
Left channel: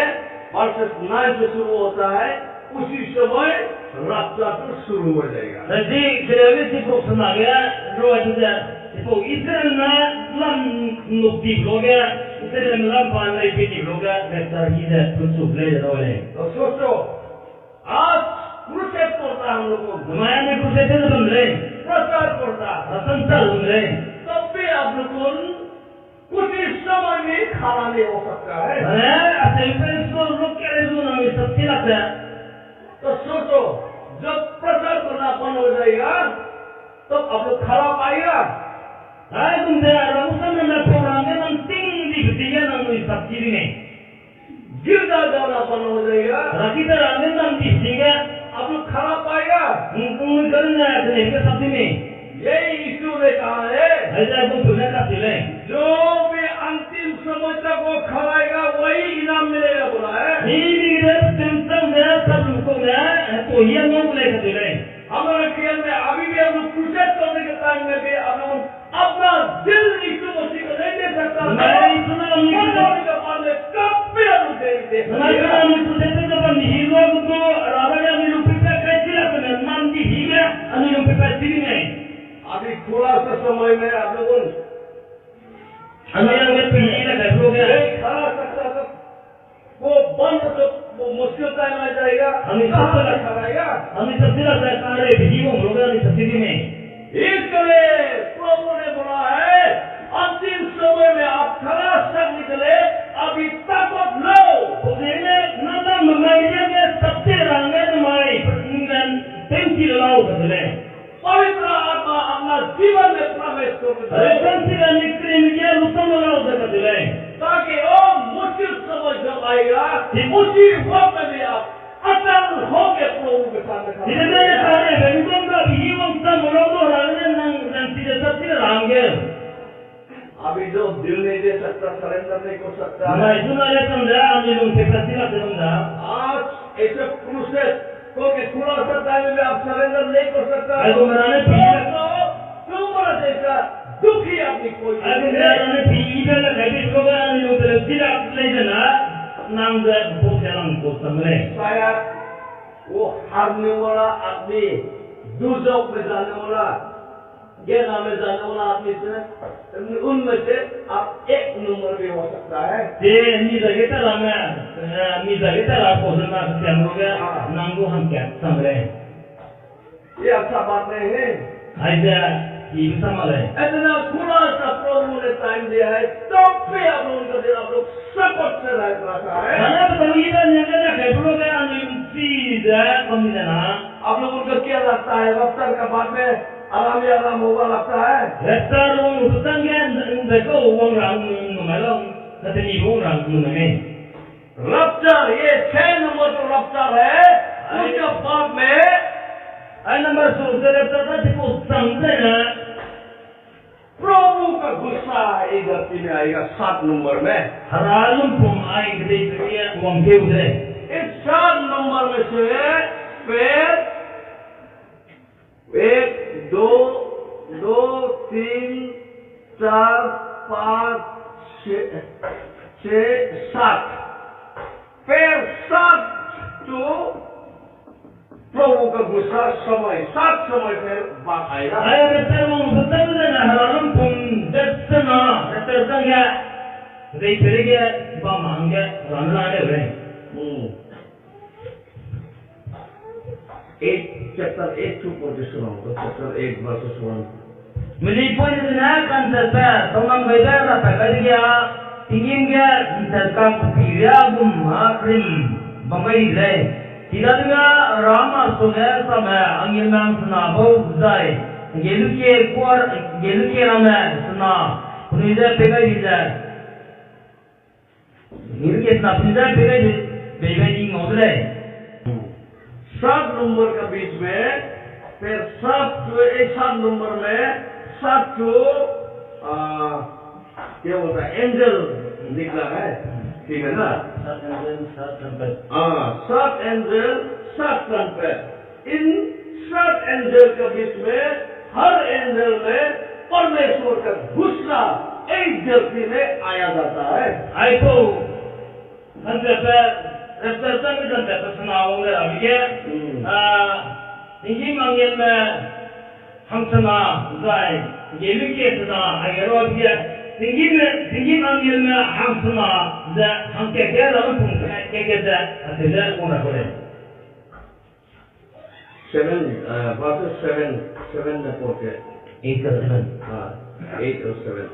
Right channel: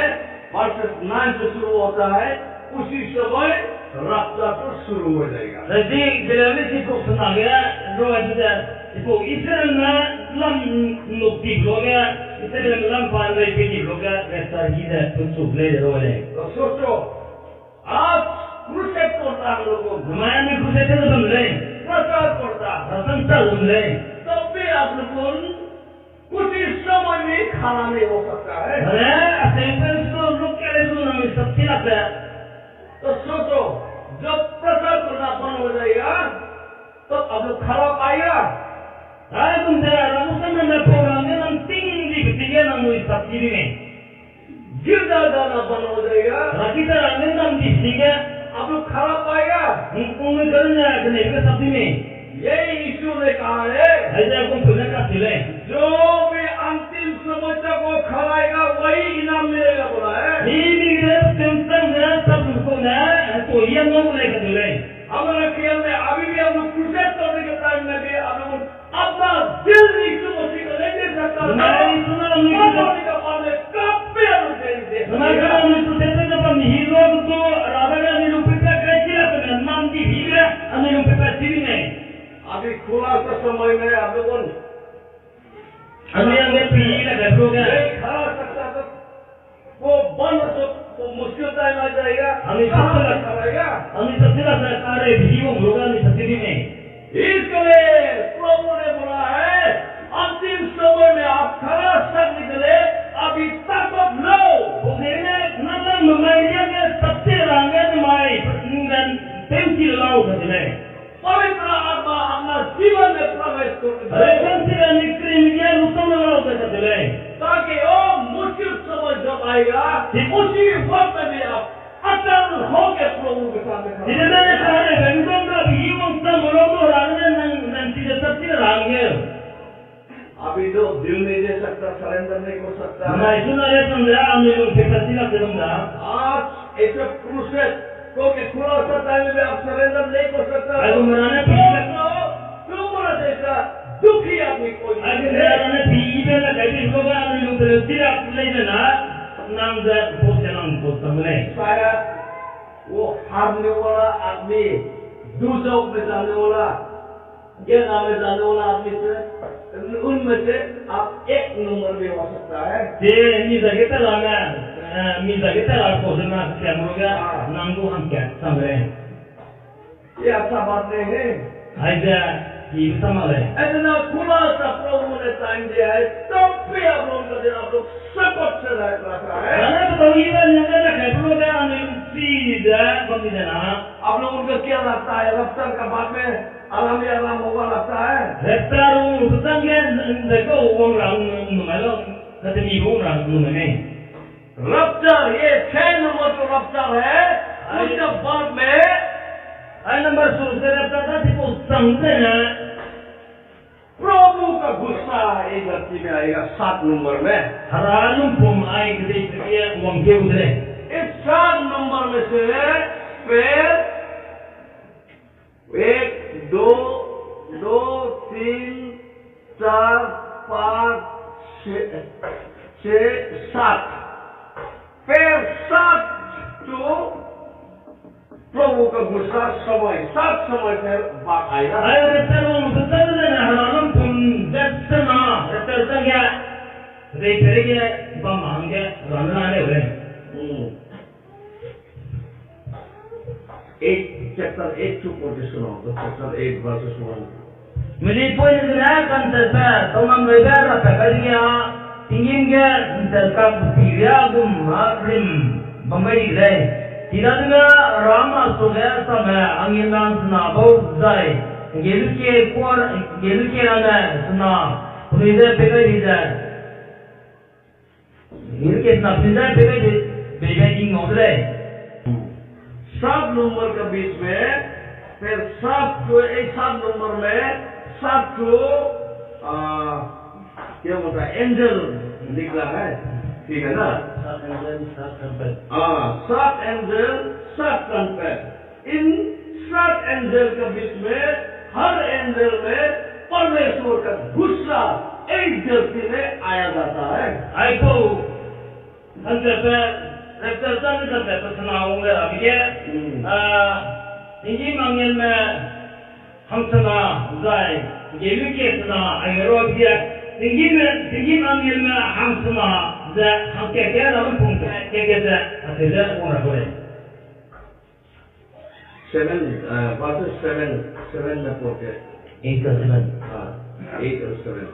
वर्सेस 9 से शुरू होता है, उसी समय रास्ता तो शुरू हो जाएगा। Jadi kelewat si pro sunage ro ada ipo isere na lam nukti bloga isere lam pandai piti bloga rektar hida tunsuk le role तो सोचो आज क्रूसेड करता हम लोगों को Namanya ni kusete tu bamle प्रचार करता rasantal bamle तब भी आप लोगों कुछ ही समय में खाना नहीं हो सकता है। Mana asal peso look kere tu na sabti lakta तो सोचो जब प्रचार करना बंद हो जाएगा तब आप लोग खाना पाएगा। Ay kunta ramu samra na program ne nam ting di ketiga nam sabti ni गिरजा जाना बंद हो जाएगा Rakita ramne nam di singa आप लोग खाना पाएगा। ung karna kene ke sabti ni यही यीशु ने कहा है Aja aku sunna ka sile जो भी अंतिम समय तक वो खाएगा वही इनाम मिलेगा बोला है। Ini dia tentang dia sab ko na to hiya ngom le ka sile हमारे ख्याल में अभी भी हम लोग क्रूसेड करने के टाइम में भी आप लोग अपना दिल यीशु मसीह को नहीं दे सकता। नहीं, सुना हमने मौत होने के बाद में कब भी हम लोग दे सकते Nama हैं। kami tu sete depan hero tu raga ni lupa kecil kan mandi higa anu lupa sini ni अभी थोड़ा सा समय में आप लोगों anu yang ke pilih lah kan program नहीं खा सकता तो वो बंद तो वो मुश्किल टाइम आ जाएगा। हमें कहाँ सबसे से लग- खाएगा? anu setiap sarkare hiyo program ni sini ni इसलिए प्रभु ने बोला है अंतिम समय में आप खरा सब निकले अभी ताकत लो। Pokoknya nana memainnya ke sabti rangga ni mai dengan pensil lau kan sile पवित्र आत्मा अपना जीवन में प्रवेश करके दो, pensil ni krim dia lupa lau kan sile ताकि वो मुश्किल समय जब आएगा उसी वक्त में भी आप अटल होके प्रभु के सामने खड़े Tidak ada रहेंगे। cara bentong dah hiwang tak melodoh rangga nang tidak sabti rangga अभी जो दिल नहीं दे सकता सरेंडर नहीं कर सकता Nah है। itu nara tanda ambil kepatilah tanda. आज ऐसे क्रूसेड को के थोड़ा सा टाइम में आप सरेंडर नहीं कर सकता। Aku merana तो pilih. तुम्हारा जैसा दुखी आदमी कोई Aku नहीं है। merana pilih lah kali program ambil kepatilah lagi na nang dah bos jalan bos sambil. शायद वो हारने वाला आदमी दूसरों में जाने वाला ज्ञान में जाने वाला आदमी से उनमें से आप एक नंबर भी हो सकता है। Jadi ni dah kita lama, ni dah kita lah posna siapa program nanggu hangkat sambil. ये अच्छा बात नहीं है। Aja ibu sama leh. इतना खुला सा प्रभु ने टाइम दिया है तब भी आप लोगों का दिल आप लोग सपोर्ट से रखा है। Karena betul ini kan yang ada kayak program ambil tidak kami sana. आप लोगों को क्या लगता है रफ्तार का बाद में आराम ही आराम होगा लगता है? Rektar urusan kan mereka uang orang malam kata ni orang mana. रफ्तार ये 6 नंबर तो रफ्तार है। उसके बाद में Ay number suruh rektar tadi posang sana. प्रभु का गुस्सा एक धरती में आएगा 7 नंबर में। Haralum pom ay gede dia uang ke udre. इस 7 नंबर में से फिर 1 2 2 3 4 5, 6, 7 फिर 7 to प्रभु का गुस्सा समय 7 समय फिर बात आएगा Ay reservong betul na halalum pun dasna reservang ya dei perege bamangge ramlane ule 8 chapter 8 to 47 chapter 8 verses 1 Mili poin na kan sa tomang wega ra padigya tingin ga terkap tiria gum hakrim bangai le tidak dengan rama soga sama angin mang senabo zai geluke rama sena punija pegai dija geluke sena punija pegai bebai ngodle 7 number के बीच में फिर 7 जो 7 number में 7 जो क्या बोलता है angel निकला है ठीक है ना 7 एंजल 7 ट्रम्पेट इन 7 एंजल के बीच में हर एंजल में परमेश्वर का गुस्सा एक धरती में आया जाता है Aiko konsep representasi konsep senawang le abige tinggi mangin me hangsana zai geluke sena ayero abige tinggi mangin me hangsana za hangke ke lawan pungsa ke za atela ora hore 7 verses 7 में पढ़ के 8 ka 7 8 और 7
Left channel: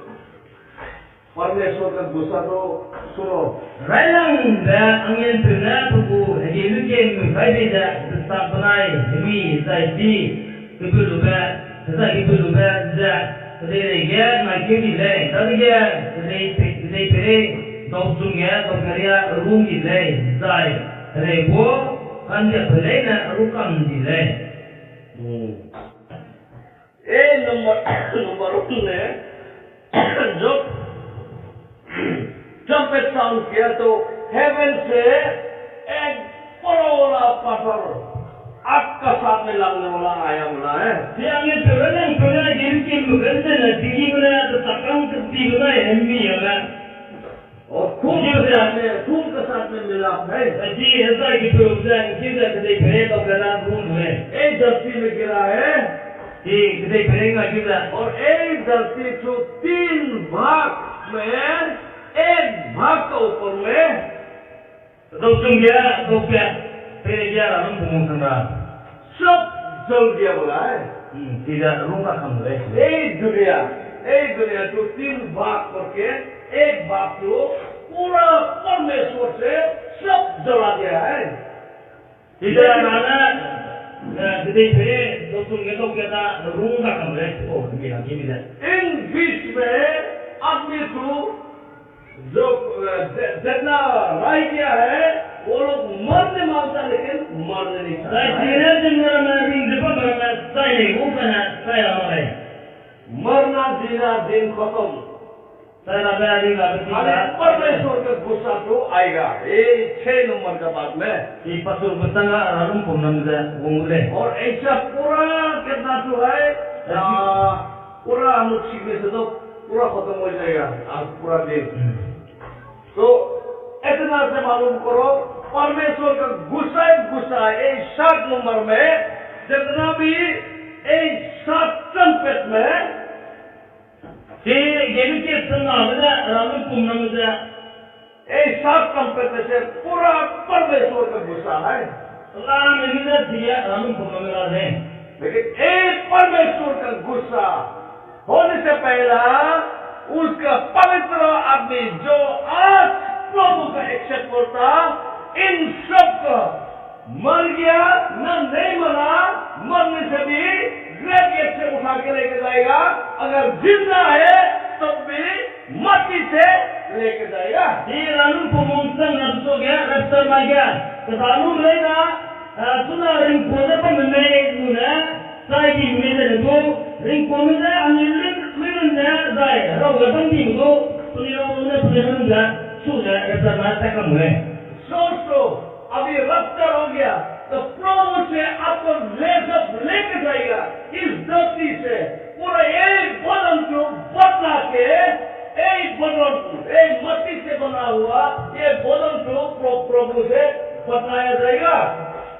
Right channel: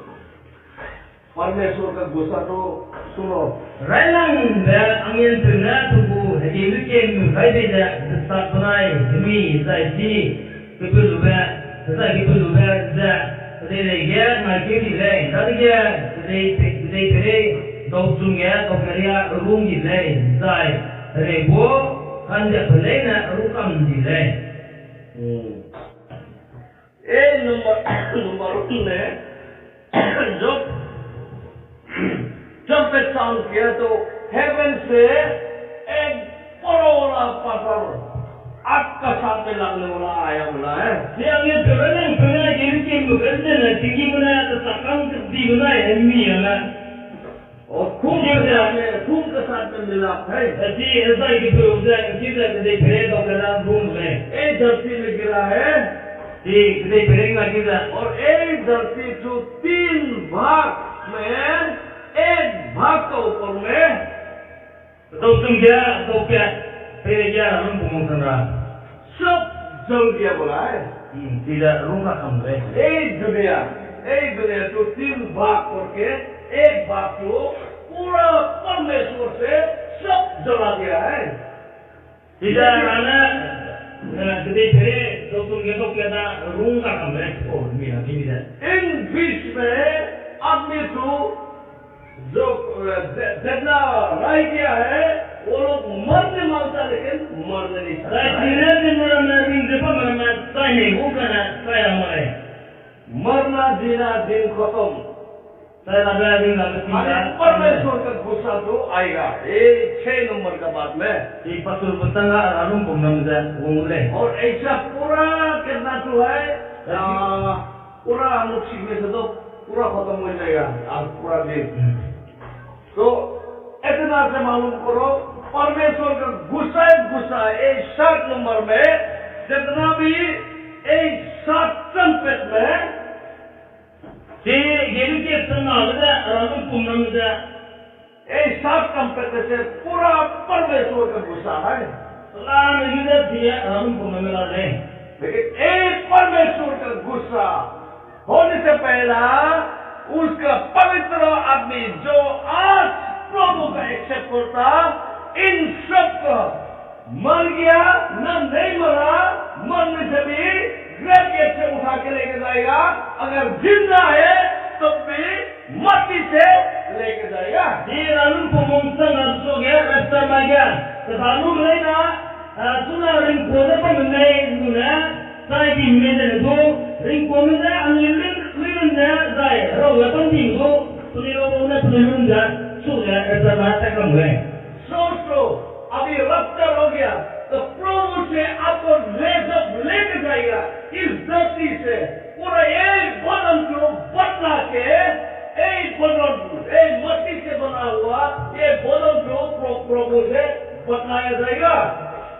परमेश्वर का गुस्सा तो सुनो Railang da angin tuna tubu geluke mu kaide da sakunai demi zai ji kebulu ba za Kedai dia ngaji di lain, tadi dia kedai pere dosungnya dokaria rungi lain, zai rebo anda pelai na rukam di lain. Number 1 ने जब trumpet sound किया तो haven से एक बड़ा पत्थर आग का साथ में लगने वाला आया बोला है Dia angin pernah geluke mu kerja na tinggi mana ada sakang kerja mana hemi mana. और खून के साथ में मिलाप है Jadi ऐसा gitu udah kita kedai pere dokaria rung lain. एक धरती में गिरा है Di kedai pere ngaji dah. और एक धरती को 3 भाग में एक भाग का ऊपर में Dosung dia dokya pere dia lawan pungusana. सब जल गया बोला है Tidak rungka kamu lain. एक दुनिया तो 3 भाग करके एक भाग को पूरा परमेश्वर से सब जला दिया है Tidak mana kedai pere dosung dia dokya dah rungka kamu lain. Oh, mina kimi dah. इन बीच में आदमी को जो जितना राय किया है वो लोग मरने मांगता लेकिन मरने नहीं Saya सकता tidak dengar mana depan mana saya ni bukan saya ramai. मरना जीना दिन खत्म Saya ada dengar अरे kita. परमेश्वर का गुस्सा तो आएगा ये 6 नंबर का बात में Si pasur betanga lalu pemnam dah wongule. और ऐसा पूरा कितना तो है पूरा हम लोग सीखने से तो पूरा खत्म हो जाएगा आज पूरा दिन तो इतना से मालूम करो परमेश्वर का गुस्सा है 7 नंबर में जितना भी 7 ट्रम्पेट में Si geluke senang dah lalu pemnam dah. 7 trumpet में से पूरा परमेश्वर का गुस्सा है Selama kita dia lalu pemnam dah. लेकिन एक परमेश्वर का गुस्सा होने से पहला उसका पवित्र आदमी जो आज प्रभु का एक्सेप्ट करता इन सब का मर गया न नहीं मरा मरने से भी ग्रेवियत से उठा के लेके जाएगा अगर जिंदा है तब भी मट्टी से लेके जाएगा Di lalu pemungsan rasa dia rasa maja. Kalau mereka sudah ringkode pemenai guna saya di meja itu ringkode anilin minda saya. Rawa pandi itu peniru dah sudah rasa mata kamu. सोचो अभी रफ्तार हो गया तो प्रभु से आपको लेके जाएगा इस धरती से पूरा एक बदन को बदला के एक जाएगा।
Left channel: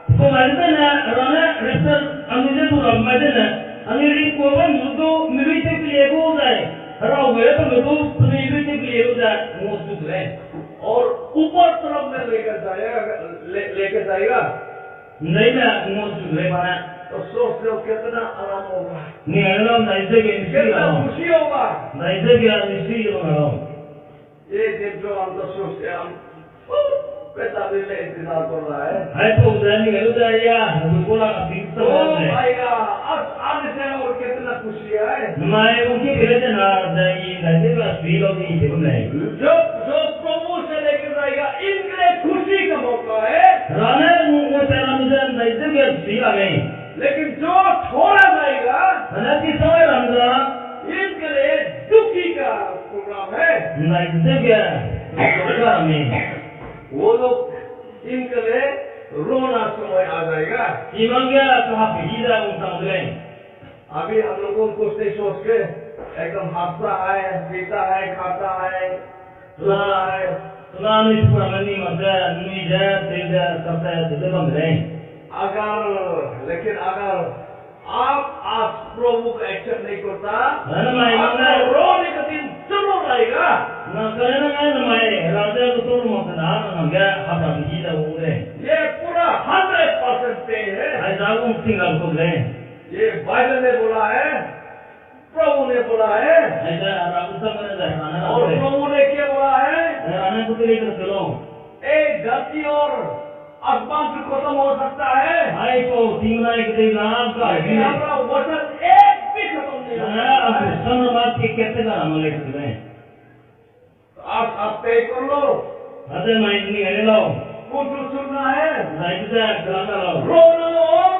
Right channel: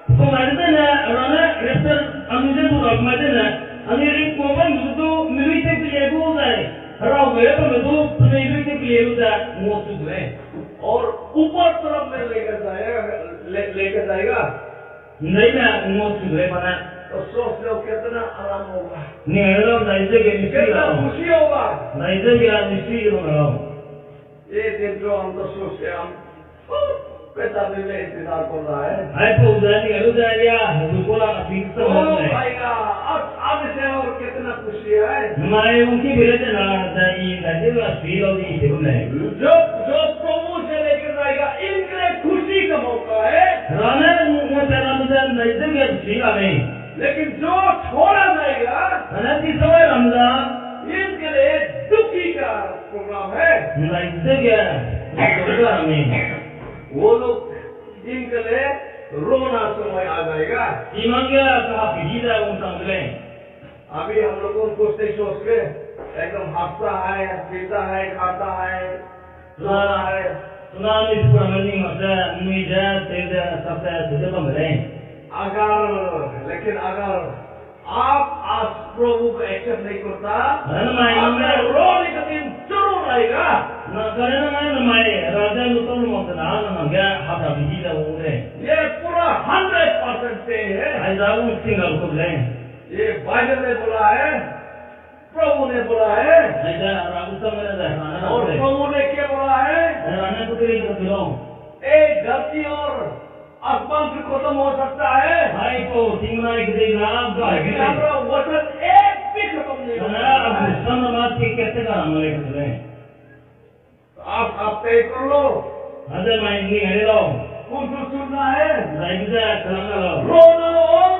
तो मैंने ना राना रेस्टर अनुजे तो रब मैंने ना अनिरिंग को बन तो मिली तक लिए वो जाए राव गए तो मैं तो मिली तक लिए वो जाए मोस्ट ले और ऊपर तरफ में लेकर जाएगा नहीं ना मोस्ट ले बना तो सोच लो कितना आराम होगा, नहीं अल्लाह नहीं से के निश्चित कितना हो खुशी होगा। नहीं से के निश्चित हो ये दिन जो हम तो सोचते हम बेताबी में इंतजार कर रहा है। है तो जाने के लिए या बिल्कुल आप ठीक तो समझ भाईया आज से और कितना खुशी है। मैं उनकी बिरते ना दाई दाई का फील होती है तो नहीं जो प्रभु से लेकर जाएगा इनके लिए खुशी का मौका है। राना वो तेरा मुझे नहीं से के फील हमें लेकिन जो छोड़ा जाएगा अनति समय रमजा इनके लिए दुखी का प्रोग्राम है। नहीं से के तो हमें वो लोग इनके लिए रोना समय आ जाएगा। इमांगे कहा पीछे उन समझले अभी हम लोगों को कुछ नहीं सोच के एकदम हंसता है, पीता है, खाता है, रोता है। सुना नहीं पूरा मनी मजा नहीं जा तेरे सबसे सीधे बंद रहे लेकिन अगर आप आज प्रभु को एक्सेप्ट नहीं करता मैं रोने का दिन जरूर आएगा। ना करे ना मैं राजा तो मत ना ना गया हमारा पीछे वो रे ये पूरा 100% पे है। ऐसा वो सिंगल को ले ये बाइबल ने बोला है, प्रभु ने बोला है, ऐसा राबु समझ जाए और प्रभु ने क्या बोला है? राना को तेरे को चलो एक धरती और आसमान से खत्म हो सकता है, हाय तो सिंगना एक दे नाम का लेकिन हमारा वचन एक भी खत्म नहीं ना अब होगा। सनमात के कैसे का हम ले सकते हैं आप तय कर लो अरे मैं नहीं करे लो कौन सा चुनना है, राइट से चला लो रोना और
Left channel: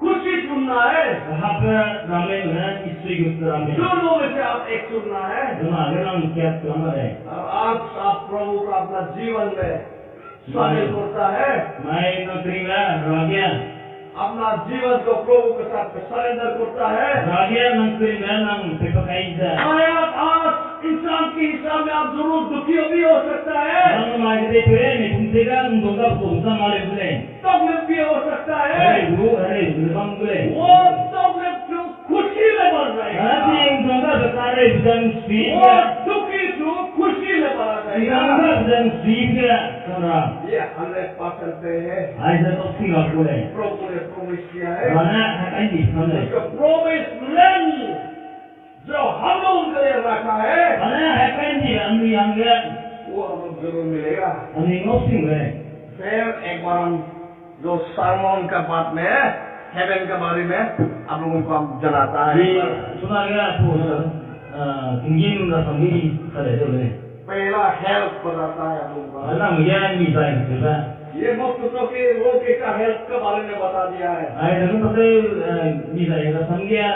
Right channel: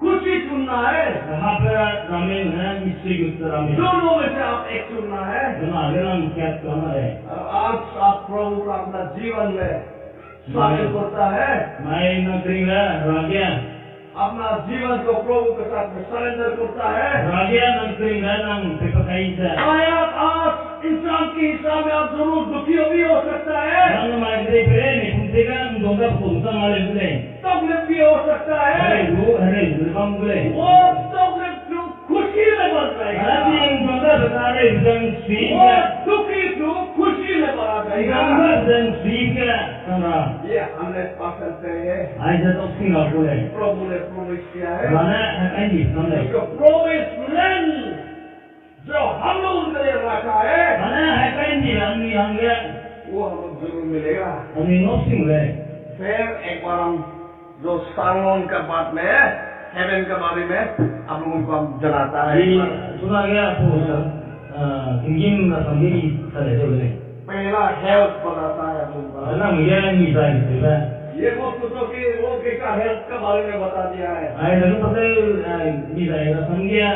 खुशी चुनना है। कहाँ पे रामे है मिस्त्री गुप्त रामे दोनों में से आप एक चुनना है। दोनों आगे नाम क्या करना है आज आप प्रभु का अपना जीवन में शामिल करता है, मैं नौकरी में रागिया अपना जीवन को प्रभु के साथ में सरेंडर करता है। रागिया नौकरी में नाम पेपर कहीं से आज इंसान के हिसाब में आप जरूर दुखी भी हो सकता है, नाम मांगते फिरे नहीं तुमसे का दोनों को दूसरा माले बोले तकलीफ भी हो सकता है। अरे दुर्गम बोले वो तकलीफ जो खुशी में बढ़ जाएगा, अरे दोनों बेचारे विजन स्वीप वो दुखी जो खुशी में बढ़ा जाएगा। विजन स्वीप क्या समरा ये 100% पे है। ऐसा तो सिंगल बोले प्रभु ने प्रोमिस किया है। राना कहीं भी समझे प्रोमिस लैंड जो हम लोग उनके लिए रखा है राना है कहीं भी हम भी हम गया वो हम लोग जरूर मिलेगा। अभी नो सिंग रहे फिर एक बार हम जो सालोन का बात में हेवन के बारे में आप लोगों को हम जनाता है। ये सुना गया तो इंजिन का संगी चले चले पहला हेल्थ बताता है आप लोगों को। अल्लाह मुझे नहीं चाहिए ये मत सोचो कि वो का हेल्थ के बारे में बता दिया है। आई देखो पता नहीं चाहिए संज्ञा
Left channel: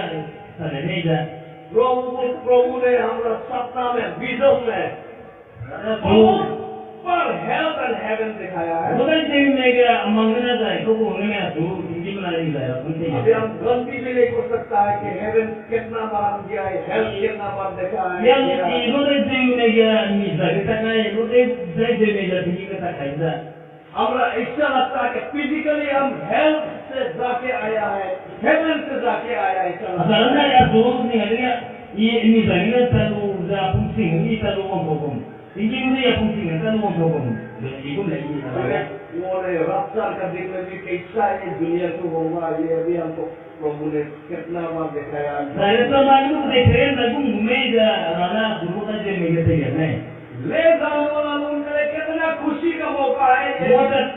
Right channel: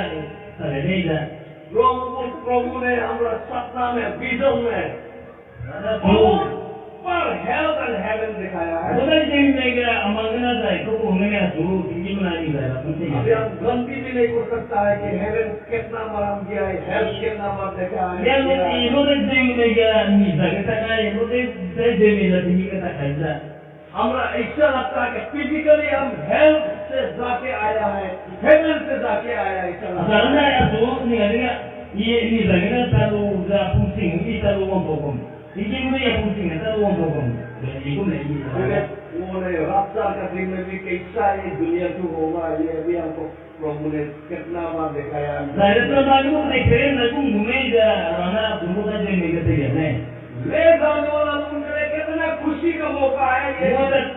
चले नहीं जा प्रभु ने हमारा सपना में विजन में पर हेल्थ एंड हेवन दिखाया है। पता नहीं मैं क्या मांगना चाहिए तो होने में तो इंजिन बना नहीं चाहिए अभी हम गलती भी नहीं कर सकता है कि हेवन कितना बार हम गया है, हेल्थ कितना बार देखा है। ये लोग में क्या मिसा के तक है लोग से में जाती है के तक है हमारा ऐसा लगता है कि फिजिकली हम हेल्थ से जाके आया है, हेवन से जाके आया है। असल में यार दोस्त नहीं है ये मिसा के तालु जा पुसिंग ये तालु वो बोगम इंजिन में ये पुसिंग है तालु वो बोगम ये को नहीं वो ने रफ्तार का दिन में भी कैसा ये दुनिया क्यों होगा, ये अभी हमको प्रभु ने कितना बार दिखाया है। तो मालूम देखे ना तुम घूमे जा राना दुर्गा जे में गए नहीं ले जाने वाला उनके लिए कितना खुशी का मौका है। ये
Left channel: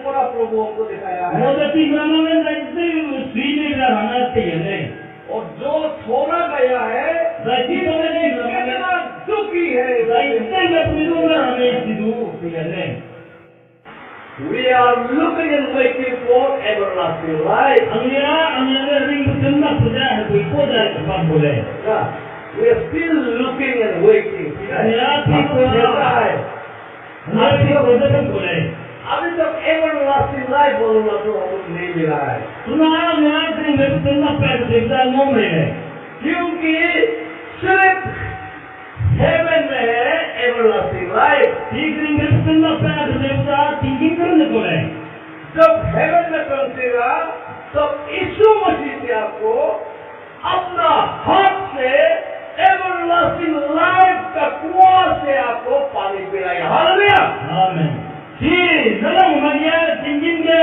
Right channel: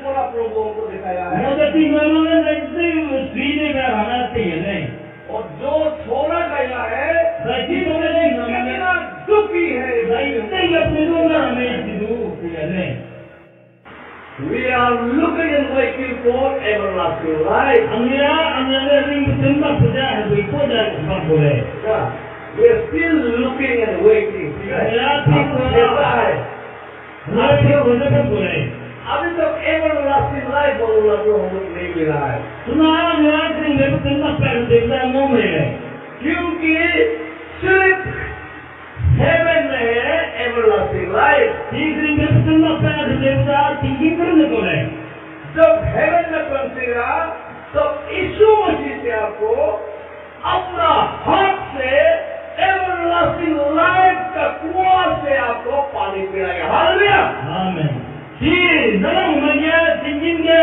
पूरा प्रभु को दिखाया है। वो तो तीन महीनों में लगते सीधे में रहना चाहिए नहीं और जो छोड़ा गया है कितना दुखी है। We are looking and waiting for everlasting life. We are still looking and waiting. अभी तक everlasting life बोलूँगा जो हम लोग नहीं मिला है, क्योंकि सिर्फ हेवन में है everlasting life। पहुंचेगा तब यीशु मसीह से आपको अपना हाथ से एवरलास्टिंग लाइफ का कुआं से आपको पानी पिलाएगा। Hallelujah. Amen. Si dalam umatnya tingginya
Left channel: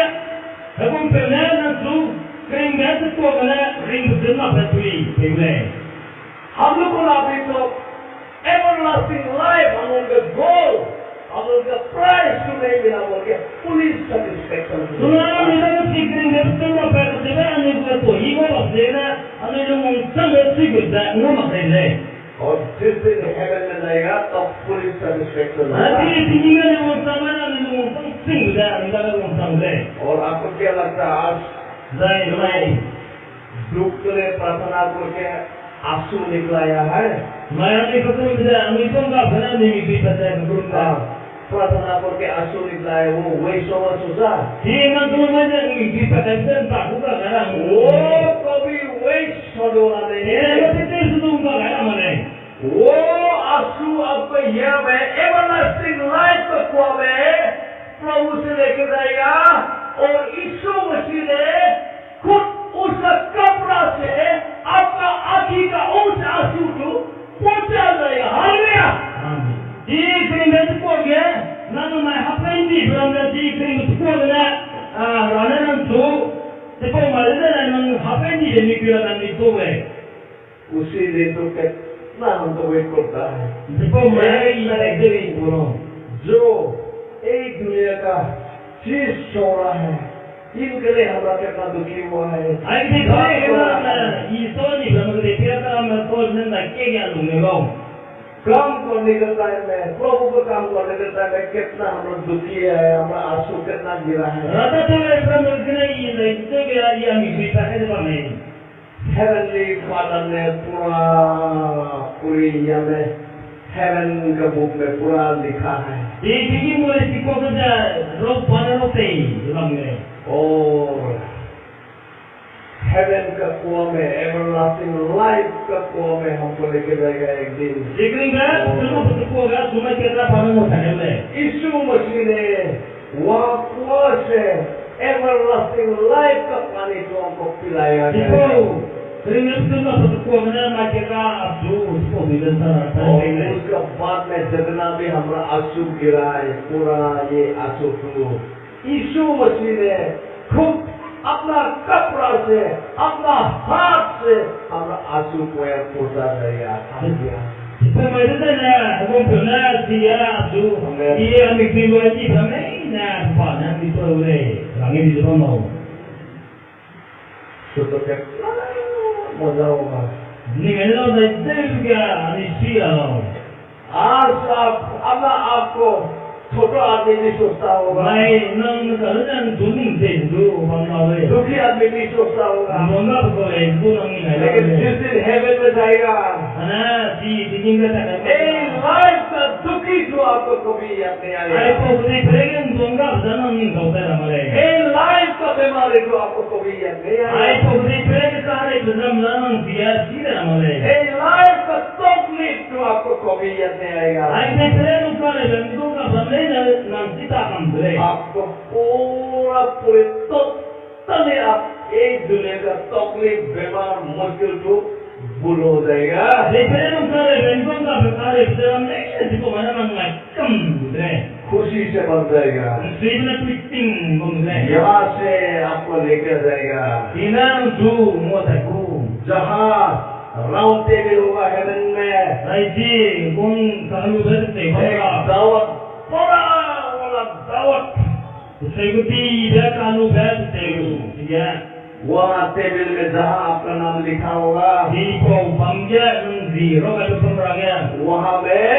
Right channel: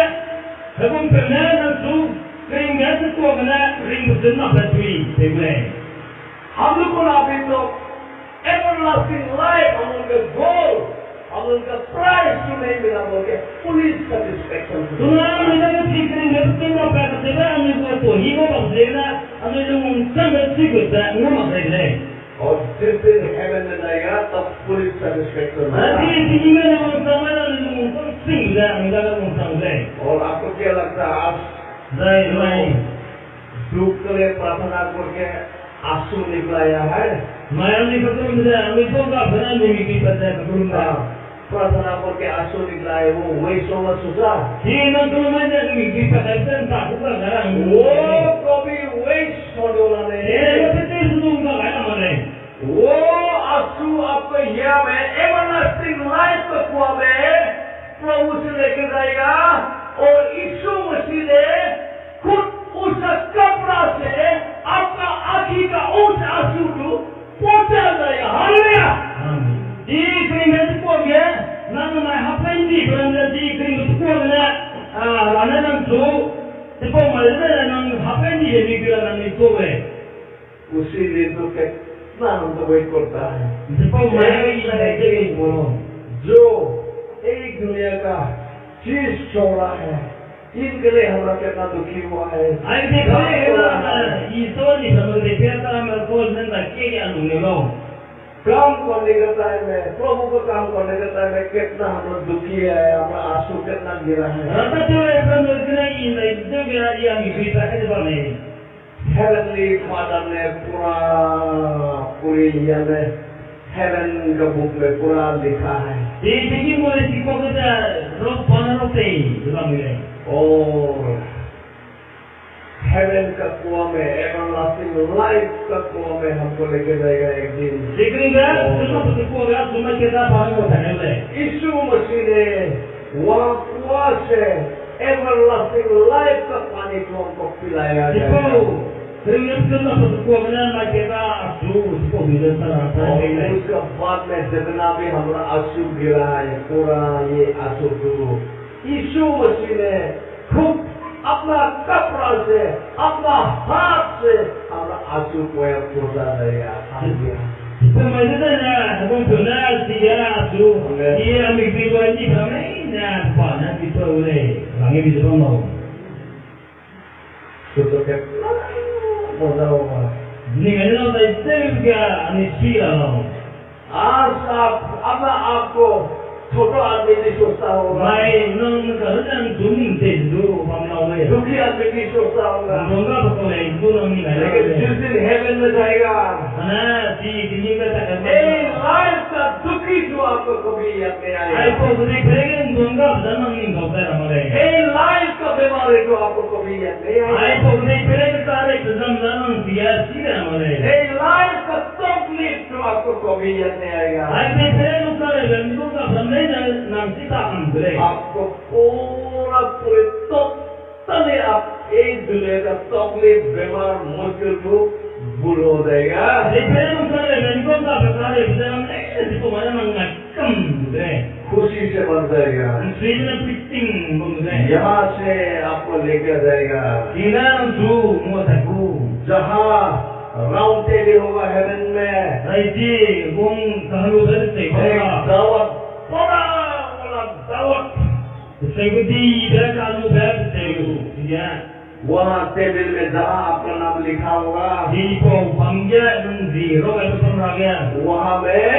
Habang pernah nanti keringat itu kena ring berjenah batui boleh. हम लोग को अभी तो एवरलास्टिंग लाइफ हम उनका गोल हम उनका प्राइस तो नहीं मिला बोल के police satisfaction. Sungai kita kan si keringat itu apa kerja ane buat tu higo bersihna ane lumung sampai sikit dah ngomong leh. और जिस दिन हेवन में जाएगा तब police satisfaction Nanti tingginya lumung sampai ane lumung sing dah ane dah lumung sampai. और आपको क्या लगता है आज Zai दुख के लिए प्रार्थना करके आंसू निकलाया है? Maya ni ketemu dia, kami pun tak pernah dimimpi pada keburukan. प्रार्थना करके आंसू निकलाया वो वही सोमा सोचा Dia nak tu mana dimimpi pada tak bukan orang. वो कभी वही सोचोला Eh, नहीं apa tu sudah bukan orang mana? वो आंसू आपको यहाँ में एवरलास्टिंग लाइफ का कुआं में प्रभु से लेकर जाएगा और यीशु मसीह ने खुद उस कपड़ा से आपका आँखी का उस आंसू को पहुंचा जाएगा। Hallelujah. Amin. Di keringat tu dia, nama mai apa ini beranda di keringat tu dia, rana nanti, sebab malah nang apa ini dia mikir akan itu उसी दिन तो कितना हम तो वेट करता है sebab malah ini lagi burung. जो एक दुनिया का चीज छोड़ा है इनके लिए हमारा कितना दुखी हुआ है। Ay di kaya kita iso ni berapa di pihak kami kau nanti kaya alumni kau. काम करने के टाइम में प्रभु को काम करने के टाइम में कितना हम लोग दुखी है हमारा आंसू कितना गिरा है। Rata tu berapa kena ini itu kira dia mikir tak ada apa ni. Heavenly father ने पूरी यहाँ में हेवन का बुक में पूरा लिखा है Di tinggi boleh sikap kita rot panah rotai dalam ni. और हेवन का कुआं में एवरलास्टिंग लाइफ का कुआं में हमको लेके जाएगा एक दिन। Di keringat semua bertukar kan semua kita faham macam ni. यीशु मसीह ने वहाँ कुआं से एवरलास्टिंग लाइफ का पानी को हमको पिलाया गया है। Sebab keringat semua bertukar kan kita asu sebab kita sana और apa उसका बाद में जितना भी हमारा आंसू गिरा है पूरा ये आंसू को यीशु मसीह ने खुद अपना कपड़ा से अपना हाथ से हमारा आंसू को पहुंचा देगा। Sebab itu na, abang pernah dia asu, dia ambil biluan ni kami na panah itu oleh langit di depan mau. तो कितना मजा होगा। Ni kalau dah juga ni sila mau. आज आप अपना आपको छोटा आदमी भी सोचता होगा Mai nang kerana dunia itu bang lawe. दुखी आदमी भी सोचता होगा Bangga boleh itu nang ni लेकिन lawe. जिस दिन हेवन में जाएगा Ana si tinggal tak ए ada. लाइफ का दुखी जो आपको कभी याद नहीं Ai आएगा pun boleh pergi bangga jangan ni kau tak ramai. ए लाइफ का बीमारी जो आपको कभी याद नहीं Ai आएगा pun boleh pergi cari jangan dia sila ramai. ए लाइफ का तकलीफ जो आपको कभी याद नहीं आएगा Ai pergi cari jangan kau ramai nang kita ambil. आपको पूरा पूरे टोटली आप एक दुनिया का तकलीफ बीमार मुश्किल को भूल हो जाएगा Depende cari jangan kau cari jangan ni itu mana nang macam boleh. खुशी से बन जाएगा Sila piting boleh. यहाँ से आपको लेकर जाएगा Tinang tu mau tahu. जहाँ राउंड टेबल होगा हेवन में Raisi bung kalau berarti एक bangga. दावत बड़ा वाला दावत Sekuti dia kalau berarti dia वहाँ टेबल में जहाँ आपका नाम लिखा होगा di kau bangga nanti roga itu pemraga. वहाँ में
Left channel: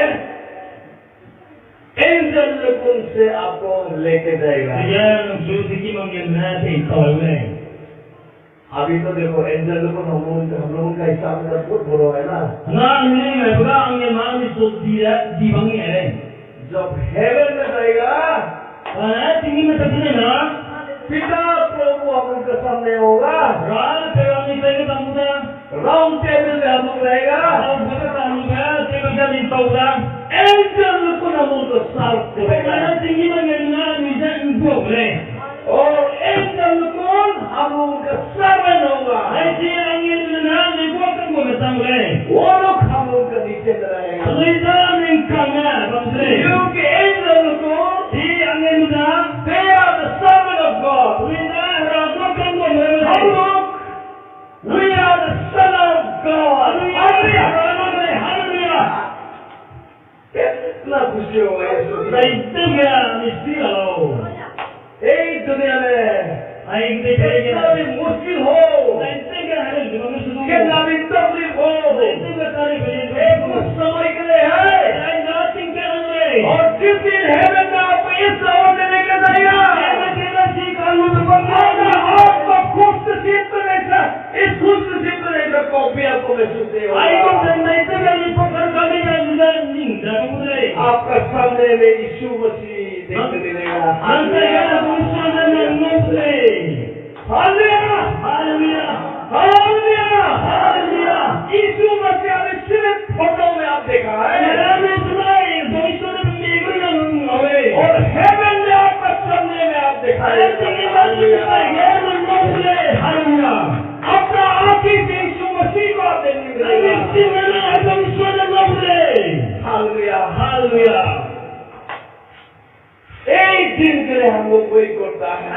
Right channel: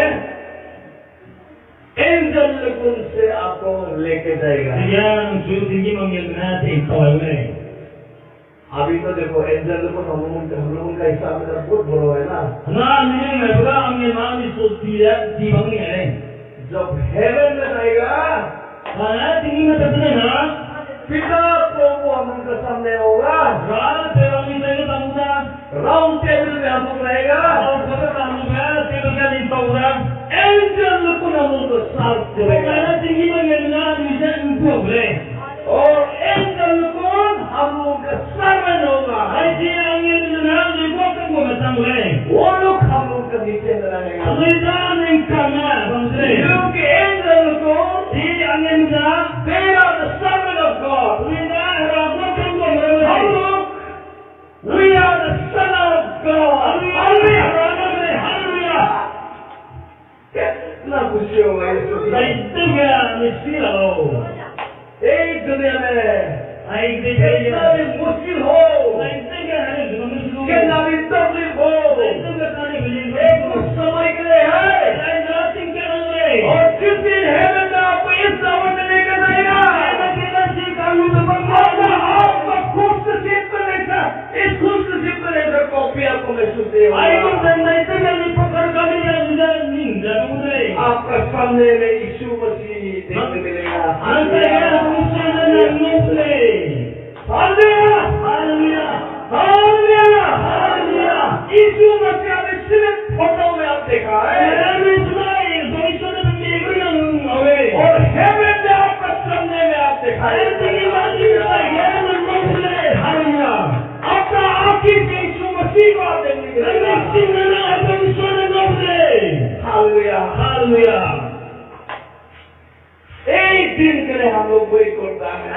एंजल लोगों से आपको लेके जाएगा Dia nanti tinggi manggil nanti tahu ni. अभी तो देखो एंजल लोगों हम लोगों का हिसाब में बहुत बड़ा है ना Nah ni mai baga manggil mana di dia di bangi ni. जब हेवन में जाएगा Tinggi macam ni na. पिता प्रभु हम लोग के सामने होगा Rana tewang ni lagi tamuda. Round table में हम लोग रहेगा Kalau baga kamu ber, tebal jadi tahu dah. Angel लोगों हम लोग को साफ करेगा Mana tinggi manggil nanti bisa untuk boleh. और एंजल लोगों दुनिया में Ay, कितना भी मुश्किल हो, कितना भी तकलीफ हो, ये कुछ समय के लिए है। और जिस दिन हेवन में आपको इस सावन में लेकर जाएगा, आपको खुश नसीब बनेगा, इस खुश नसीब बनेगा कॉपी आपको महसूस नहीं होगा। आपका सामने में यीशु मसीह देखने मिलेगा। Hallelujah, hallelujah. यीशु मसीह ने सिर्फ फोटो में आप देखा है, और हेवन में आपका सामने में आप देखा है। अपना आंखी से यीशु मसीह को आप देखने मिलेगा। हालेलुया। एक दिन के लिए हम लोग वेट करता है,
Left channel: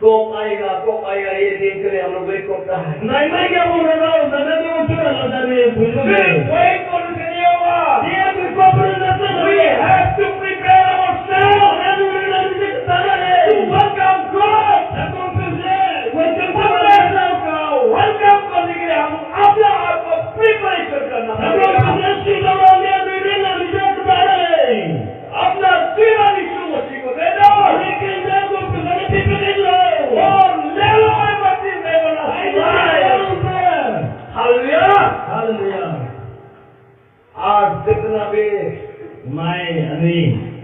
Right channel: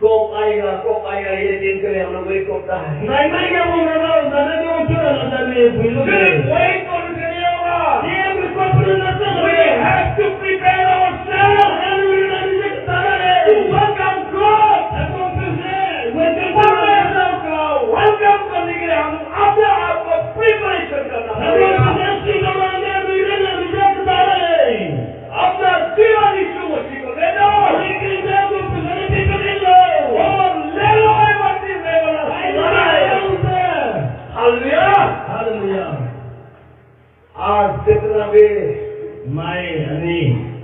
कब आएगा ये दिन के लिए हम लोग वेट करता है। सिर्फ वेट करने के लिए होगा। We have to prepare ourselves to welcome God। Welcome करने के लिए हम अपने आप को प्रिपरेशन करना पड़ेगा। अपना जीवन यीशु मसीह को दे दो और ले लो मसीह में बना। हालेलुया। आज जितना भी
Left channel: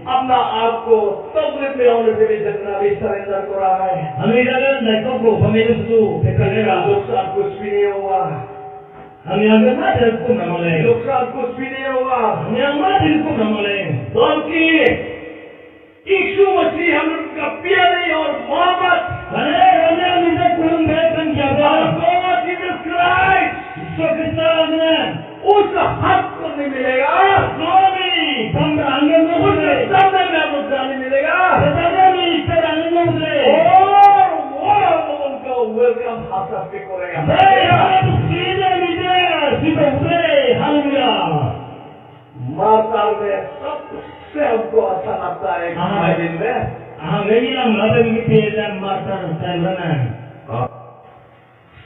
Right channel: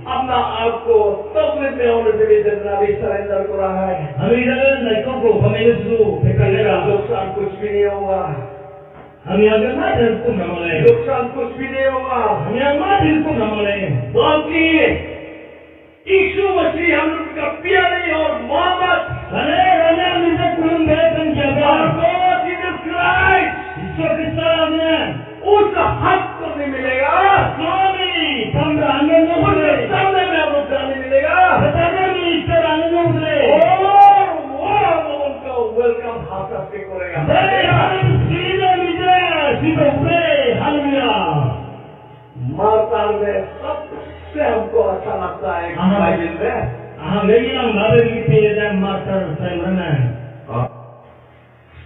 अपना आप को तकलीफ में होने से भी जितना भी सरेंडर कर रहा है, नुकसान कुछ भी नहीं होगा। नुकसान कुछ भी नहीं होगा, बल्कि यीशु मसीह हम लोग का प्यारे और मोहब्बत उस हक को नहीं मिलेगा, सामने में हम लोग जाने मिलेगा, और वो हम लोगों का वेलकम हाथ से करेगा। माता में सबसे हमको अच्छा लगता है बाइबल में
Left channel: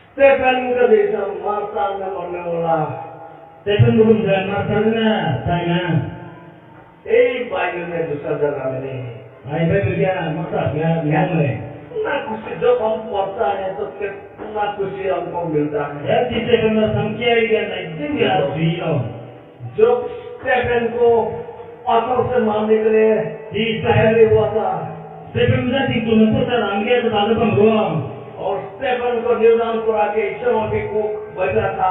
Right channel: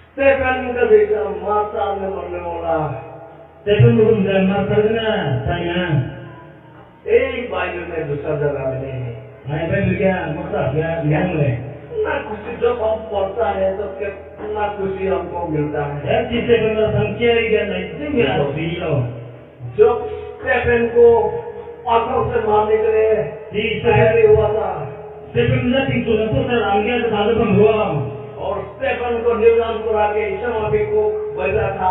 स्टेफन का जैसा माता में मरने वाला एक बाइबल में दूसरा जगह में नहीं है। ना खुशी जब हम पढ़ता है तो कितना खुशी हमको मिलता है। जब स्टेफन को पत्थर से मारने के लिए तैयारी हुआ था, और स्टेफन को निर्दान करा के ईश्वर को बचा था,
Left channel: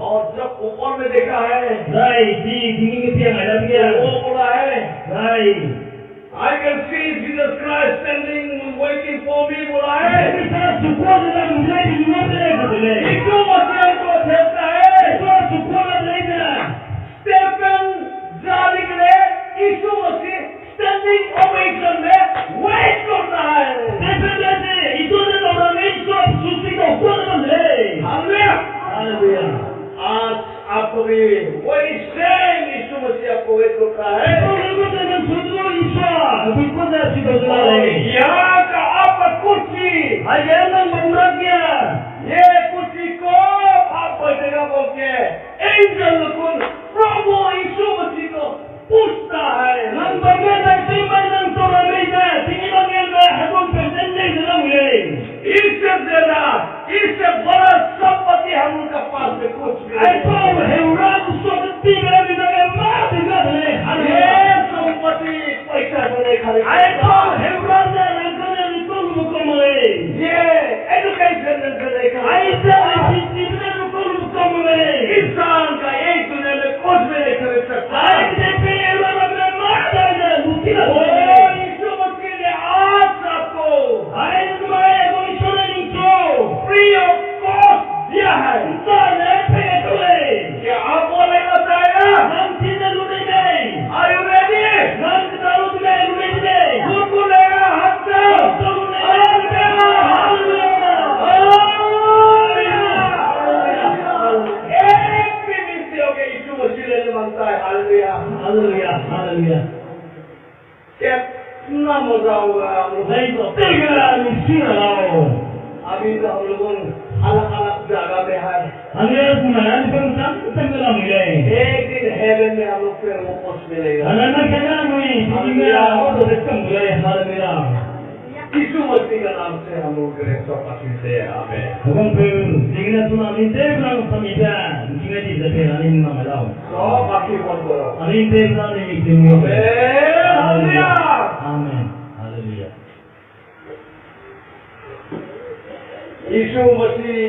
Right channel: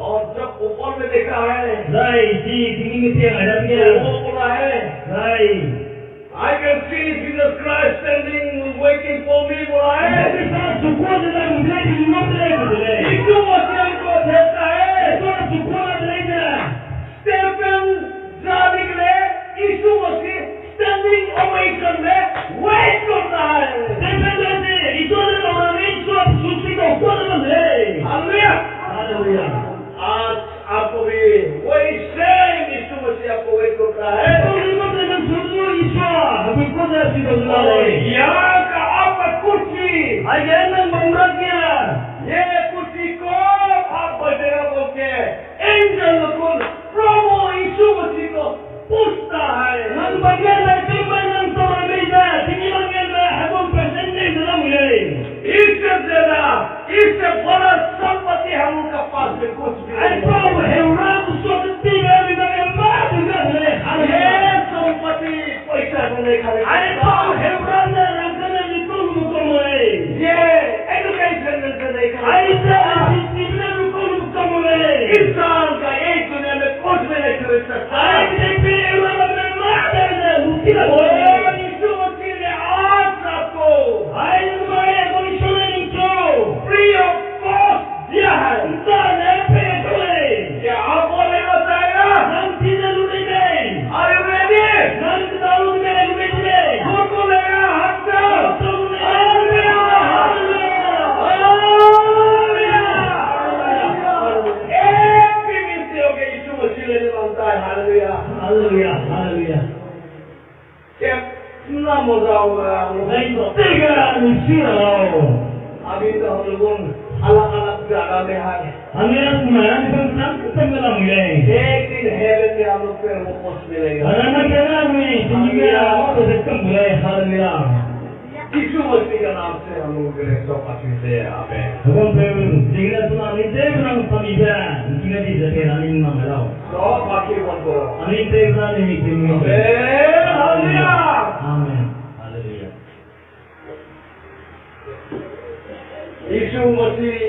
और जब ऊपर में देखा है वो बोला है I can see Jesus Christ standing waiting for me, बोला है। यीशु मसीह को देखता है। स्टेफन जाने के लिए यीशु मसीह स्टैंडिंग ओवेशन में वेट करता है। हालेलुया। आज आपको भी वही सेम यीशु मसीह आपको वेट करता है। यहाँ का आपका कुर्सी, ये कुर्सी को आप बैठेगा बोल के एंजल को प्रभु यीशु मसीह को पूछता है। इससे बड़ा संपत्ति हम उनका पास में कुछ भी नहीं। संपत्ति पैसा से नहीं खरीद, ये एजुकेशन से नहीं खरीद, इंसान का एक दुनिया में कुछ भी नहीं खरीद सकता। यीशु मसीह ने आज आपको फ्री ऑफ कॉस्ट दिया है। क्या आप वो लेना चाहेगा? Are you ready? खुद लेगा हाथ से। हालेलुया। Hallelujah, hallelujah. कितना मजा होगा हम लोग Saya itu tega misi Allah. अभी तो हम लोगों अलग अलग जगह में है Hanya semuanya di bangsa tenggelam mulai. एक दिन हेवन में हम लोग फिर वो पोस्ट मिलेगा Anak-anak kena ni, tinggal auto dekat mulai. Hallelujah. यीशु मसीह का नाम से हम लोग के लिए सब अच्छे हैं आमेन Abang pun jika tuna ni tebran pamida, jika di zaman ini malam. सब आंखें बंद करो Ani tebran ni mikir. Hallelujah Amen. Hallelujah. यीशु मसीह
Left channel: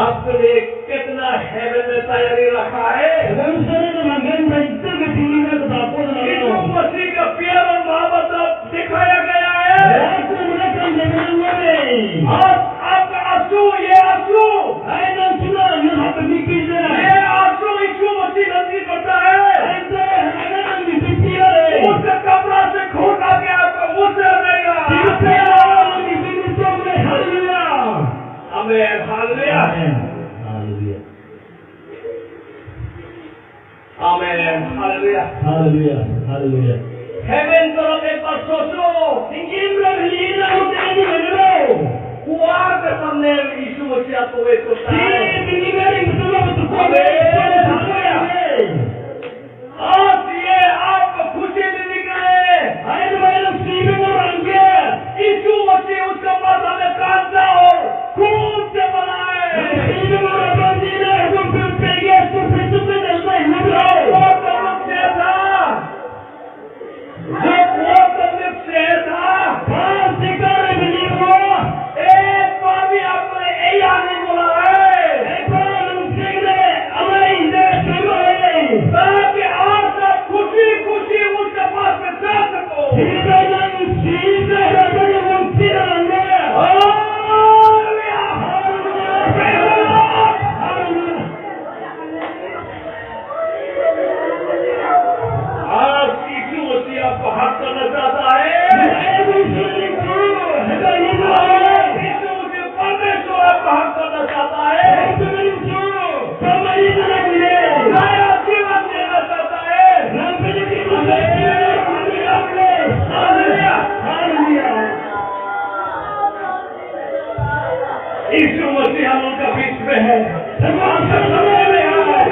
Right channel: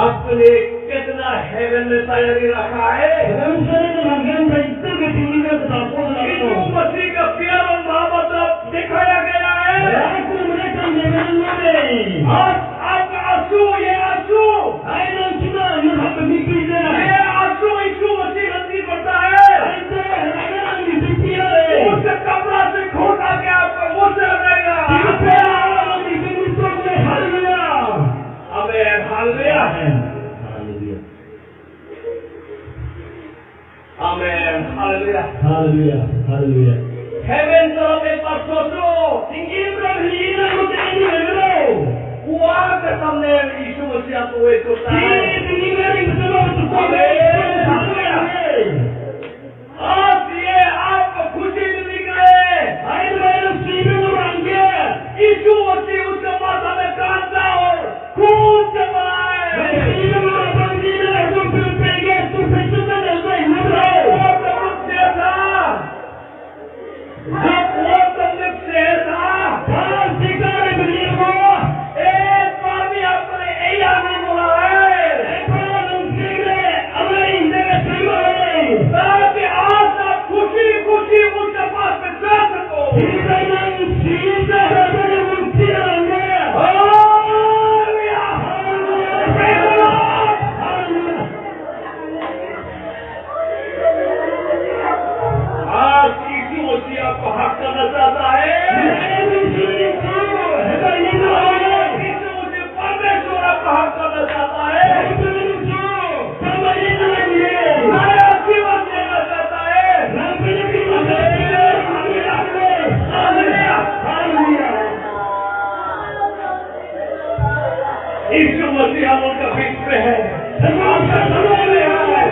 आपके लिए कितना हेवन में तैयारी रखा है Dalam sana namanya itu ketinggian ketaput यीशु lagi. मसीह का प्यार और मोहब्बत दिखाया गया है Aku mereka zaman ini. आज आपका आंसू ये आंसू Ayat sudah yang apa mikir dia. ये आंसू यीशु मसीह नजदीक करता है Ayat ada yang dipikir. उसके कपड़ा से खोल के आपको मुंह से देगा Siapa yang dipikir sampai hallelujah. Amen hallelujah Hallelujah. Amen hallelujah Hallelujah. Hallelujah. Heaven तरफ एक बार सोचो Tinggi berlian untuk ini dulu. कुआं के सामने यीशु मसीह आपको वेट करता है Ini tinggi dari betul betul. आज ये आपको खुशी में निकले Ayat bayar siapa orang dia. यीशु मसीह उसके माथा में कांटा और खून से बनाए Siapa orang dia itu berpegang tu prinsip dan जो hidup. वो तकलीफ से था जो वो तकलीफ से था Kalau sekarang beliau एक बार भी आपने यही आदमी बोला है ताकि आज आप खुशी खुशी उसके पास में जा सको हालेलुया प्रेज़ द लॉर्ड आज यीशु मसीह आपको हक करना चाहता है यीशु मसीह परमेश्वर आपको हक करना चाहता है नया जीवन देना चाहता है हालेलुया यीशु मसीह हम उनका बीच में है आपके समय में है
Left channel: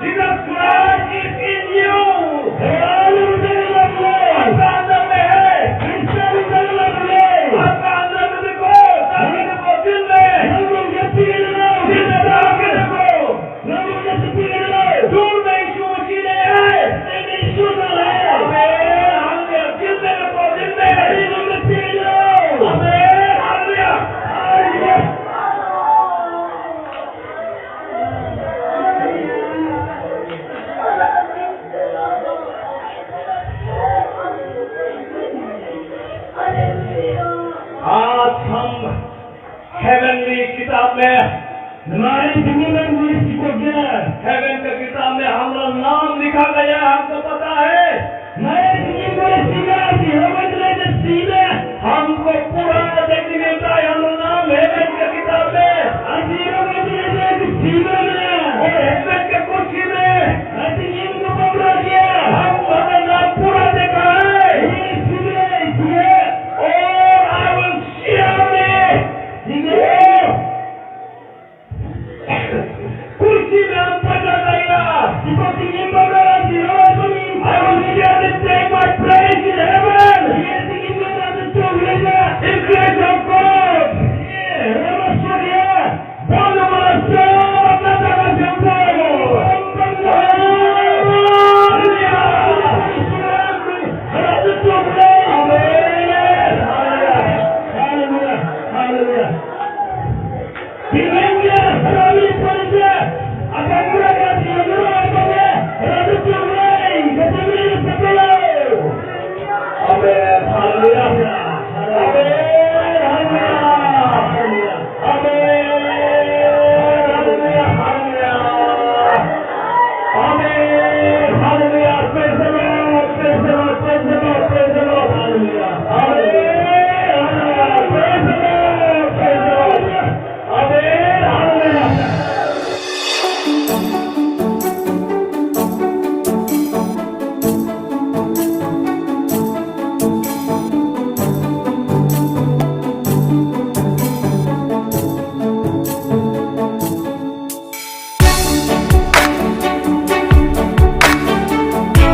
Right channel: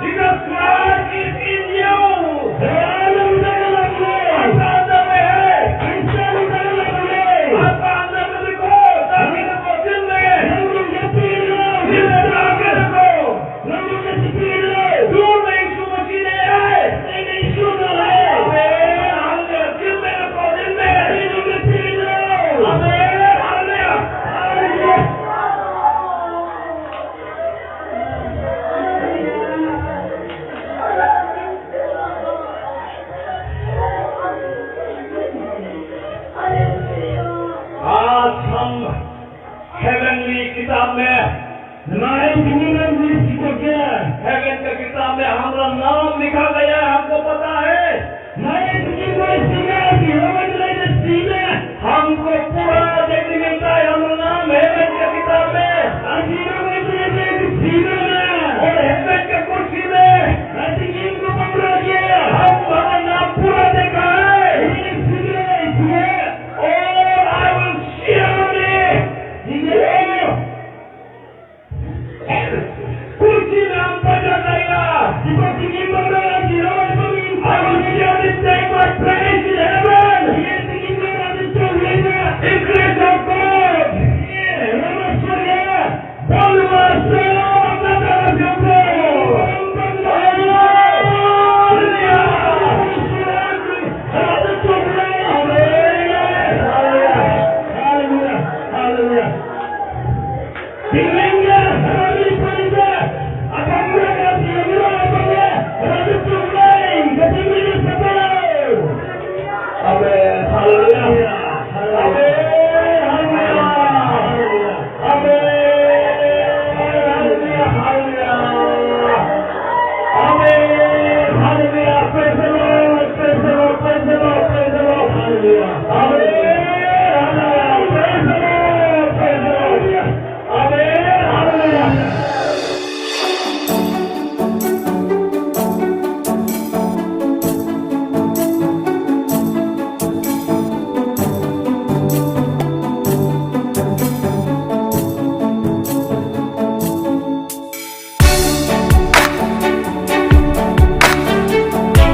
Jesus Christ is in you आपका अंदर में है आपका अंदर में देखो ताकि देखो दिल में ताकि देखो दूर में यीशु मसीह नहीं है आमेन हालेलुया दिल में देखो दिल में आमेन हालेलुया आज हम हेवनली किताब में हमारे दुनिया